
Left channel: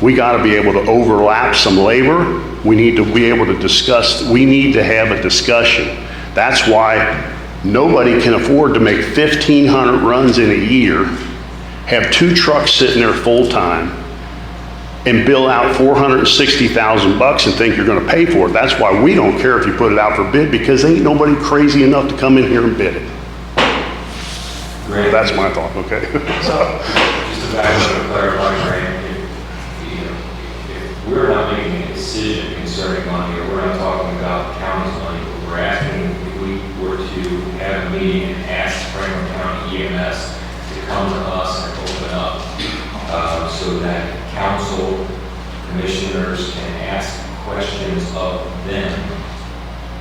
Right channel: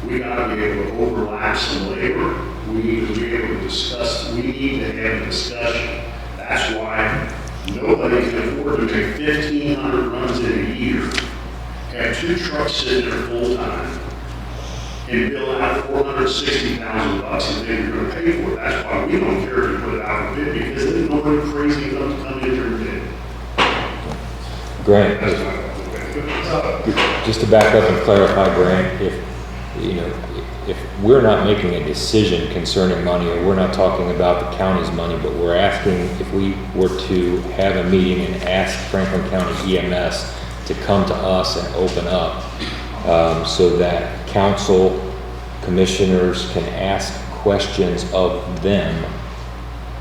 We got to be able to overlap some labor. We need to be able to discuss, we need to have a discussion. That's why nobody can afford to make 1,500 runs in a year, have 2 trucks sitting there full time, and bill out $460,000 and think you're gonna pay for it. That's why we don't care if you put it out for bid, because ain't nobody crazy enough to come in here and bid it. Grant. That's my thought, okay? Just to back up and clarify, Grant, if we're not making a decision concerning money, or we're not talking about the county's money, but we're asking if we were to have a meeting and ask Franklin County EMS to come to us and open up, so that council commissioners can ask questions of them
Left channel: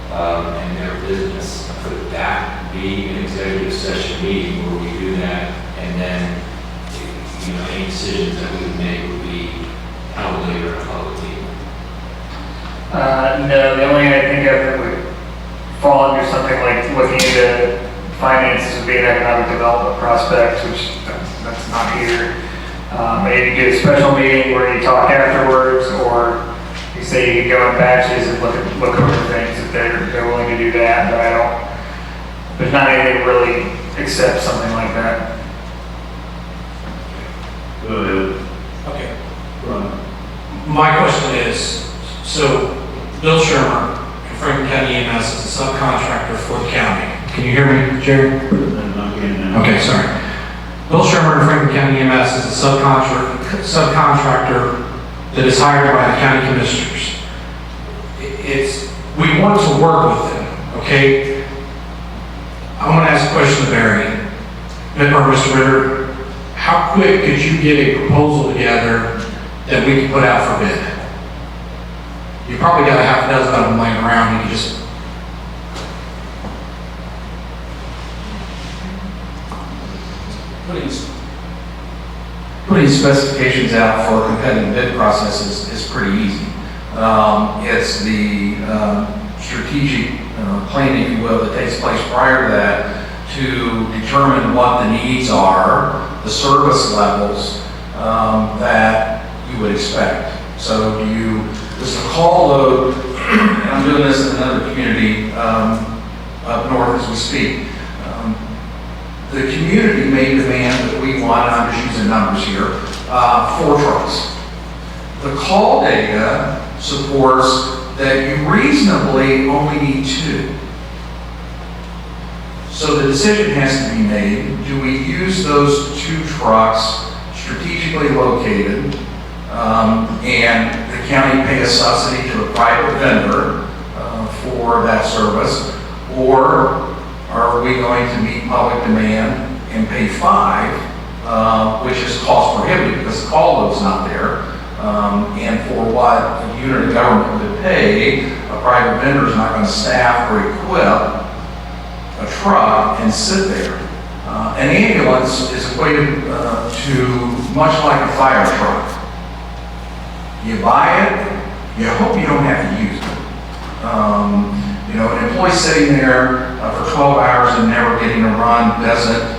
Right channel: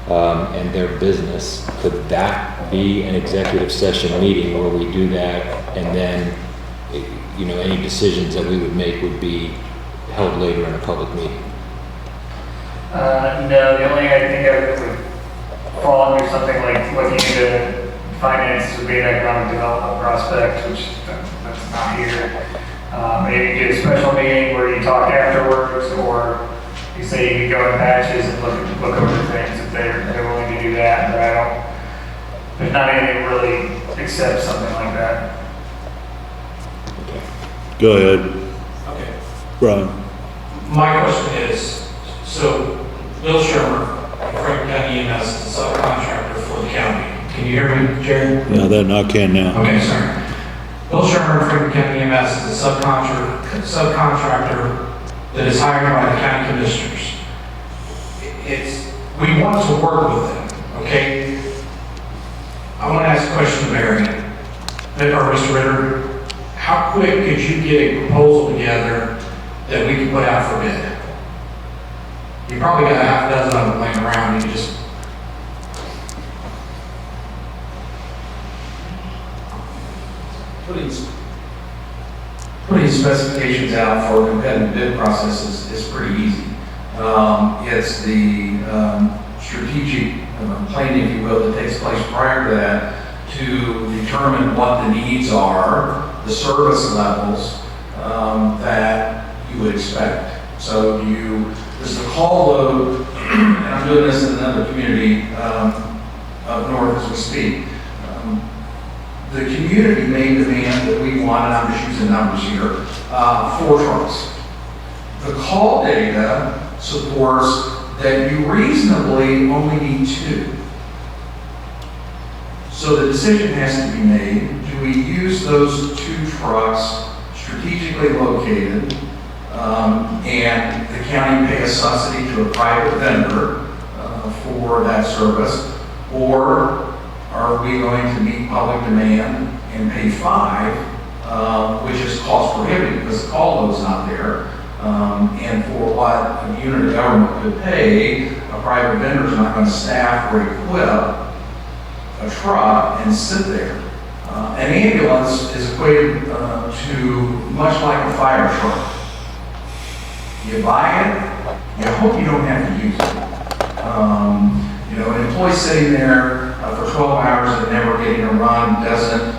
and their business, could that be an executive session meeting where we do that, and then, any decisions that we would make would be held later in a public meeting? No, the only thing I think of that would fall under something like looking into finances would be an economic development prospect, which that's not here. Maybe do a special meeting where you talk afterwards, or you say you can go in batches and look over things if they're willing to do that. But there's not anything that really accepts something like that. Go ahead, Okay. Brian. My question is, so Bill Shermer, Franklin County EMS, is a subcontractor for the county. Can you hear me, Jerry? Yeah, then I can now. Okay, sorry. Bill Shermer, Franklin County EMS, is a subcontractor that is hired by the county commissioners. We want to work with them, okay? I want to ask a question to Barry, or Mr. Ritter. How quick could you get a proposal together that we can put out for bid? You probably got a half a dozen of them laying around. You can just Putting specifications out for a competitive bid process is pretty easy. It's the strategic planning, if you will, that takes place prior to that to determine what the needs are, the service levels that you would expect. So there's a call load, and I'm doing this in another community up north as we speak. The community may demand that we want, and I'm just using numbers here, 4 trucks. The call data supports that you reasonably only need 2. So the decision has to be made, do we use those 2 trucks strategically located, and the county pay a subsidy to a private vendor for that service, or are we going to meet public demand and pay 5, which is cost prohibitive because the call load's not there, and for what a unit of government could pay, a private vendor is not going to staff or equip a truck and sit there. An ambulance is equated to much like a fire truck. You buy it, you hope you don't have to use it. An employee sitting there for 12 hours and never getting a run doesn't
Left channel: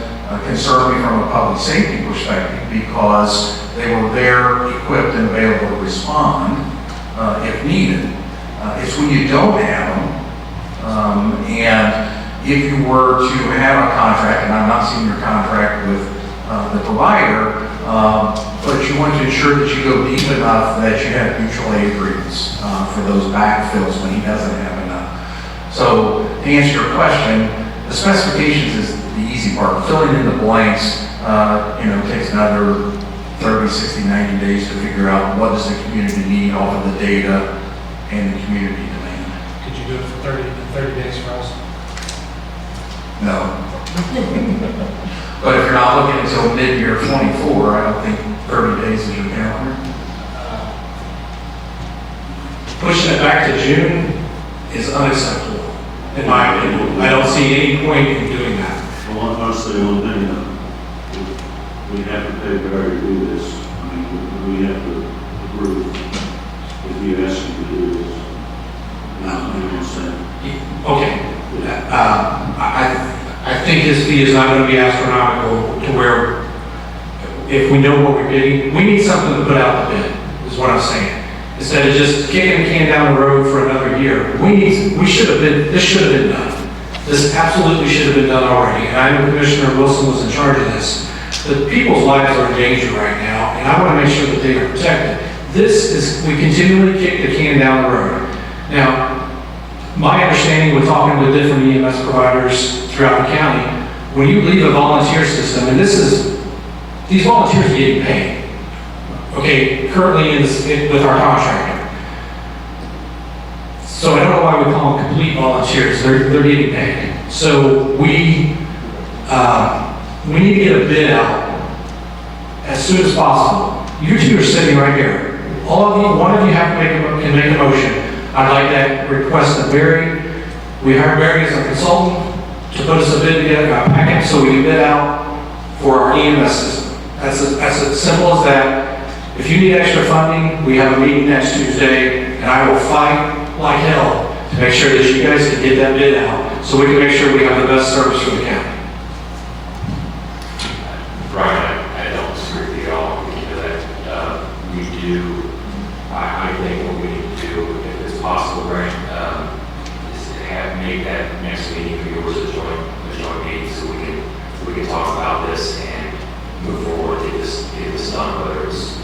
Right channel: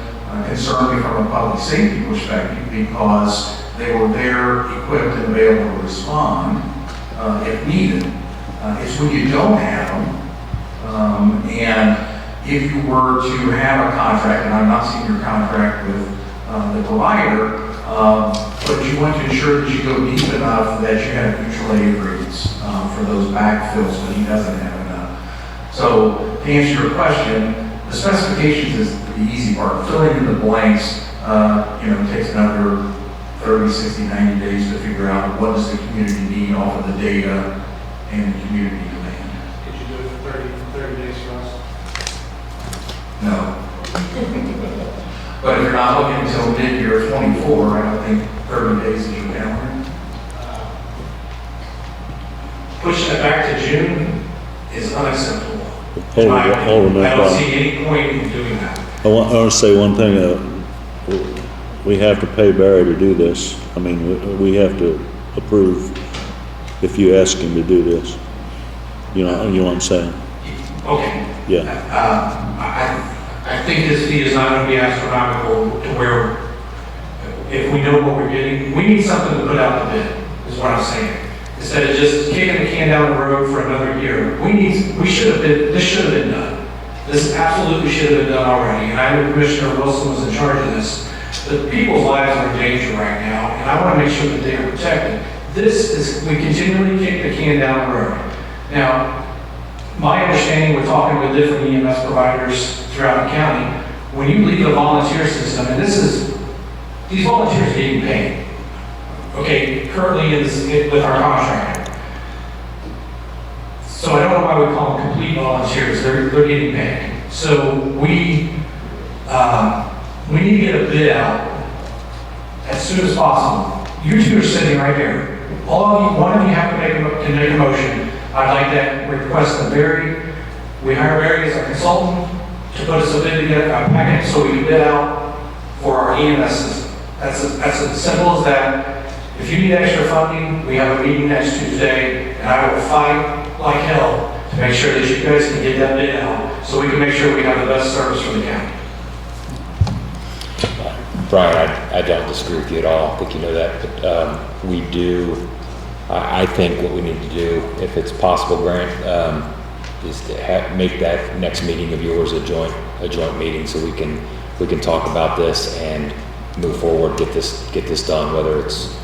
concern me from a public safety perspective, because they were there, equipped, and available to respond if needed. It's when you don't have them, and if you were to have a contract, and I'm not seeing your contract with the provider, but you want to ensure that you go deep enough that you have mutual aid agreements for those backfills when he doesn't have enough. So to answer your question, the specifications is the easy part. Filling in the blanks, takes another 30, 60, 90 days to figure out what does the community need off of the data and the community demand. Could you do it for 30 days for us? No. But if you're not looking until mid-year 24, I don't think 30 days is your calendar. Pushing it back to June is unacceptable. Hey, In my opinion. no I don't problem. see any point in doing that. I want to say one thing, we have to pay Barry to do this. I mean, we have to approve if you ask him to do this. You know what I'm saying? Okay. Yeah. I think his fee is not going to be astronomical to where, if we know what we're getting, we need something to put out the bid, is what I'm saying. Instead of just kicking the can down the road for another year, this should have been done. This absolutely should have been done already. And I know Commissioner Wilson was in charge of this. The people's lives are in danger right now, and I want to make sure that they are protected. we continually kick the can down the road. Now, my understanding with talking with different EMS providers throughout the county, when you leave a volunteer system, and these volunteers are getting paid, okay, currently with our contract. So I don't know why we call them complete volunteers, they're getting paid. So we need to get a bid out as soon as possible. You two are sitting right here. One of you have to make a motion. I'd like that request of Barry. We hire Barry as a consultant to put us a bid together, a package, so we can bid out for our EMS system. That's as simple as that. If you need extra funding, we have a meeting next Tuesday, and I will fight like hell to make sure that you guys can get that bid out, so we can make sure we have the best service for the county. Brian, I don't disagree with you at all. I think you know that. We do, I think what we need to do, if it's possible, Brian, is to make that next meeting of yours a joint meeting, so we can talk about this and move forward, get this done, whether it's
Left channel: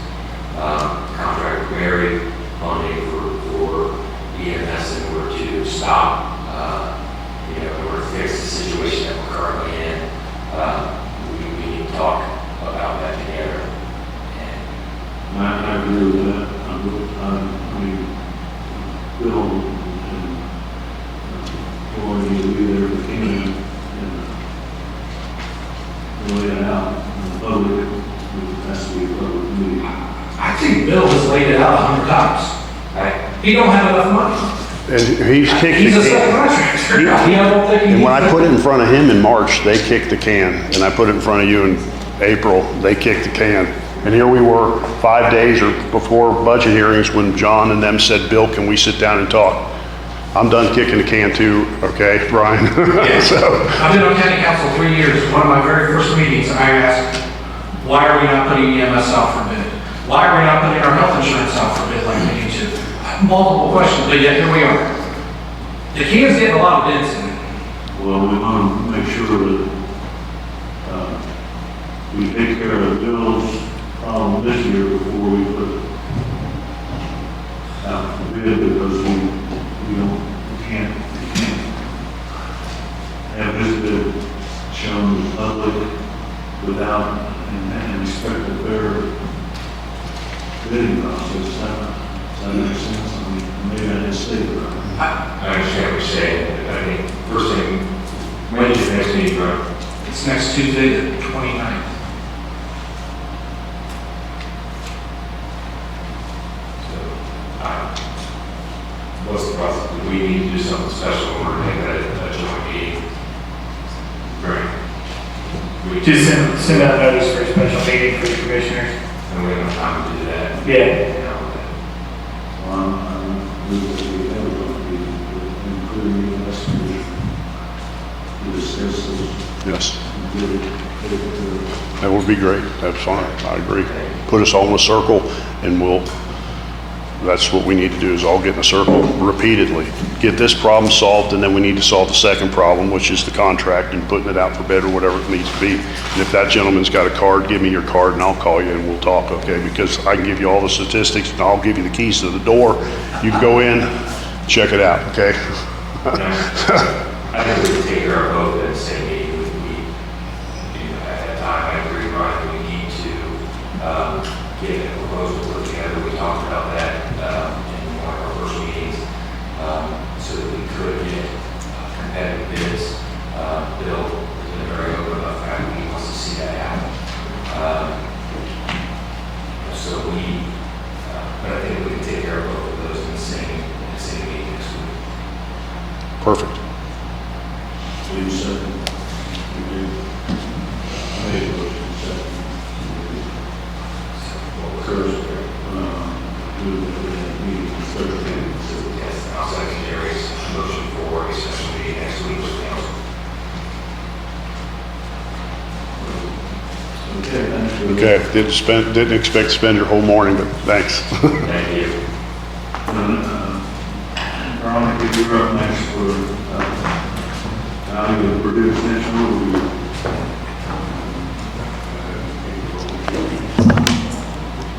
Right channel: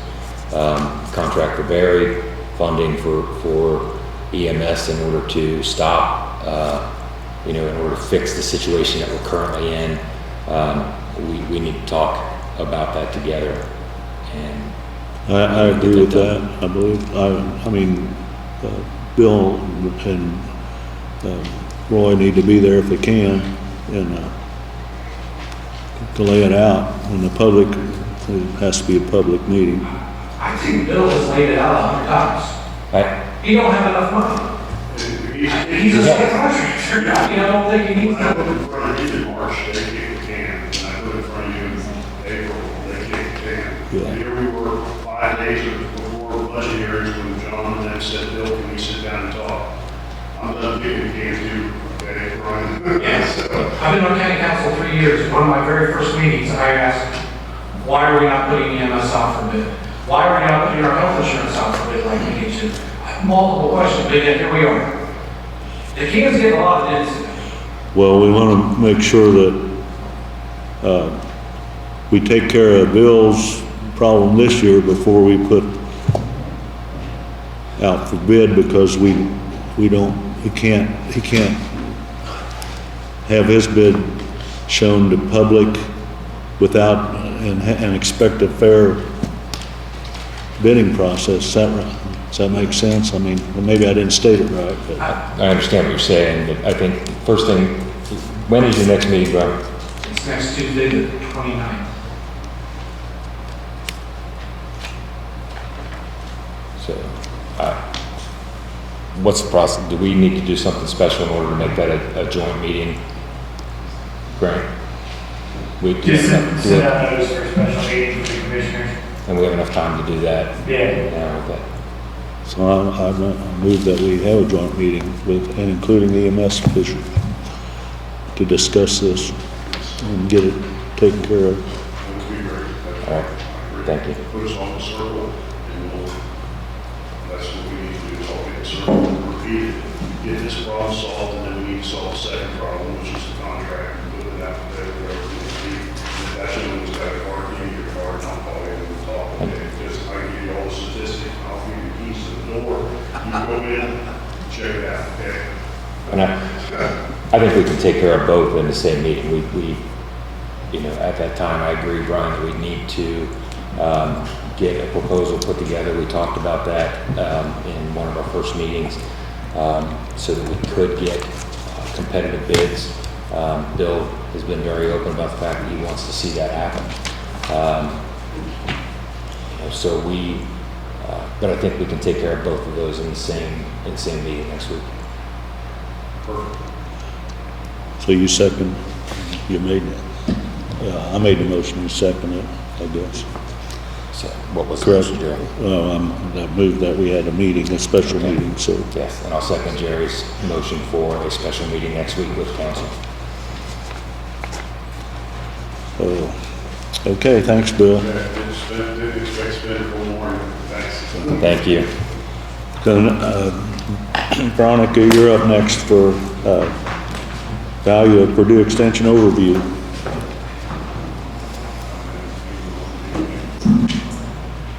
contract with Barry, funding for EMS in order to stop, in order to fix the situation that we're currently in. We need to talk about that together. And I agree with that. I believe, Bill and Roy need to be there if they can, and to lay it out in the public. It has to be a public meeting. I think Bill has laid it out 100 times. He don't have enough money. And he's kicked He's the a can. subcontractor. And when I put it in front of him in March, they kicked the can. And I put it in front of you in April, they kicked the can. And here we were 5 days or before budget hearings when John and them said, Bill, can we sit down and talk? I'm done kicking the can too, okay, Brian? Yes. So, I've been on county council 3 years. One of my very first meetings, I asked, why are we not putting EMS out for bid? Why are we not putting our health insurance out for bid like we need to? Multiple questions, but yet here we are. The can's getting a lot of bids in. Well, we want to make sure that we take care of Bill's problem this year before we put out for bid, because he can't have his bid shown to public without and expect a fair bidding process. Does that make sense? I mean, maybe I didn't state it right. But I understand what you're saying. I think first thing, when is your next meeting, Brian? It's next Tuesday, the 29th. So, what's the process? Do we need to do something special in order to make that a joint meeting? Brian? Just send out notice for a special meeting for the commissioners. And we have enough time to do that? Yeah. so I move that we have a joint meeting with, and including the EMS official, to discuss this. yes, And get it taken care of. that would be great. That's fine. I agree. Put us all in a circle and that's what we need to do, is all get in a circle repeatedly. Get this problem solved, and then we need to solve the second problem, which is the contract and putting it out for bid or whatever it needs to be. And if that gentleman's got a card, give me your card and I'll call you and we'll talk, okay? Because I can give you all the statistics and I'll give you the keys to the door. You can go in, check it out, okay? I think we can take care of both in the same meeting. At that time, I agree, Brian, we need to get a proposal put together. We talked about that in one of our first meetings, so that we could get competitive bids. Bill has been very open about the fact that he wants to see that happen. But I think we can take care of both of those in the same meeting next week. Perfect. So you second, I made the motion, you second it, I guess. So what was the Correct. motion doing? I moved that we had a meeting, a special meeting, so. Yes, I'll second Jerry's motion for a special meeting next week with council. Okay, thanks, Bill. Okay, didn't expect to spend your whole morning, but thanks. Thank you. Veronica, you're up next for value of Purdue Extension overview.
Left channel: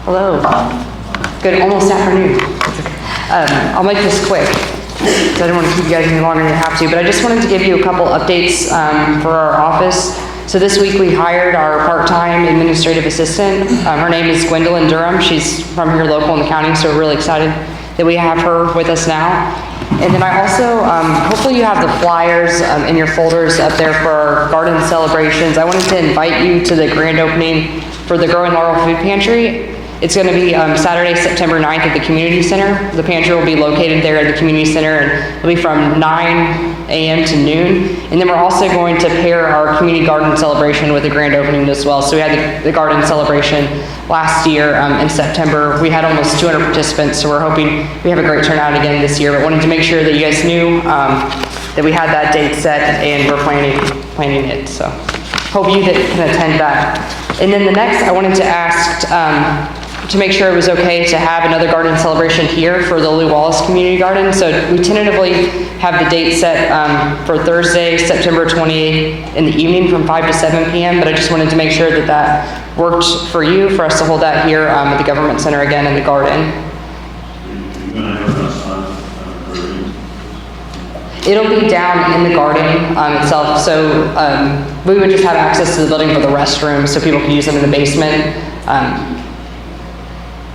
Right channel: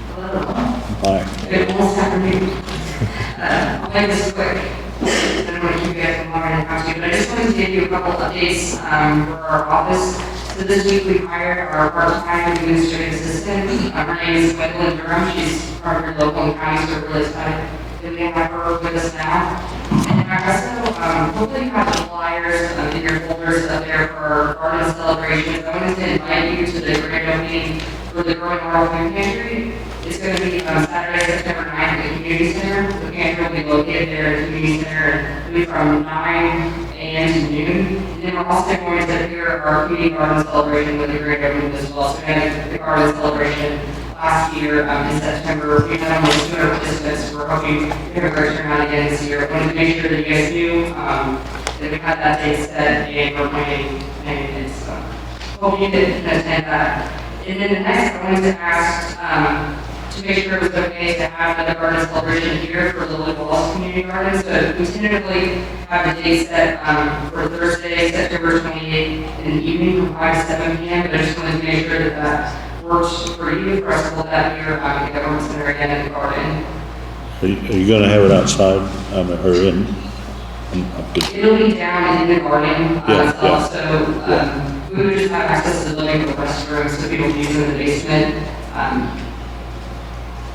Hello. Hi. Good, almost afternoon. I'll make this quick. So I don't want to keep you guys any longer than you have to, but I just wanted to give you a couple updates for our office. So this week we hired our part-time administrative assistant. Her name is Gwendolyn Durham. She's from here local in the county, so we're really excited that we have her with us now. And then I also, hopefully you have the flyers in your folders up there for our garden celebrations. I wanted to invite you to the grand opening for the Growing Laurel Food Pantry. It's going to be Saturday, September 9th at the Community Center. The pantry will be located there at the Community Center, and it'll be from 9 a.m. to noon. And then we're also going to pair our community garden celebration with the grand opening as well. So we had the garden celebration last year in September. We had almost 200 participants, so we're hoping we have a great turnout again this year. But wanted to make sure that you guys knew that we had that date set and we're planning it. So hope you can attend that. And then the next, I wanted to ask to make sure it was okay to have another garden celebration here for the Lou Wallace Community Garden. So we tentatively have the date set for Thursday, September 28th in the evening from 5 to 7 p.m. But I just wanted to make sure that that worked for you, for us to hold that here at the Government Center again in the garden. Are you going to have it outside or in? It'll be down in the garden itself. So we would just have access to the building for the restrooms so people can use them in the basement.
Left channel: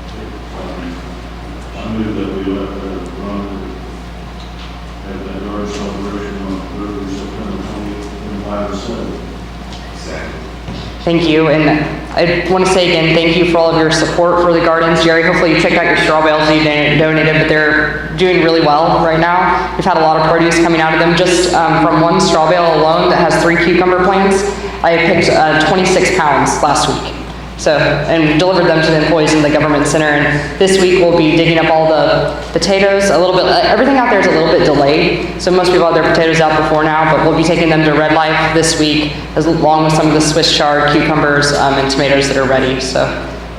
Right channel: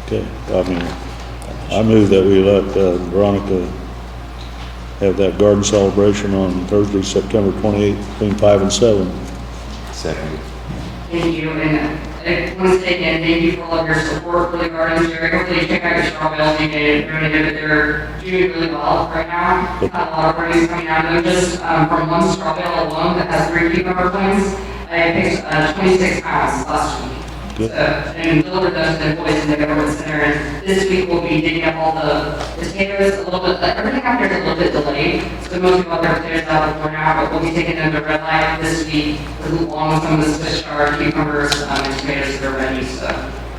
Okay. Well, I move that we let Veronica have that garden celebration on Thursday, September 28th, between 5 and 7. Second. Thank you, and I want to say again, thank you for all of your support for the gardens. Jerry, hopefully you checked out your straw bales you donated, but they're doing really well right now. We've had a lot of produce coming out of them. Just from one straw bale alone that has 3 cucumber plants, I picked 26 pounds last week. So, and delivered them to the employees in the Government Center. And this week we'll be digging up all the potatoes a little bit. Everything out there is a little bit delayed. So most people have their potatoes out before now, but we'll be taking them to Red Life this week, along with some of the Swiss chard, cucumbers, and tomatoes that are ready. So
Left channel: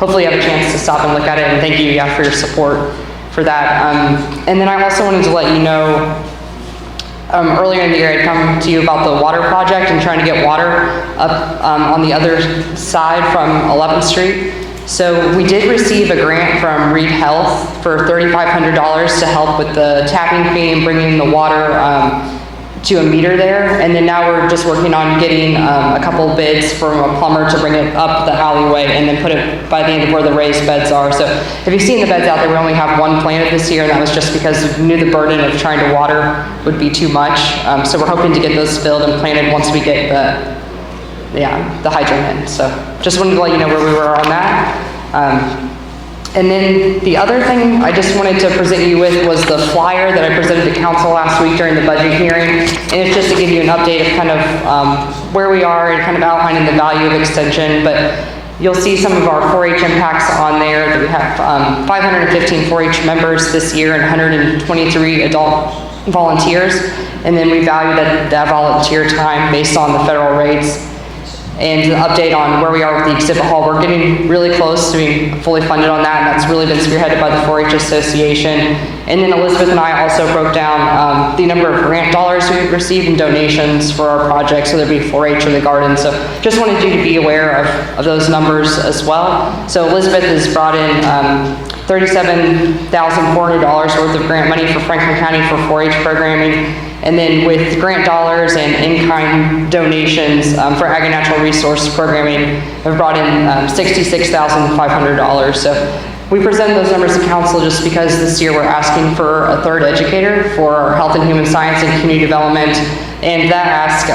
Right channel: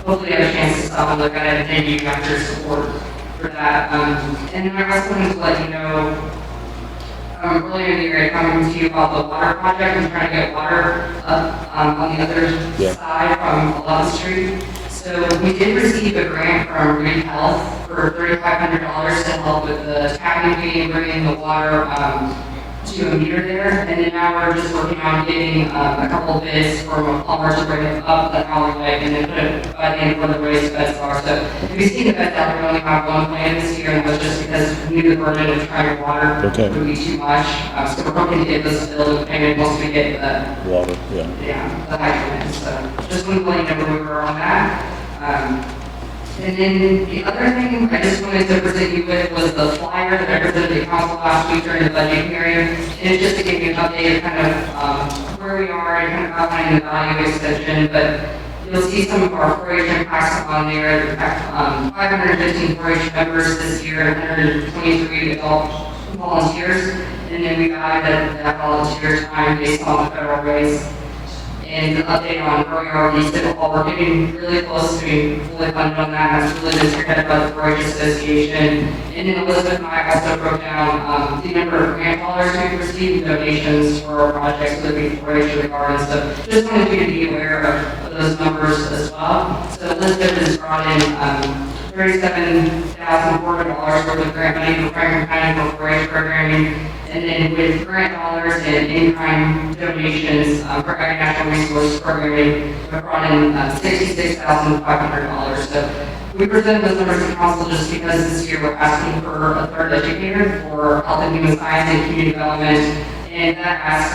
hopefully you have a chance to stop and look at it. And thank you for your support for that. And then I also wanted to let you know, earlier in the year, I'd come to you about the water project and trying to get water up on the other side from 11th Street. So we did receive a grant from Reed Health for $3,500 to help with the tapping fee and bringing the water to a meter there. And then now we're just working on getting a couple bids from a plumber to bring it up the alleyway and then put it by the end of where the raised beds are. So if you've seen the beds out there, we only have one planted this year, and that was just because we knew the burden of trying to water would be too much. So we're hoping to get those filled and planted once we get the hydrant in. So just wanted to let you know where we were on that. And then the other thing I just wanted to present you with was the flyer that I presented to council last week during the budget hearing. And it's just to give you an update of kind of where we are and kind of outlining the value of extension. But you'll see some of our 4-H impacts on there. That we have 515 4-H members this year and 123 adult volunteers. And then we value that volunteer time based on the federal rates. And an update on where we are with the exhibit hall. We're getting really close to being fully funded on that, and that's really been spearheaded by the 4-H Association. And then Elizabeth and I also broke down the number of grant dollars we received in donations for our project, so there'd be 4-H in the garden. So just wanted you to be aware of those numbers as well. So Elizabeth has brought in $37,400 worth of grant money for Franklin County for 4-H programming. And then with grant dollars and in-kind donations for Ag and Natural Resource Programming, we've brought in $66,500. So we presented those numbers to council just because this year we're asking for a 3rd educator for our health and human science and community development. And that ask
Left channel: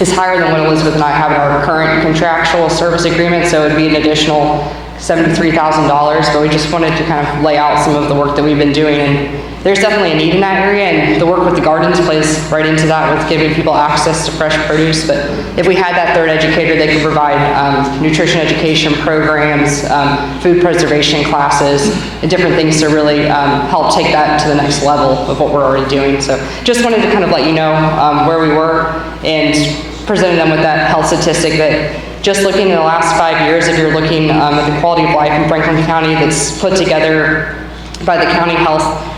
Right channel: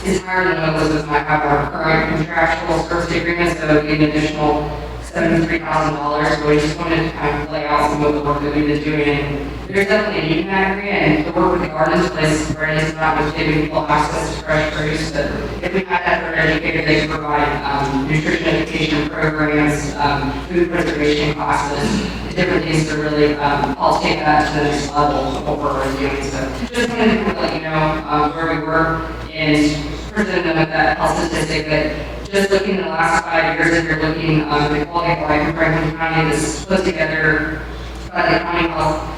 is higher than what Elizabeth and I have in our current contractual service agreement. So it would be an additional $73,000, but we just wanted to kind of lay out some of the work that we've been doing. And there's definitely a need in that area, and the work with the gardens plays right into that with giving people access to fresh produce. But if we had that 3rd educator, they could provide nutrition education programs, food preservation classes, and different things to really help take that to the next level of what we're already doing. So just wanted to kind of let you know where we were and presenting them with that health statistic that just looking in the last 5 years, if you're looking at the quality of life in Franklin County that's put together by the county health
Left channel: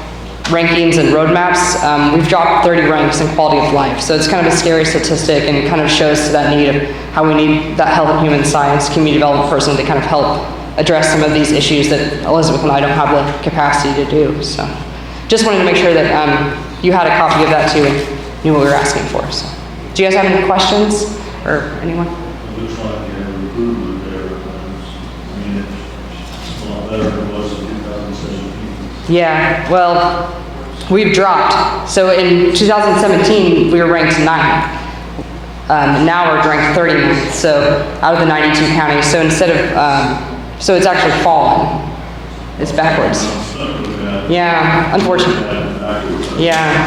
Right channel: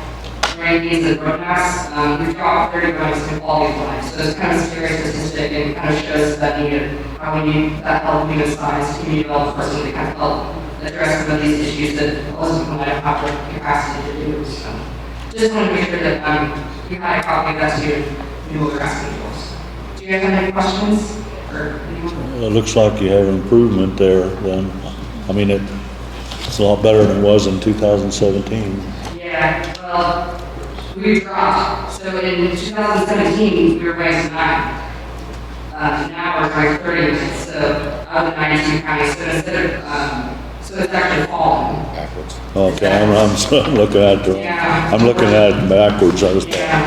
rankings and roadmaps, we've dropped 30 ranks in quality of life. So it's kind of a scary statistic and kind of shows that need of how we need that health and human science community development person to kind of help address some of these issues that Elizabeth and I don't have the capacity to do. So just wanted to make sure that you had a copy of that too and knew what we were asking for. So, do you guys have any questions or anyone? Well, it looks like you have improvement there then. I mean, it's a lot better than it was in 2017. Yeah, well, we've dropped. So in 2017, we were ranked 9th. Now we're ranked 39th, so out of the 92 counties. So instead of, so it's actually fallen. It's backwards. I'm looking at it. Yeah, I'm looking unfortunately. at it backwards. Yeah.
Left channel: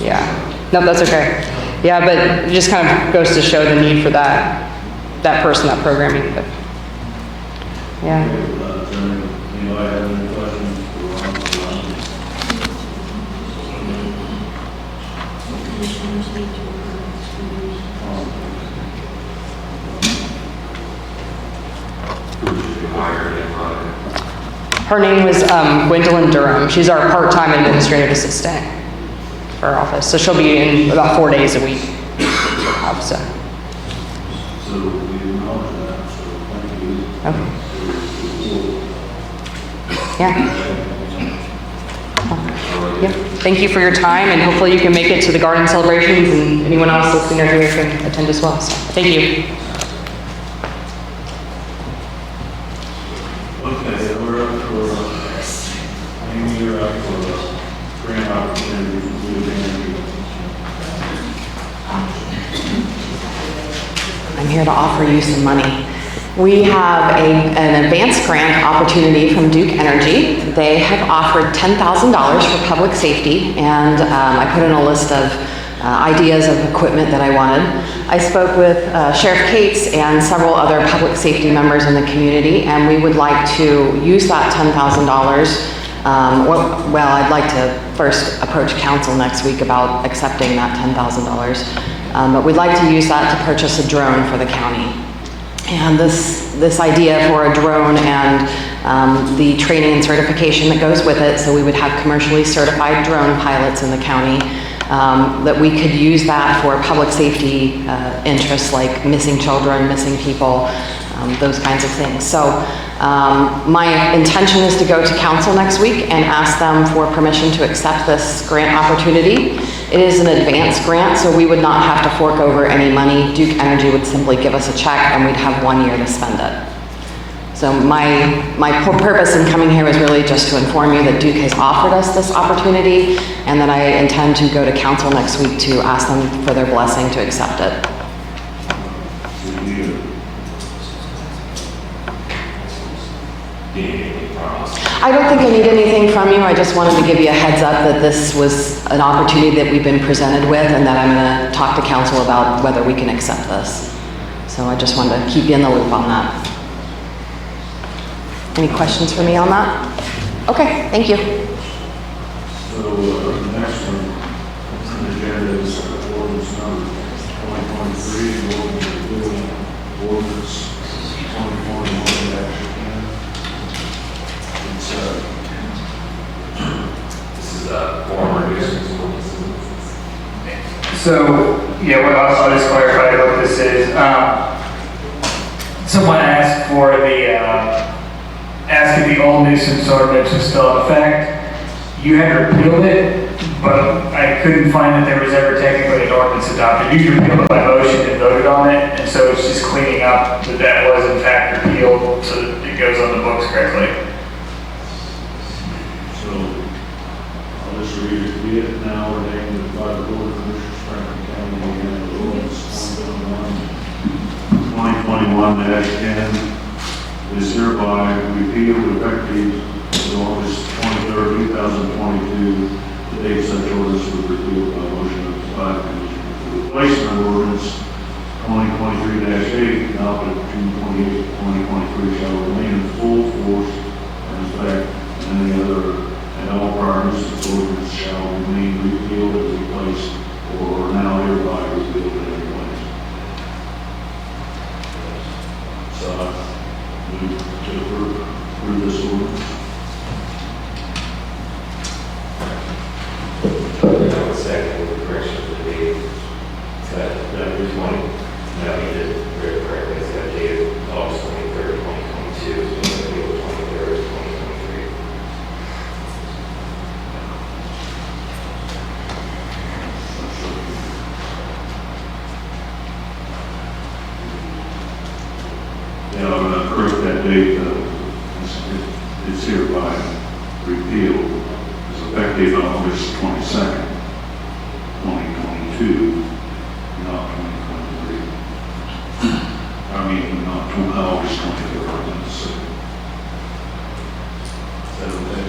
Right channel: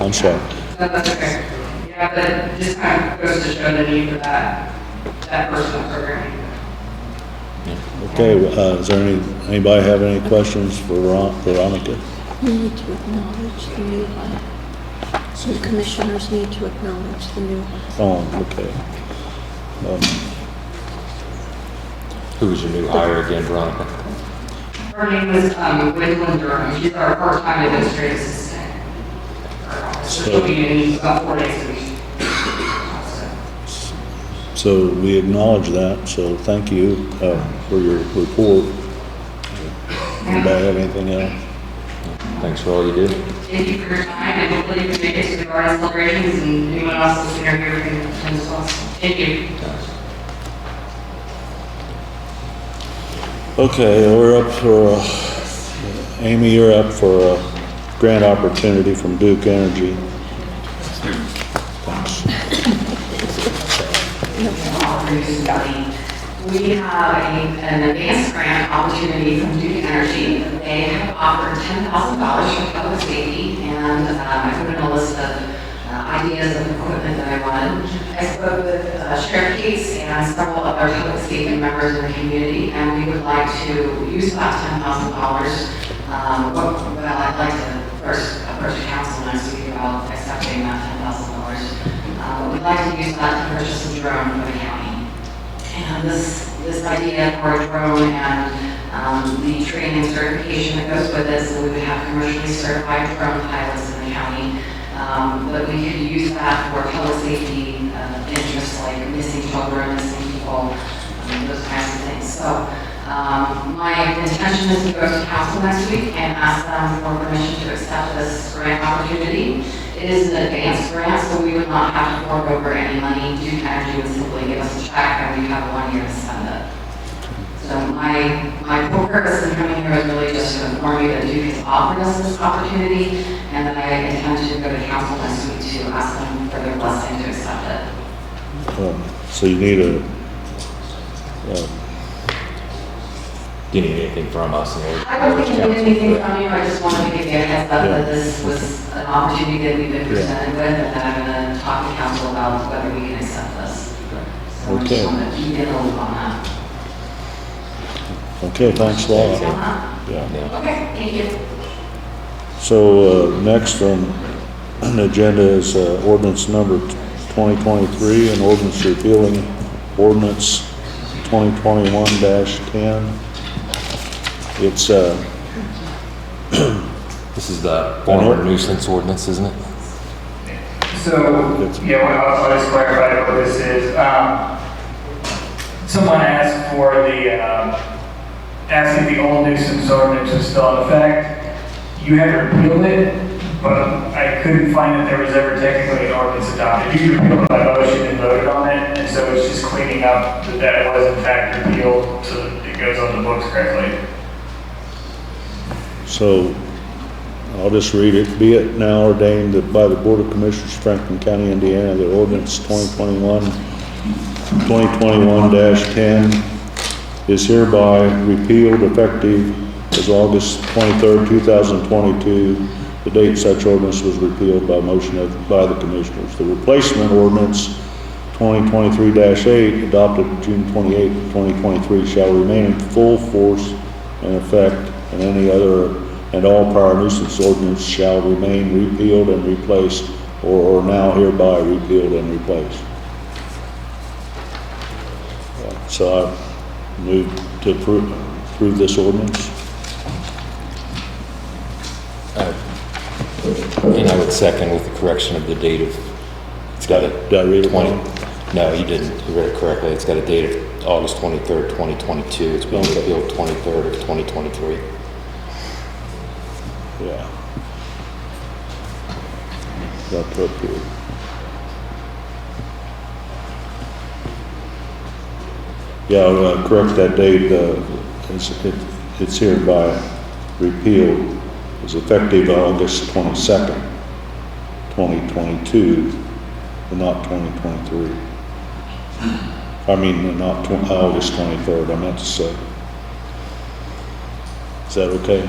I'm sorry. No, that's okay. Yeah, but it just kind of goes to show the need for that person, that programming. But, yeah. Okay, is there anybody have any questions for Veronica? Some commissioners need to acknowledge the new. Oh, okay. Who was your new hire again, Veronica? Her name was Gwendolyn Durham. She's our part-time administrative assistant for our office. So she'll be in about 4 days a week. So we acknowledge that, so thank you for your report. Yeah. About anything else? Thanks for all you do. Thank you for your time, and hopefully you can make it to the garden celebrations, and anyone else listening or here can attend as well. So, thank you. Okay, we're up for, Amy, you're up for a grant opportunity from Duke Energy. I'm here to offer you some money. We have an advanced grant opportunity from Duke Energy. They have offered $10,000 for public safety, and I put in a list of ideas of equipment that I wanted. I spoke with Sheriff Cates and several other public safety members in the community, and we would like to use that $10,000. Well, I'd like to first approach council next week about accepting that $10,000. But we'd like to use that to purchase a drone for the county. And this idea for a drone and the training and certification that goes with it, so we would have commercially certified drone pilots in the county, that we could use that for public safety interests like missing children, missing people, those kinds of things. So my intention is to go to council next week and ask them for permission to accept this grant opportunity. It is an advanced grant, so we would not have to fork over any money. Duke Energy would simply give us a check and we'd have 1 year to spend it. So my purpose in coming here was really just to inform you that Duke has offered us this opportunity, and that I intend to go to council next week to ask them for their blessing to accept it. So you need a, Do you need anything from us? I don't think I need anything from you. I just wanted to give you a heads up that this was an opportunity that we've been presented with, and that I'm going to talk to council about whether we can accept this. So I just wanted to keep you in the loop on that. okay, Any questions for me on that? Yeah. Okay, thank you. So next on the agenda is ordinance number 2023, and ordinance repealing ordinance 2021-10. It's This is the former nuisance ordinance, isn't it? So, yeah, well, I'll just clarify what this is. Someone asked for asked if the old nuisance ordinance is still in effect. You had repealed it, but I couldn't find that there was ever technically an ordinance adopted. You repealed it by motion and voted on it, and so it's just cleaning up that that was in fact repealed so that it goes on the books correctly. So, I'll just read it. Be it now ordained that by the Board of Commissioners, Franklin County, Indiana, the ordinance 2021-10 is hereby repealed effective as August 23rd, 2022. The date such ordinance was repealed by motion by the Commissioners. The replacement ordinance 2023-8, adopted June 28, 2023, shall remain in full force and effect, and any other and all prior nuisance ordinances shall remain repealed and replaced, or now hereby repealed and replaced. So I move to approve this ordinance. And I would second with the correction of the date of, it's got it, 20. No, you did it very correctly. It's got a date of August 23rd, 2022. It's been April 23rd, 2023. Yeah. That's up here. Yeah, I want to correct that date. It's hereby repealed. It's effective August 22nd, 2022, and not 2023. I mean, not August 23rd, I meant to say. Is that okay?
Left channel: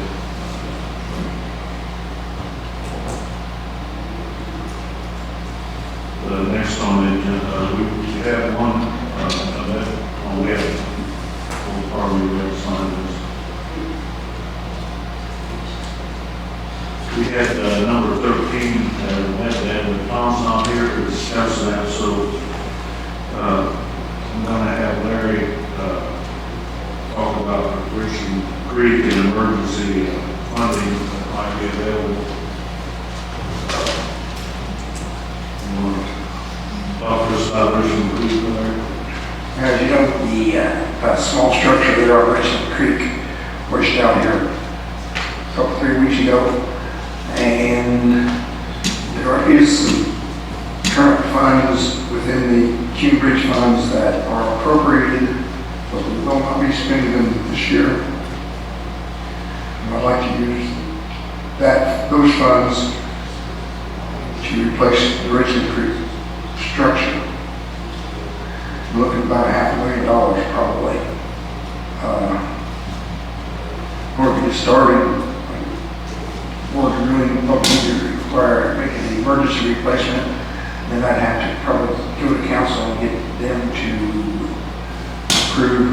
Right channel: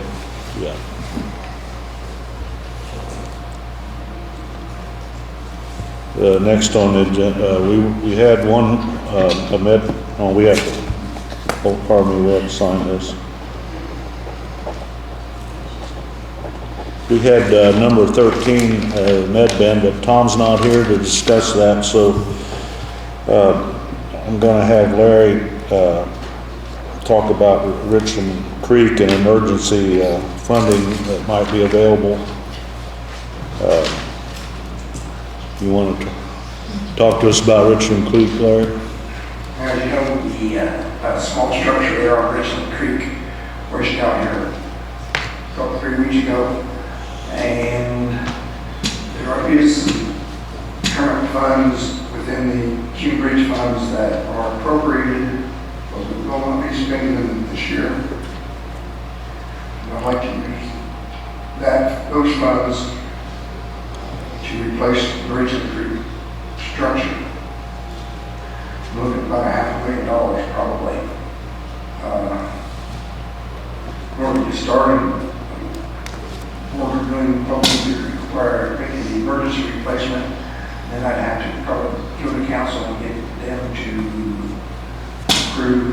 Yeah. Next on the agenda, we had one, we have, oh, pardon me, we have to sign this. We had number 13, MedBand, but Tom's not here to discuss that, so I'm going to have Larry talk about Richland Creek and emergency funding that might be available. You want to talk to us about Richland Creek, Larry? As you know, the small structure there on Richland Creek was down here a couple, 3 weeks ago. And there is some current funds within the Q Bridge funds that are appropriated, but we will not be spending them this year. And I'd like to use those funds to replace the Richland Creek structure. We're looking at about $500,000 probably. We're going to get started. We're really probably require making the emergency replacement, then I'd have to probably go to council and get them to approve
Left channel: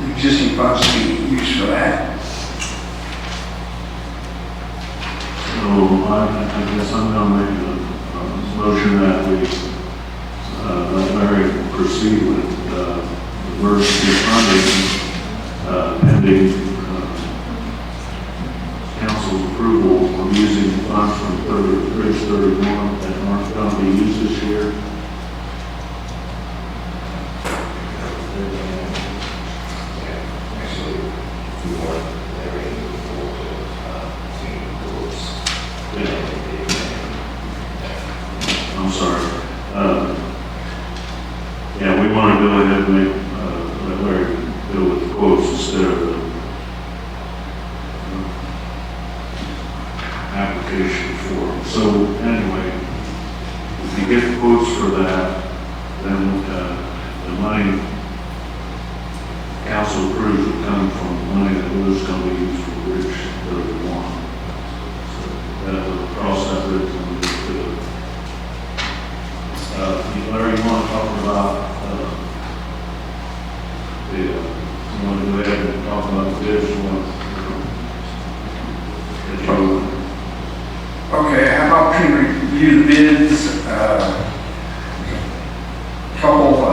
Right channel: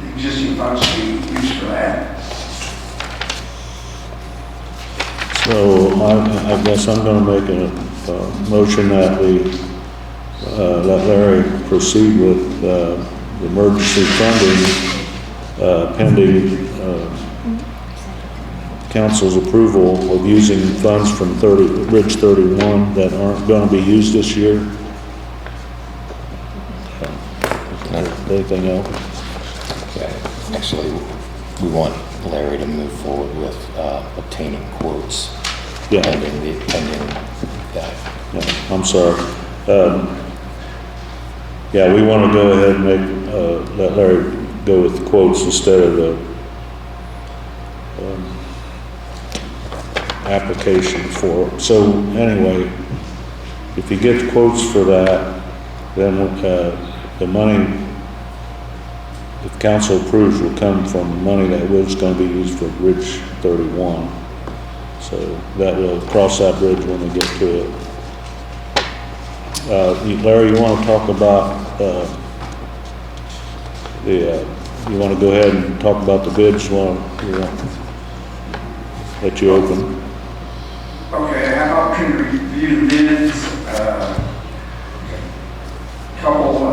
the existing funds to be used for that. So I guess I'm going to make a motion that we let Larry proceed with emergency funding pending council's approval of using funds from Bridge 31 that aren't going to be used this year. Anything else? Yeah, actually, we want Larry to move forward with obtaining quotes. Yeah. I'm sorry. Yeah, we want to go ahead and let Larry go with the quotes instead of the application for it. So anyway, if you get quotes for that, then the money, if council approves, will come from money that was going to be used for Bridge 31. So that will cross that bridge when we get to it. Larry, you want to talk about you want to go ahead and talk about the bids while that you open? Okay, how about we review the bids, couple, I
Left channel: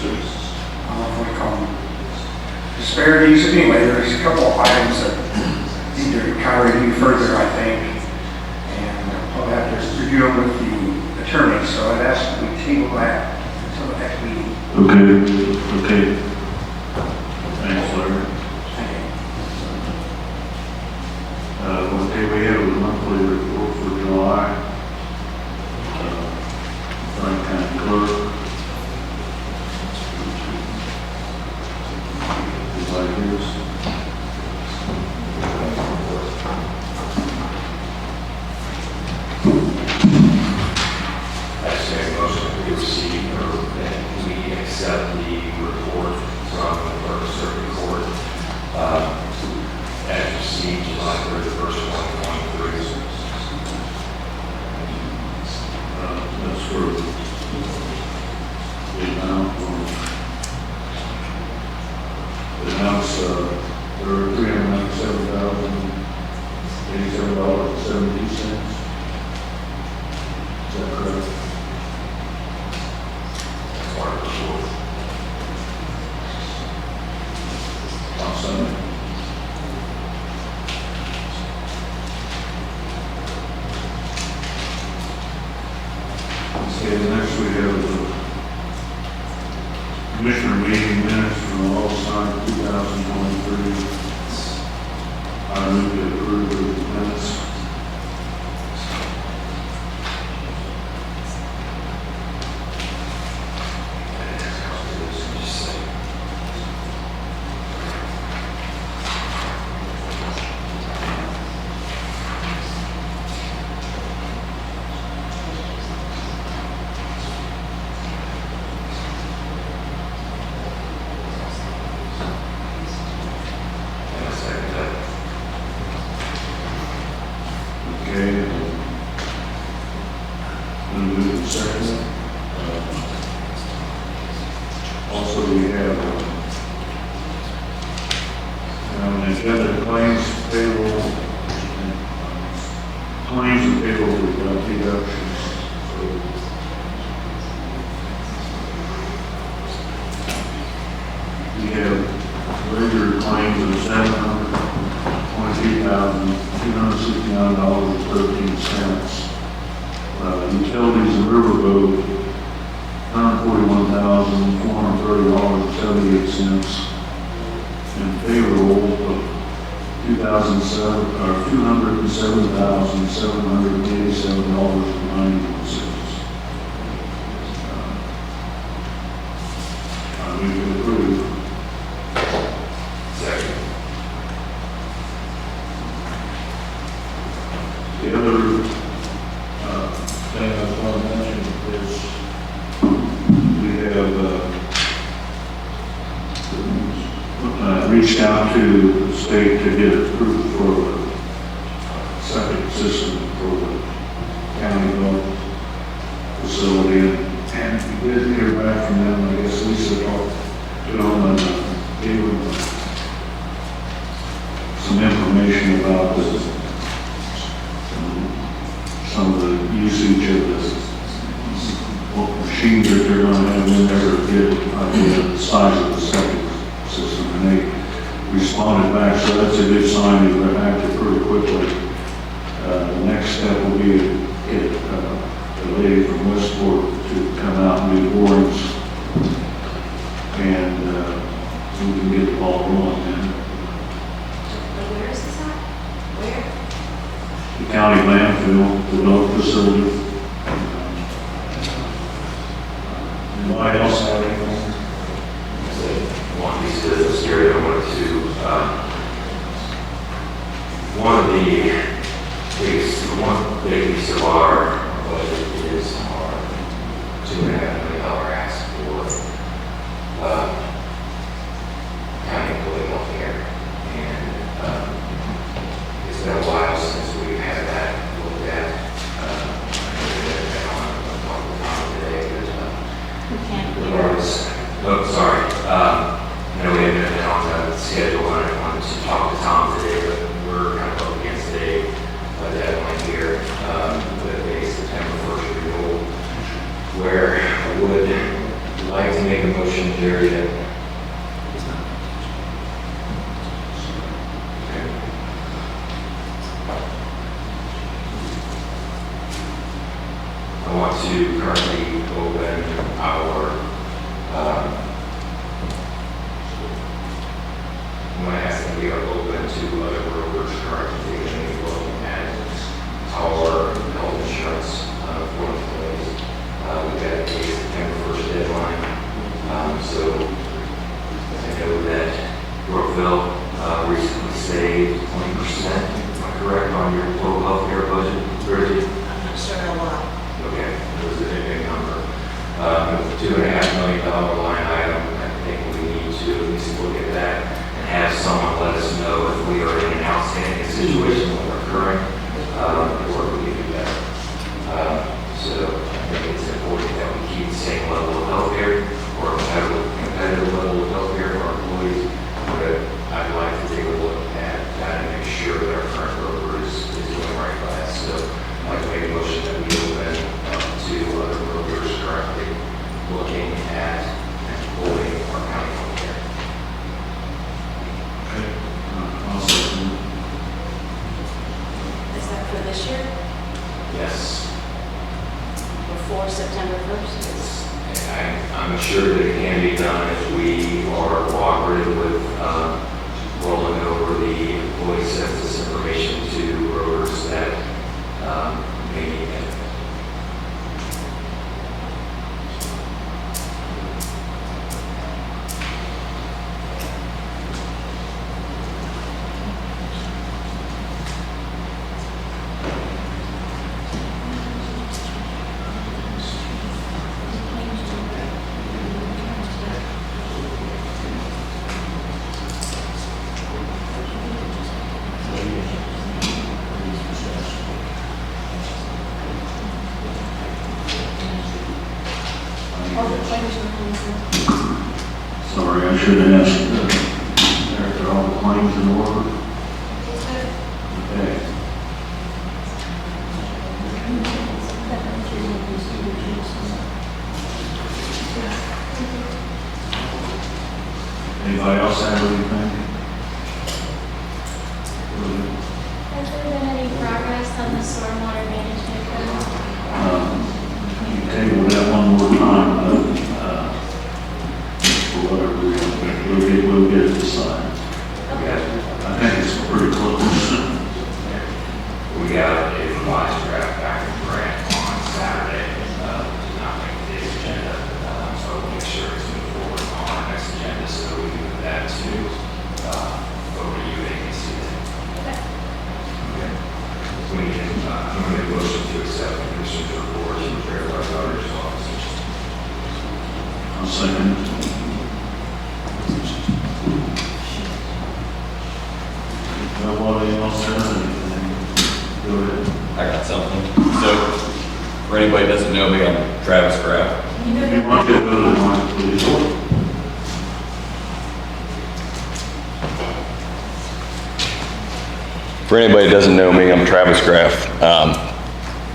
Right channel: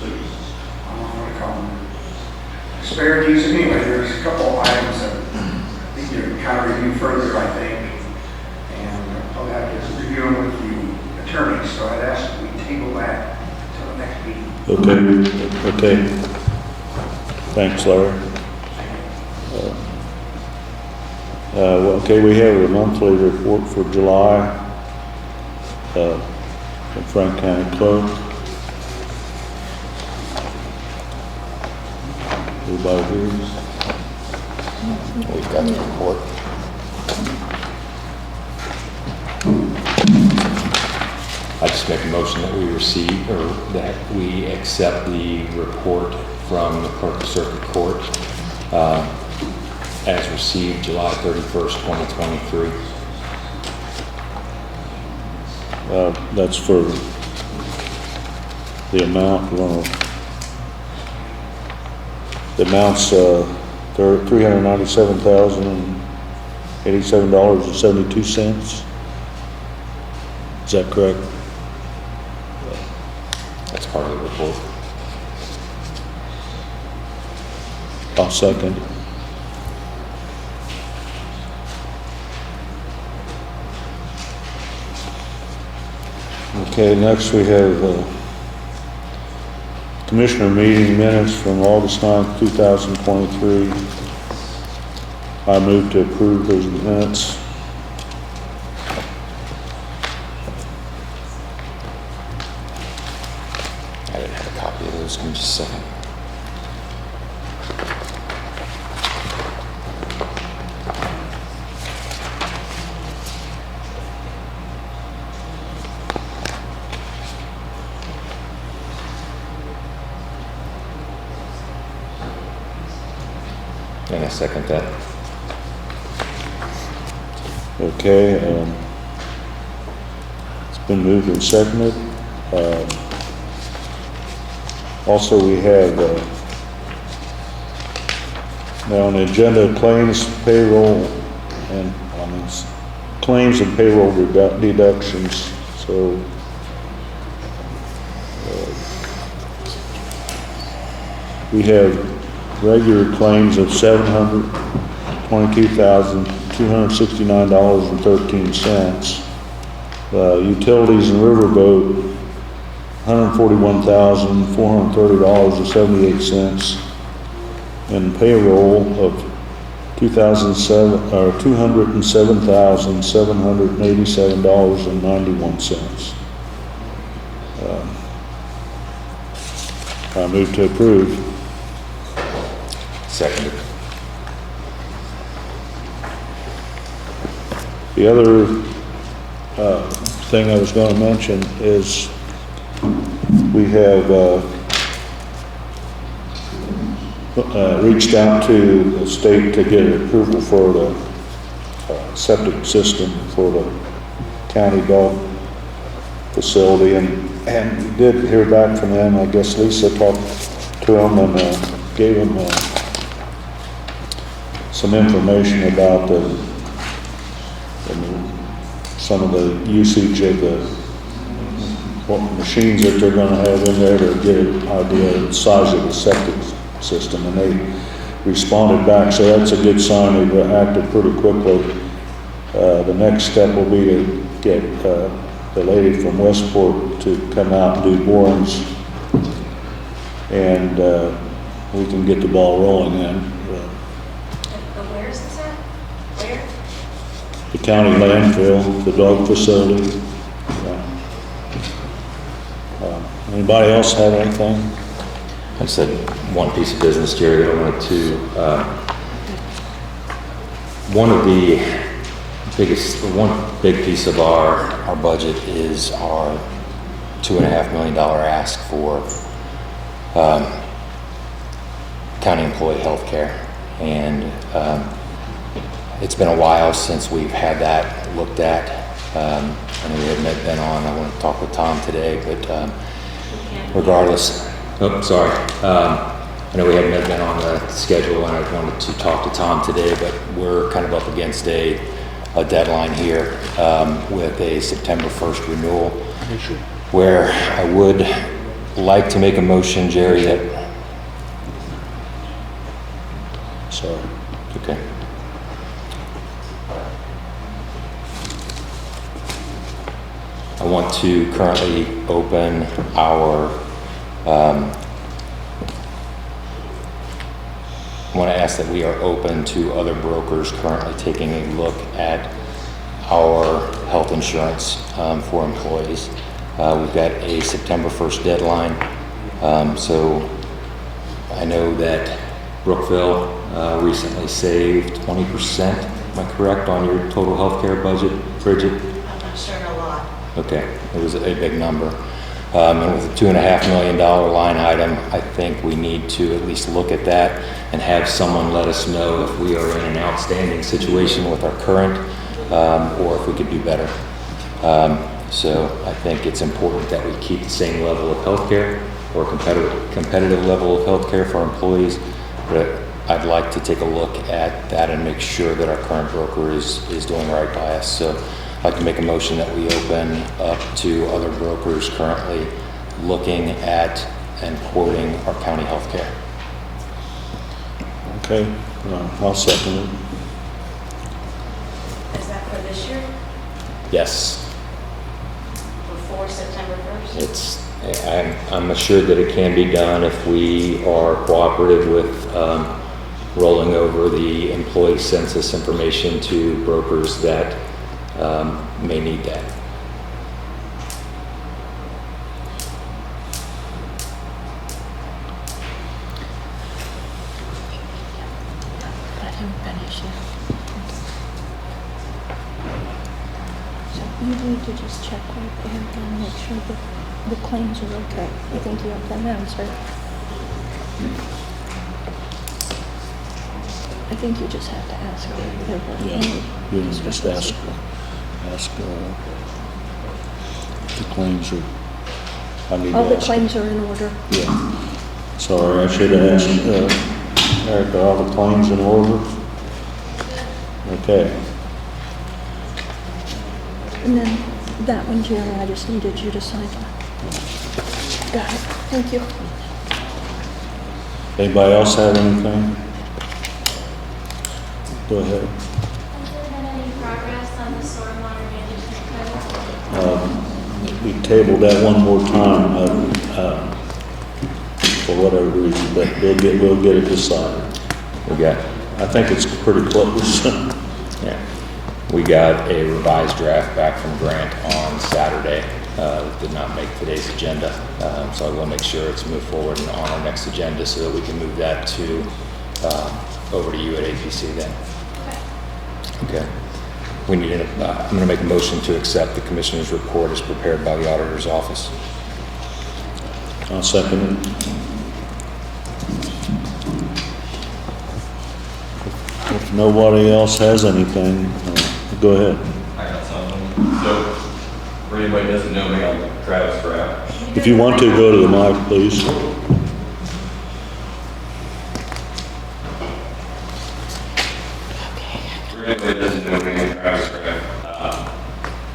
don't know what we call them, disparities. Anyway, there's a couple of items that need to kind of review further, I think, and I'll have to review them with the attorney, so I'd ask that we table that until the next meeting. Okay. Thanks, Larry. Okay, we have a monthly report for July from Frank County Clerk. Everybody hears? We've got the report. I just make a motion that we receive, or that we accept the report from the Clerk of Circuit Court as received July 31st, 2023. That's for the amount, the amount's $397,087.72. Is that correct? That's part of the report. I'll second. Okay, next we have Commissioner meeting minutes from August 9th, 2023. I move to approve those minutes. I didn't have a copy of those, give me just a second. And I second that. Okay, it's been moved and seconded. Also, we have now on the agenda claims, payroll, and claims and payroll deductions. So we have regular claims of $722,269.13. Utilities and riverboat, $141,430.78, and payroll of $207,787.91. I move to approve. Second. The other thing I was going to mention is we have reached out to the state to get approval for the septic system for the county dog facility, and did hear back from them. I guess Lisa talked to them and gave them some information about some of the usage of what machines that they're going to have in there to get an idea of the size of the septic system, and they responded back, so that's a good sign. They acted pretty quickly. The next step will be to get a lady from Westport to come out and do borings, and we can get the ball rolling then. Where is this at? Where? The county landfill, the dog facility. Anybody else have anything? I said one piece of business, Jerry. I wanted to, one big piece of our budget is our $2.5 million ask for county employee health care. And it's been a while since we've had that looked at. And we haven't been on. I want to talk with Tom today, but regardless. Oh, sorry. I know we haven't been on the schedule, and I wanted to talk to Tom today, but we're kind of up against a deadline here with a September 1st renewal, where I would like to make a motion, Jerry, that... Sorry. Okay. I want to currently open our I want to ask that we are open to other brokers currently taking a look at our health insurance for employees. We've got a September 1st deadline. So I know that Brookville recently saved 20%, am I correct, on your total healthcare budget, Bridget? I'm sure a lot. Okay, it was a big number. With a $2.5 million line item, I think we need to at least look at that and have someone let us know if we are in an outstanding situation with our current, or if we could do better. So I think it's important that we keep the same level of healthcare or competitive level of healthcare for our employees, but I'd like to take a look at that and make sure that our current broker is doing right by us. So I'd like to make a motion that we open up to other brokers currently looking at and quoting our county healthcare. Okay, I'll second it. Is that for this year? Yes. Before before September 1st? I'm assured that it can be done if we are cooperative with rolling over the employee census information to brokers that may need that. Maybe we could just check and make sure that the claims are okay. I think you have that answer. I think you just have to ask if you have one. We just ask the claims are, I mean. All the claims are in order. Yeah. So I should have asked, Eric, are all the claims in order? Okay. And then that one, Jerry, I just needed you to sign. Got it. Thank you. Anybody else have anything? Go ahead. Has there been any progress on the stormwater management plan? We tabled that one more time, for whatever reason, that we'll get it decided. I think it's pretty close. Yeah. We got a revised draft back from Grant on Saturday. Did not make today's agenda, so I will make sure it's moved forward on our next agenda so that we can move that to over to you at APC then. Okay. We need I'm going to make a motion to accept the commissioner's report as prepared by the auditor's office. I'll second it. If nobody else has anything, go ahead. I got something. So, for anybody that doesn't know me, I'm Travis Graff. If you want to, go to the mic, please. For anybody that doesn't know me, I'm Travis Graff,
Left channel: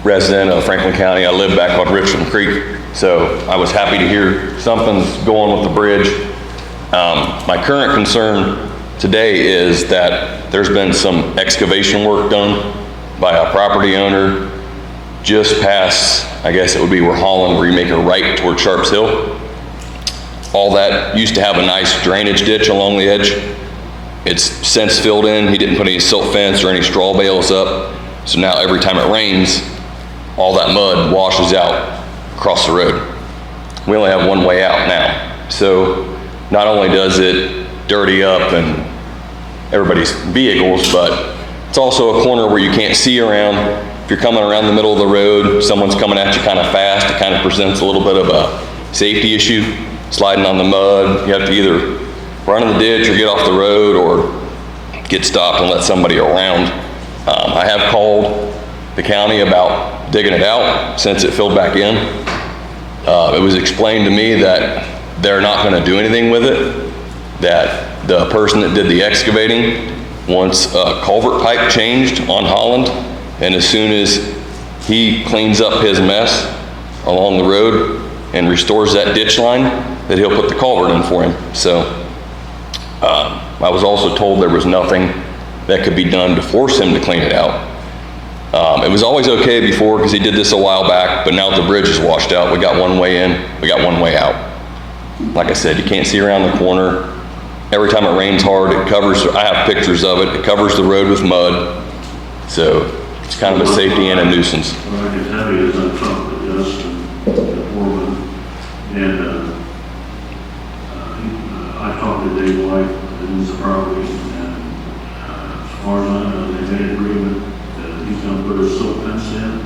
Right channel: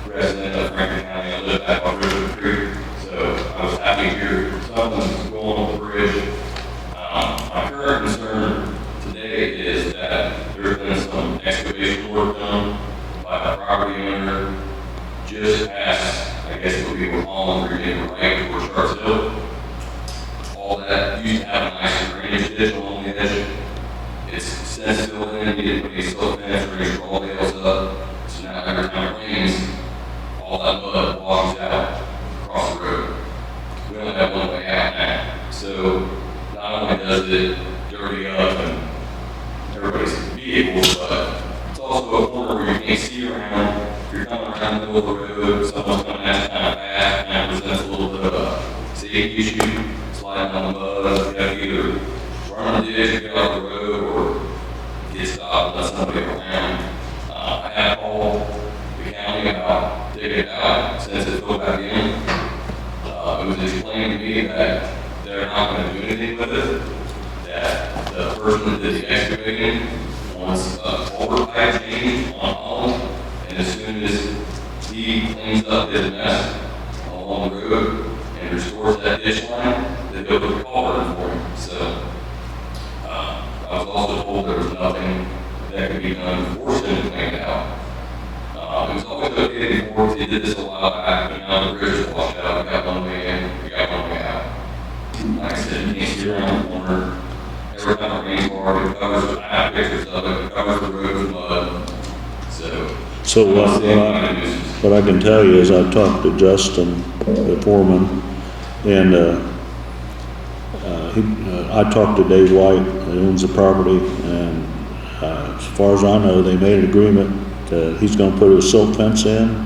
resident of Franklin County. I live back on Richland Creek, so I was happy to hear something's going with the bridge. My current concern today is that there's been some excavation work done by a property owner just past, I guess it would be where Holland, where you make a right toward Sharps Hill. All that used to have a nice drainage ditch along the edge. It's since filled in. He didn't put any silt fence or any straw bales up. So now every time it rains, all that mud washes out across the road. We only have one way out now. So not only does it dirty up and everybody's vehicles, but it's also a corner where you can't see around. If you're coming around the middle of the road, someone's coming at you kind of fast, it kind of presents a little bit of a safety issue, sliding on the mud. You have to either run in the ditch or get off the road or get stopped and let somebody around. I have called the county about digging it out since it filled back in. It was explained to me that they're not going to do anything with it, that the person that did the excavating wants a culvert pipe changed on Holland, and as soon as he cleans up his mess along the road and restores that ditch line, that he'll put the culvert in for him. So I was also told there was nothing that could be done to force him to clean it out. It was always okay before because he did this a while back, but now that the bridge is washed out, we got one way in, we got one way out. Like I said, you can't see around the corner. Every time it rains hard, it covers, I have pictures of it, it covers the road with mud. So it's kind of a safety and a nuisance. What I can tell you is I talked to Justin, the foreman, and I talked to Dave White, who owns the property, and as far as I know, they made an agreement that he's going to put a silt fence in,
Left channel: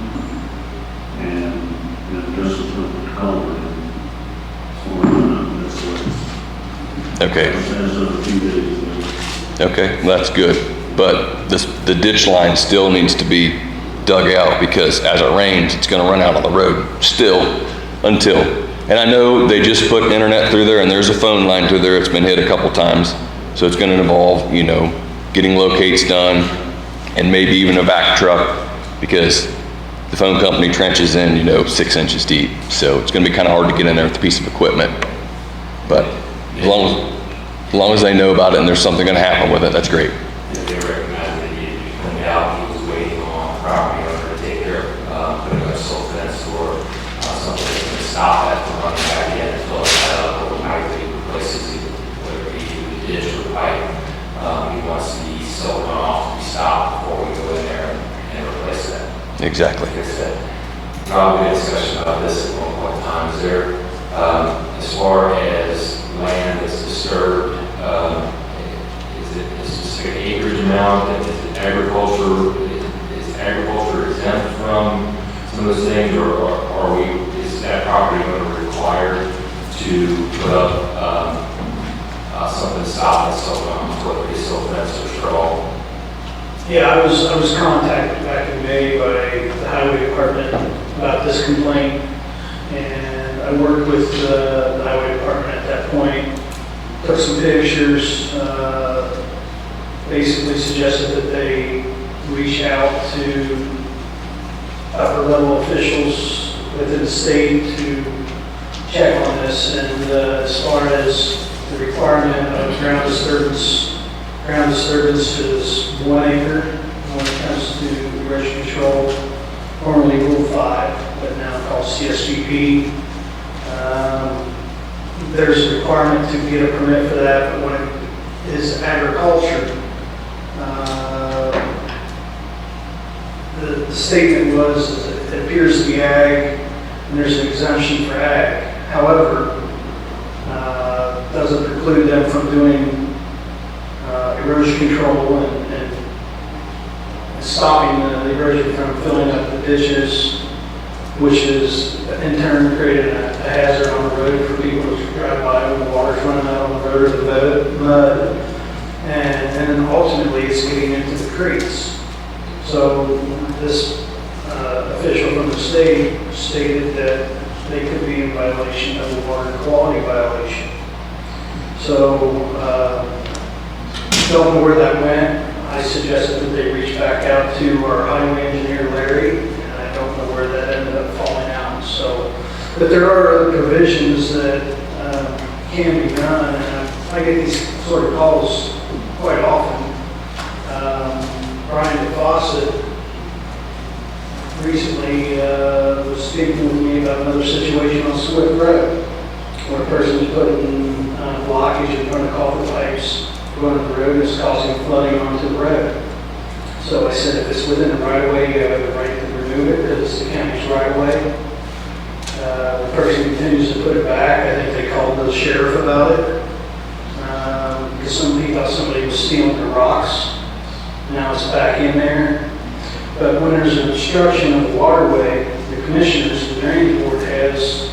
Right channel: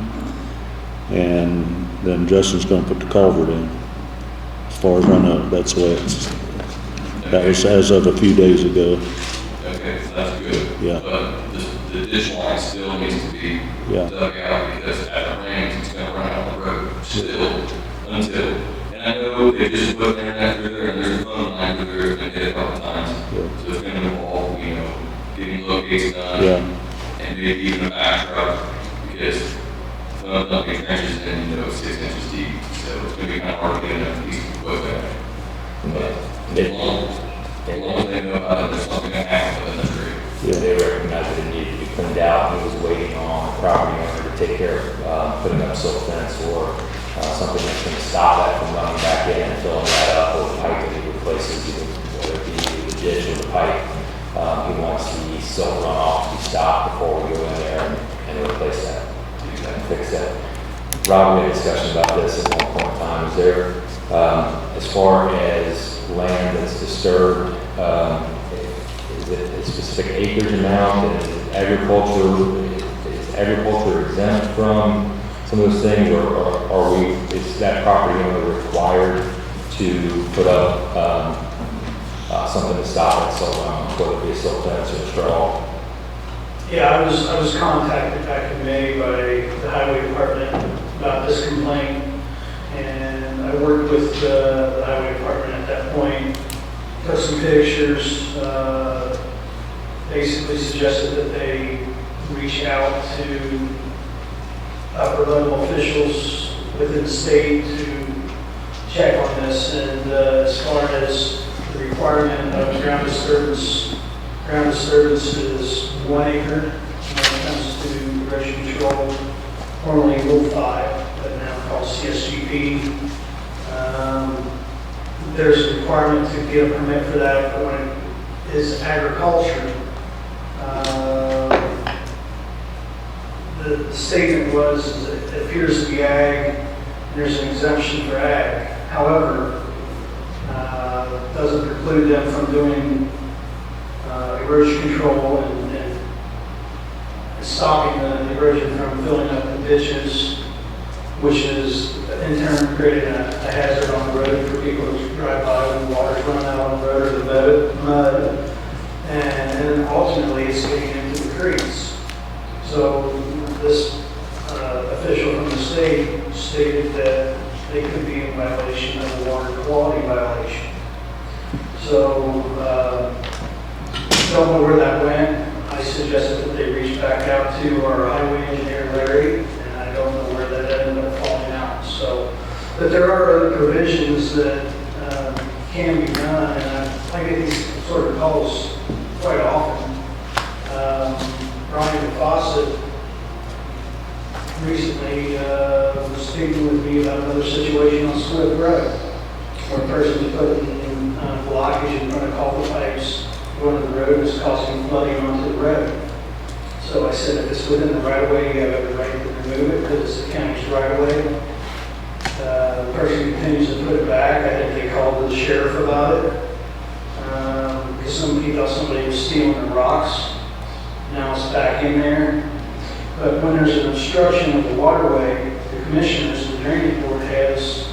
and then Justin's going to put the culvert in. As far as I know, that's what it's. Okay. As of a few days ago. Okay, well, that's good. Yeah. But the ditch line still needs to be dug out because as it rains, it's going to run out on the road still until. And I know they just put internet through there and there's a phone line through there. It's been hit a couple times. So it's going to involve, you know, getting locates done and maybe even a vac truck because the phone company trenches in, you know, 6 inches deep. So it's going to be kind of hard to get in there with a piece of equipment. But as long as they know about it and there's something going to happen with it, that's great. They recognized it needed to be cleaned out. He was waiting on the property owner to take care of putting up silt fence or something Exactly. There's a Rob, we had a discussion about this at one point in time. Is there, as far as land that's disturbed, is it a specific acreage amount? Is agriculture exempt from some of those things, or is that property owner required to put up something to stop it, whether it be silt fence or straw? Yeah, I was contacted back in May by the highway department about this complaint, and I worked with the highway department at that point, took some pictures, basically suggested that they reach out to upper level officials within the state to check on this, and as far as the requirement of ground disturbance is 1 acre when it comes to erosion control, formerly Rule 5, but now called CSGP. There's a requirement to get a permit for that, but when it is agriculture, the statement was it appears to be ag, and there's an exemption for ag. However, doesn't preclude them from doing erosion control and stopping the erosion from filling up the ditches, which is in turn creating a hazard on the road for people to drive by when the water's running out on the road or the mud. And then ultimately it's getting into the creeks. So this official from the state stated that they could be in violation of a water quality violation. So, don't know where that went. I suggested that they reach back out to our highway engineer, Larry, and I don't know where that ended up falling out. So, but there are other provisions that can be done, and I get these sort of calls quite often. Brian Patterson recently was speaking with me about another situation on Swift Road, where a person's putting blockage in front of culvert pipes going to the road, is causing flooding onto the road. So I said, if it's within the right of way, you have the right to remove it because it's the county's right of way. The person continues to put it back. I think they called the sheriff about it because he thought somebody was stealing the rocks. Now it's back in there. But when there's an obstruction of the waterway, the commissioners, the drainage board has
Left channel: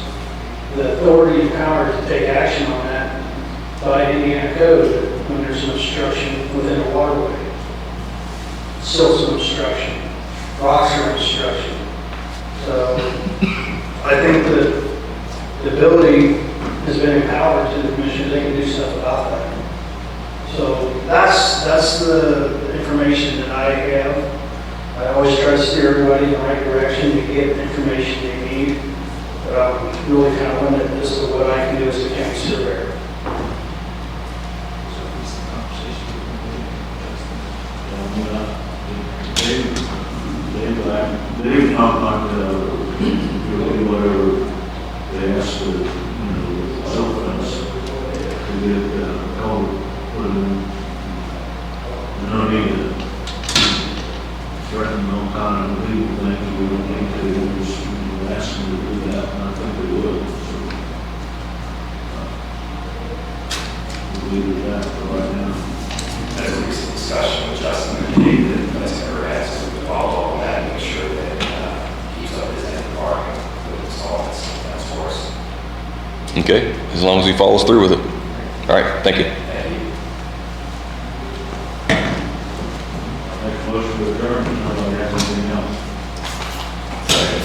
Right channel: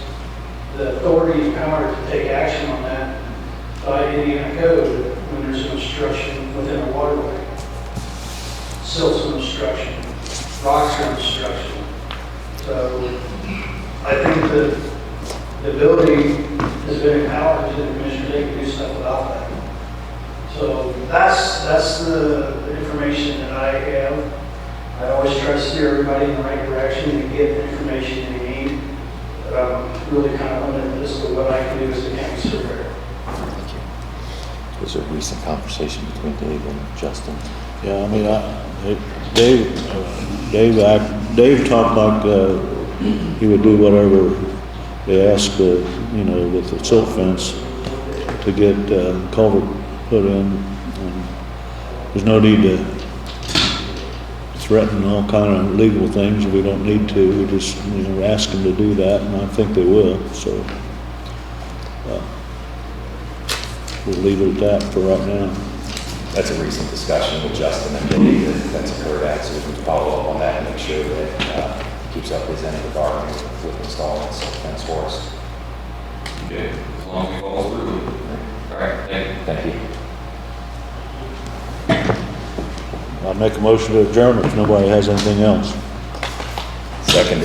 the authority and power to take action on that by Indiana code when there's an obstruction within a waterway. Silt's an obstruction, rocks are an obstruction. So I think that the ability has been empowered to the commission, they can do stuff about that. So that's the information that I have. I always try to steer everybody in the right direction to get the information they need, but I'm really kind of limited as to what I can do as a county surveyor. There's a recent conversation between Dave and Justin. Yeah, I mean, Dave talked like he would do whatever they asked, with the silt fence to get culvert put in. There's no need to threaten all kind of legal things. We don't need to. We just, ask them to do that, and I think they will. So we'll leave it at that for right now. That's a recent discussion with Justin and Dave that's covered that, so we can follow up on that and make sure that keeps up his end of the bargain with installing fence for us. Okay, as long as he follows through with it. All right, thank you. Thank you. I'll make a motion to adjourn if nobody has anything else. Second.